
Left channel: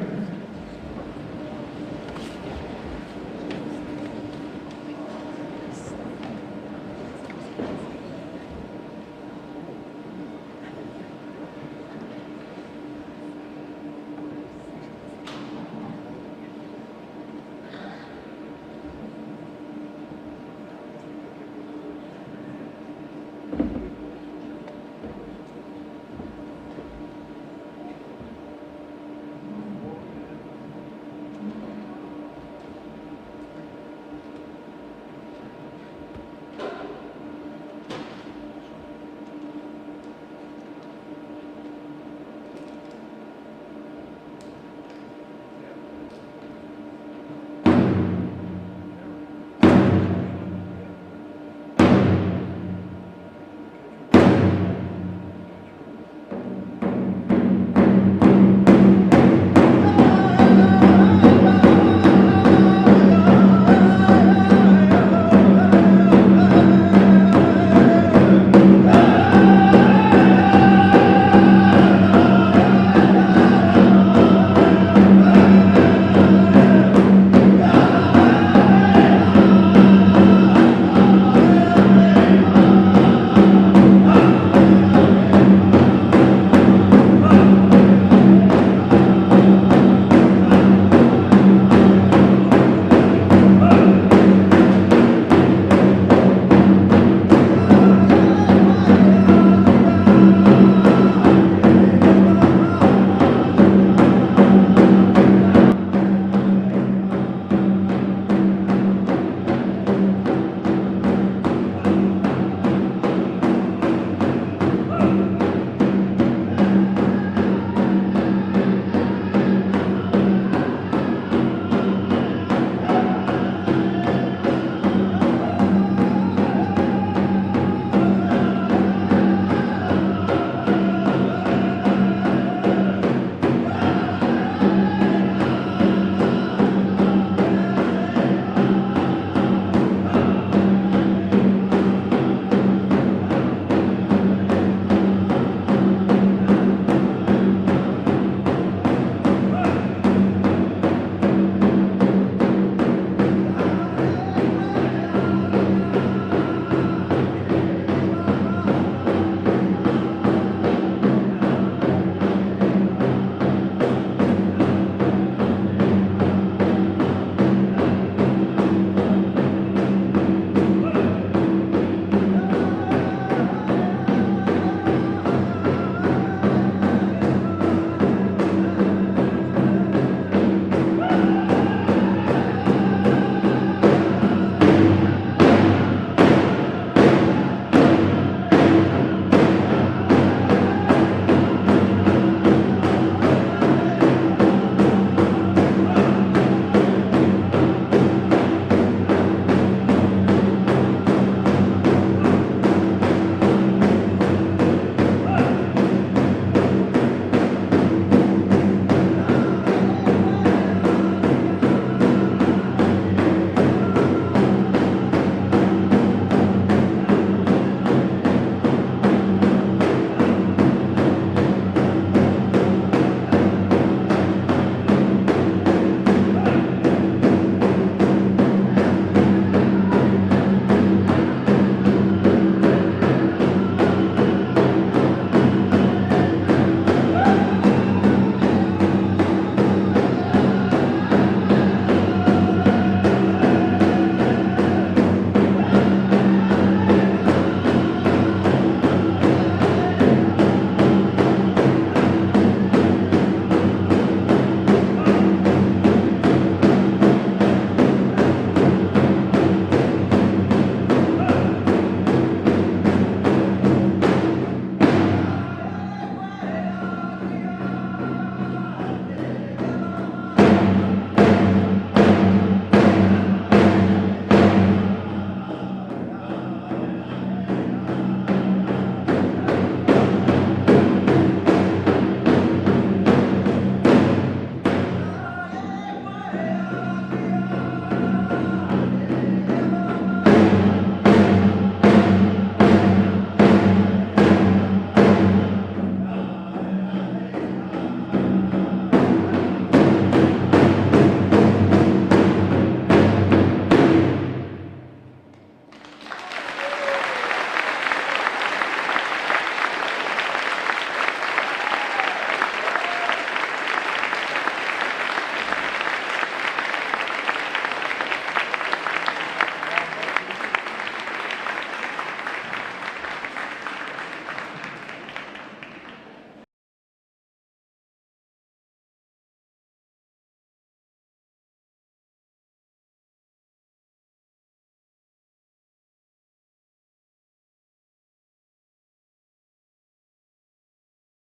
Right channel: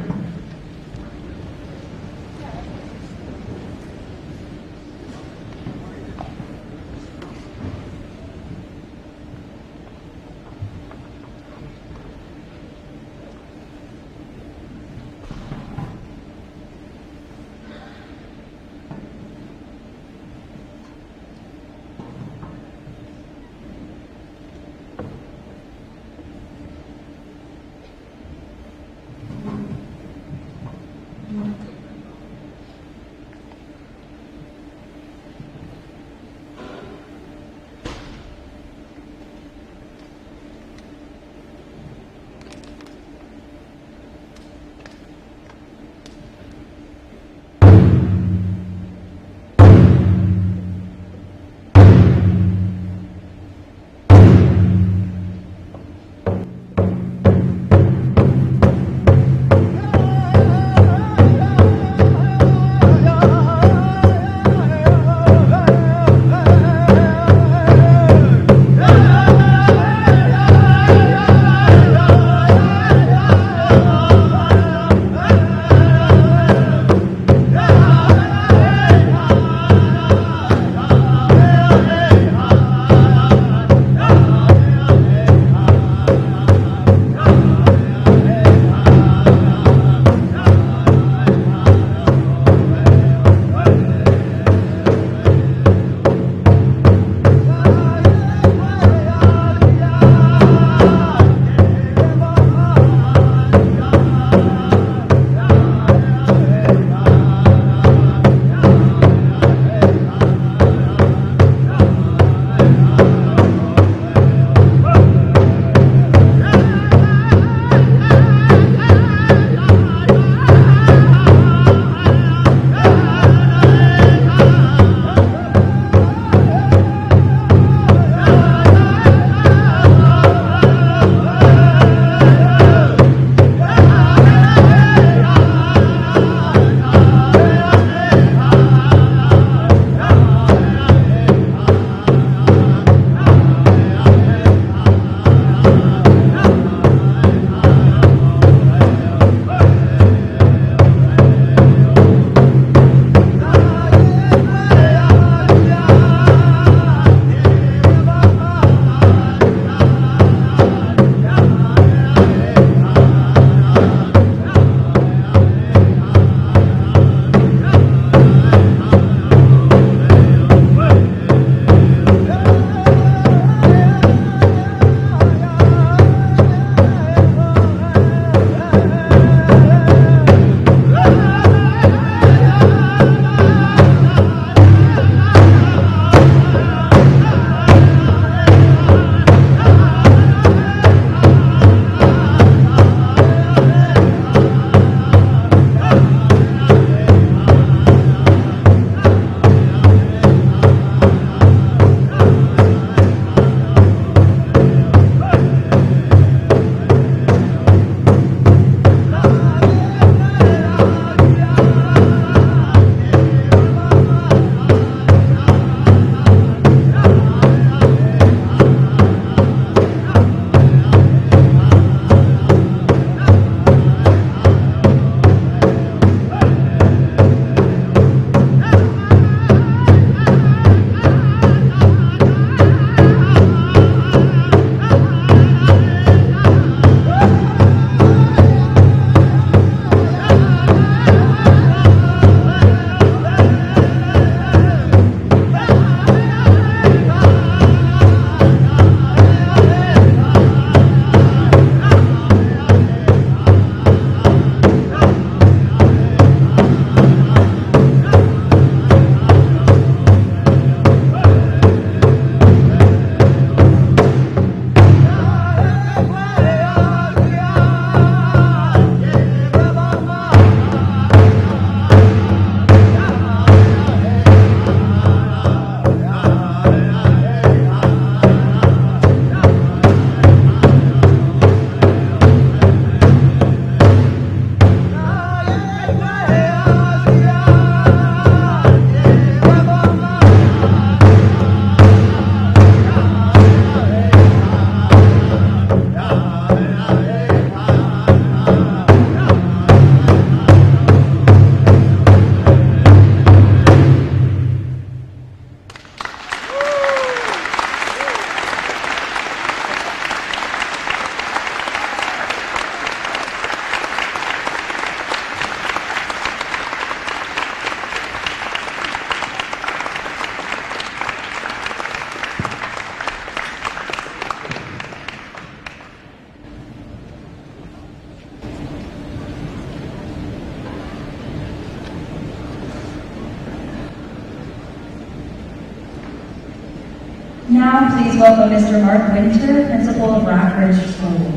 Now, please welcome Mr. Mark Winter, Principal of Rockridge School.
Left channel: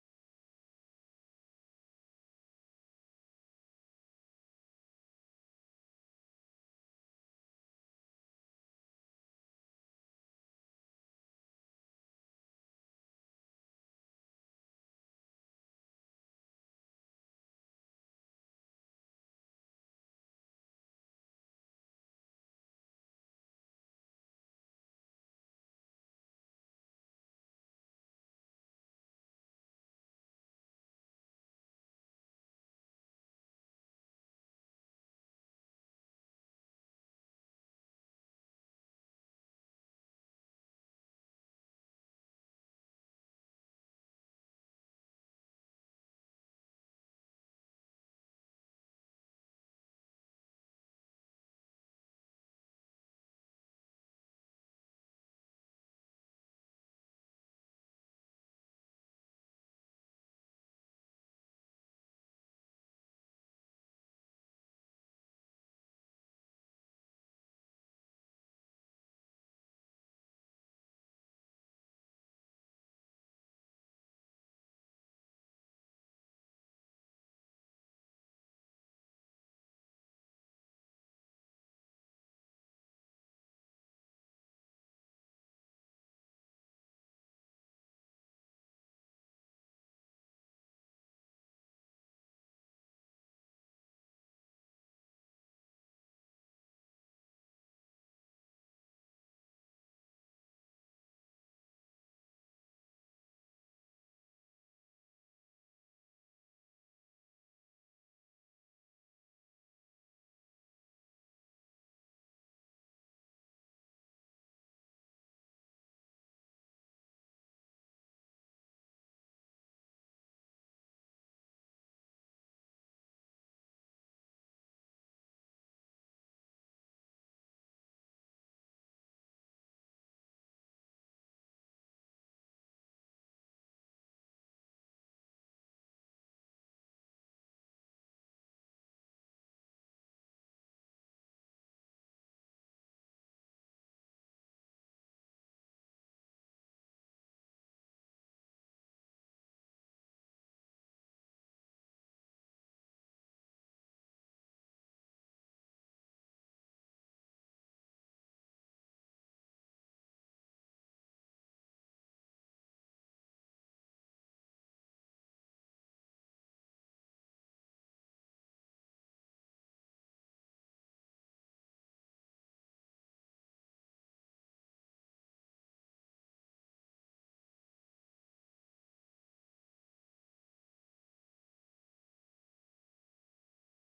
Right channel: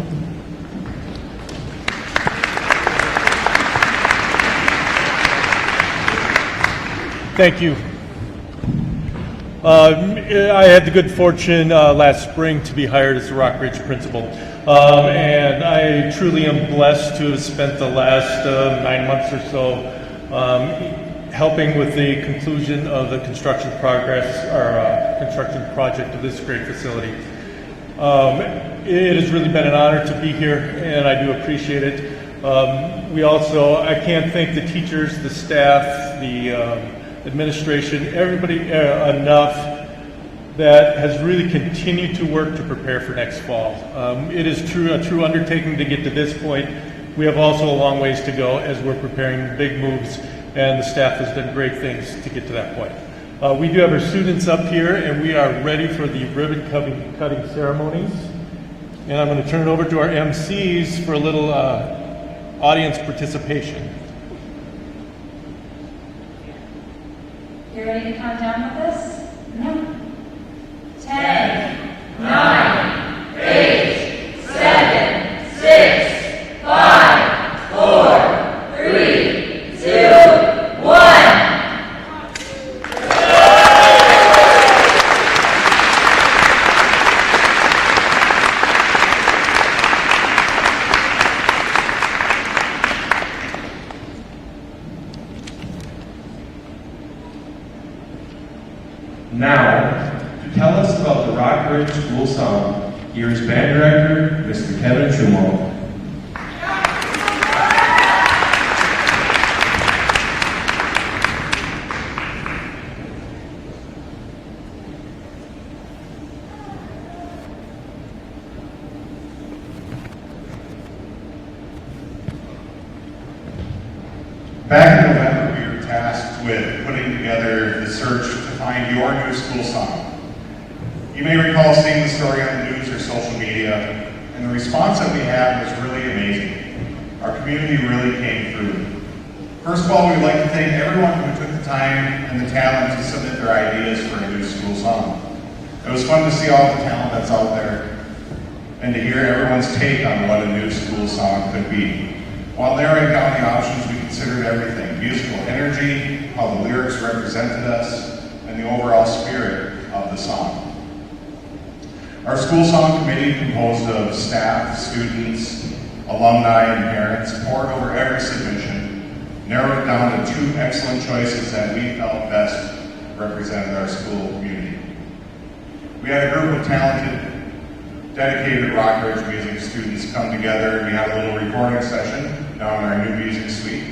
Thank you. I had the good fortune last spring to be hired as the Rockridge principal, and I truly am blessed to have spent the last 9 months or so helping with the conclusion of the construction construction project of this great facility. It has really been an honor to be here, and I do appreciate it. I can't thank the teachers, the staff, the administration, everybody enough that has really continued to work to prepare for next fall. It is a true undertaking to get to this point. We have also a long ways to go as we're preparing big moves, and the staff has done great things to get to that point. We do have our students up here, and we are ready for the ribbon cutting ceremonies. And I'm going to turn it over to our MCs for a little audience participation. You ready to count down with us? No. 10, 9, 8, 7, 6, 5, 4, 3, 2, 1. Now, to tell us about the Rockridge School Song, here is band director, Mr. Kevin Schumo. Back in November, we were tasked with putting together the search to find your new school song. You may recall seeing the story on the news or social media, and the response that we had was really amazing. Our community really came through. First of all, we'd like to thank everyone who took the time and the talent to submit their ideas for a new school song. It was fun to see all the talent that's out there and to hear everyone's take on what a new school song could be. While narrowing down the options, we considered everything: musical energy, how the lyrics represented us, and the overall spirit of the song. Our school song committee, composed of staff, students, alumni, and parents, pored over every submission, narrowed it down to 2 excellent choices that we felt best represented our school community. We had a group of talented, dedicated Rockridge music students come together. We had a little recording session down in our new music suite,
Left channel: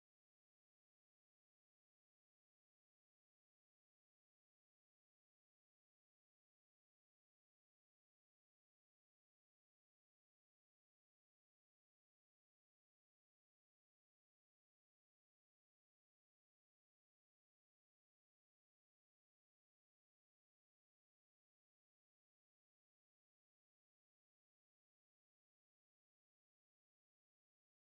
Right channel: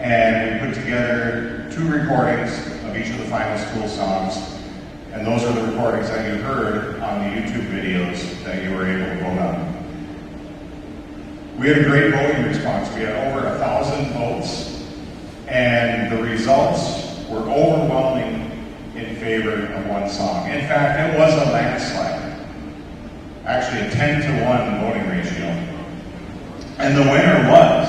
and we put together 2 recordings of each of the final school songs, and those are the recordings that you heard on the YouTube videos that you were able to vote on. We had a great voting response. We had over 1,000 votes, and the results were overwhelming in favor of one song. In fact, it was a landslide, actually a 10-to-1 voting ratio. And the winner was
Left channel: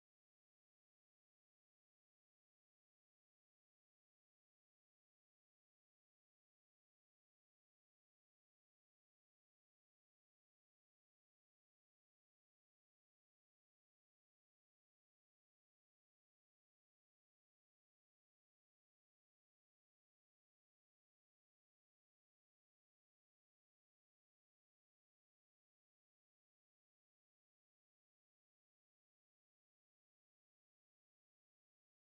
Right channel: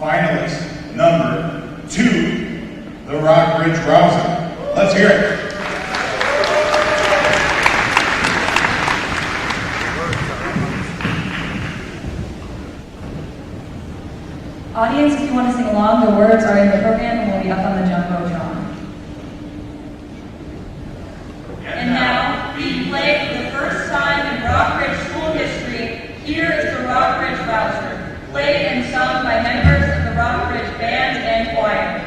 finalist number 2, the Rockridge Rouser. Let's hear it. Audience, if you want to sing along, the words are in the program and will be up on the Jumbotron. And now, being played for the first time in Rockridge school history, here is the Rockridge Rouser, played and sung by members of the Rockridge Band and Choir.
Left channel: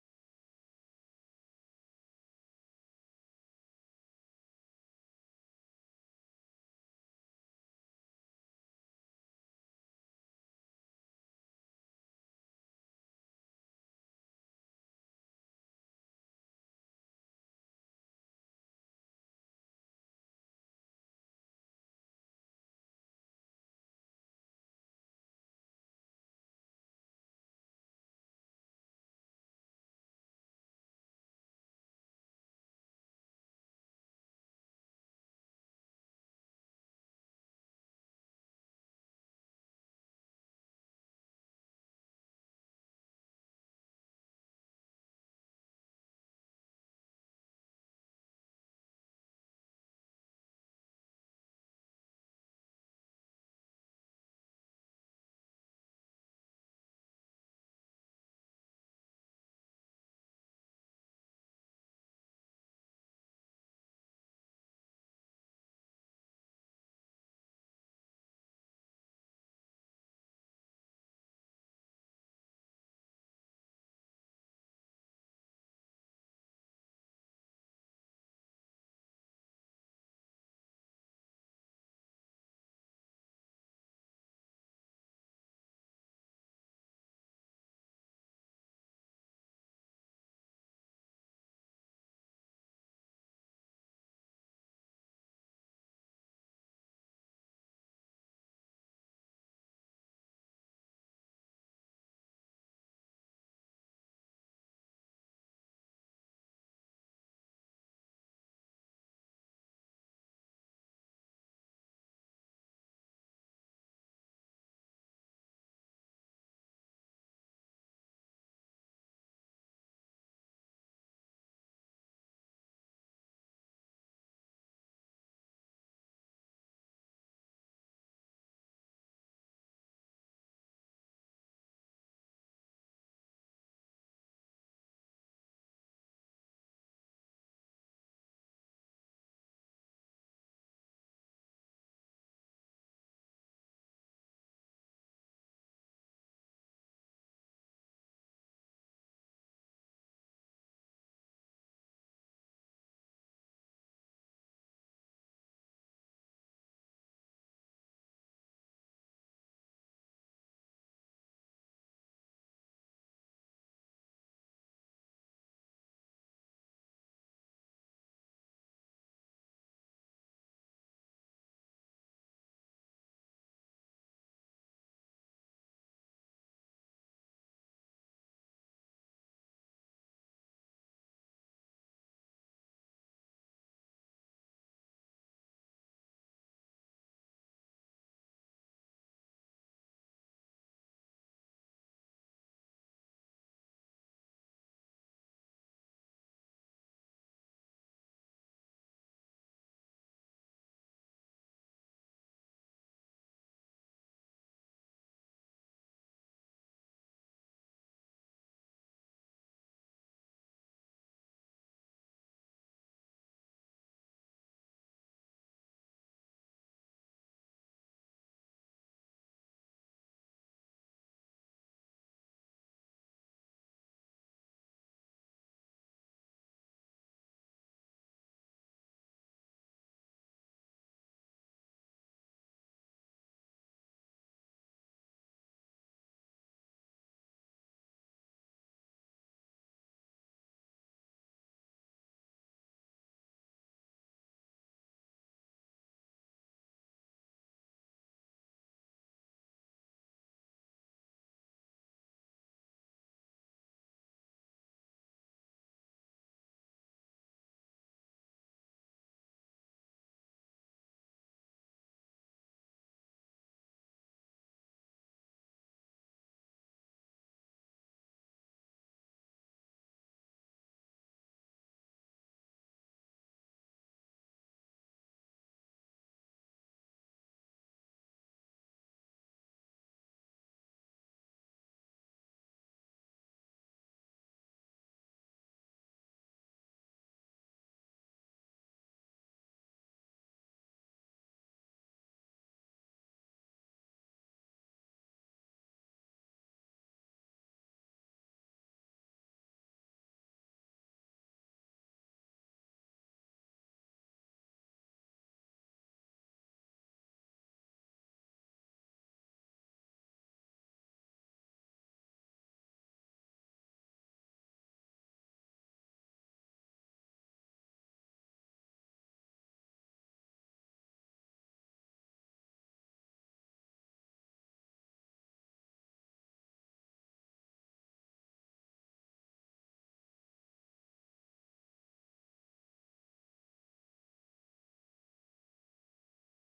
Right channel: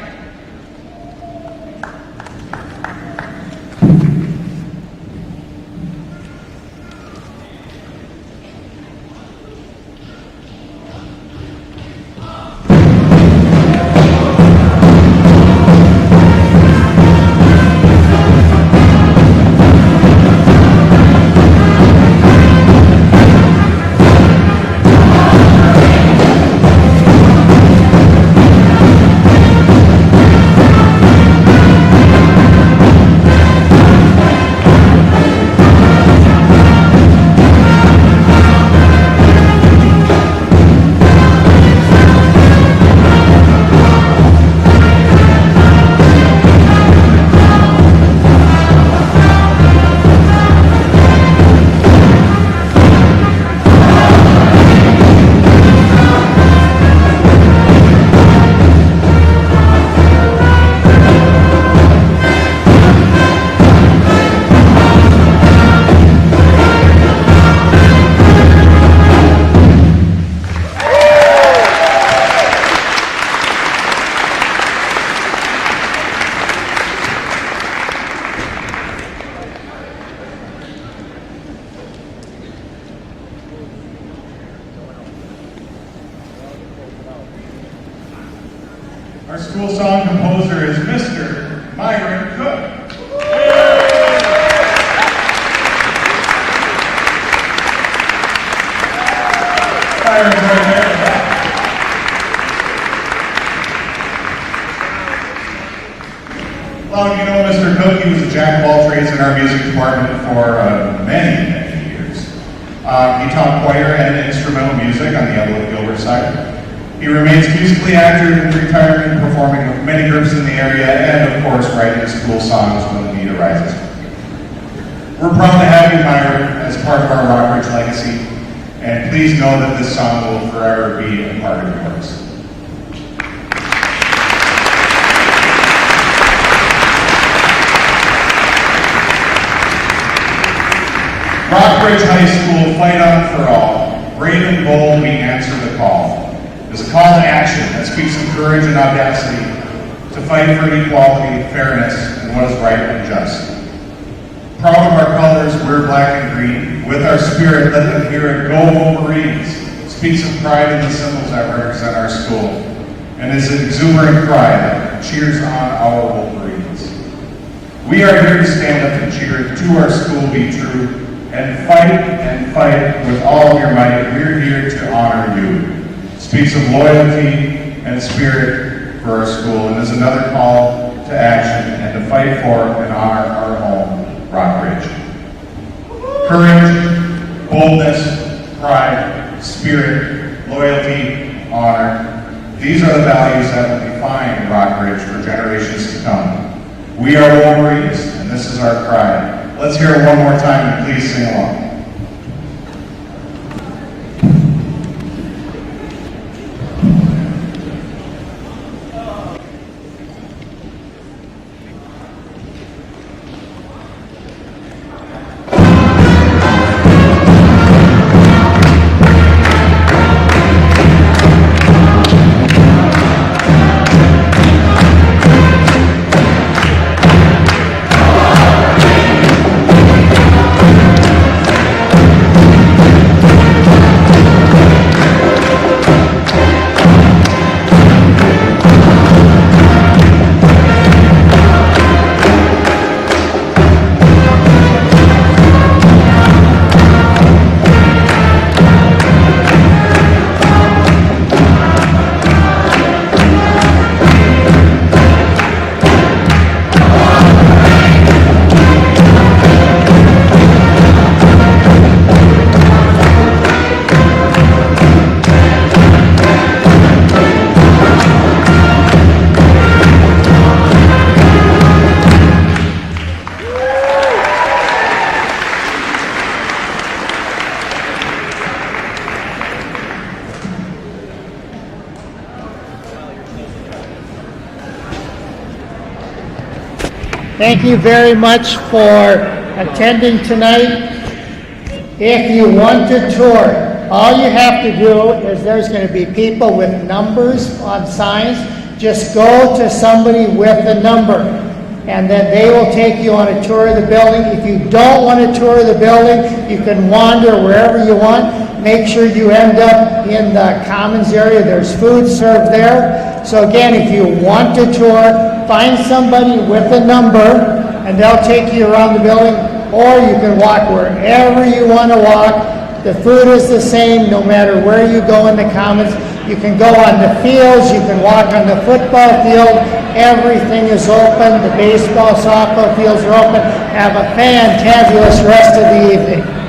Our school song composer is Mr. Myron Cook. Myron's right there. Well, you know Mr. Cook, he was a jack of all trades in our music department for many years. He taught choir and instrumental music on the Evelyn Gilbert side. He remains musically active, retiring, performing with many groups in the area, and of course writing school songs when the need arises. We're proud to have you, Myron, as part of our Rockridge legacy, and please know that this song will forever be a part of yours. Rockridge High School, fight on for all. Brave and bold, we answer the call. It's a call to action that speaks of courage and audacity to fight for equality, fairness, and what is right and just. Proud of our colors, we're black and green. With our spirit, let them hear it. Go Wolverines speaks of pride in the symbols that represent our school, and is an exuberant cry that cheers on our Wolverines. We are here to stand up and cheer to our school be true, and fight with all of your might. We're here to honor you. Speaks of loyalty and spirit for our school, and is another call to action and to fight for and honor our home, Rockridge. Courage, boldness, pride, spirit, loyalty, honor. These are the values that will define Rockridge for generations to come. We are Wolverines, and this is our cry. Let's hear it one more time, and please sing along. Thank you very much for attending tonight. If you want to tour, all you have to do is there's going to be people with numbers on signs. Just go to somebody with a number, and then they will take you on a tour of the building. If you don't want to tour the building, you can wander wherever you want. Make sure you end up in the commons area. There's food served there. So again, if you want to tour, find somebody with a number, and they'll take you around the building, or you can walk wherever you want to walk. The food is the same no matter where you go in the commons. You can go on the fields, you can walk on the football field. Everything is open. The baseball, softball fields are open. Have a fantabulous rest of the evening.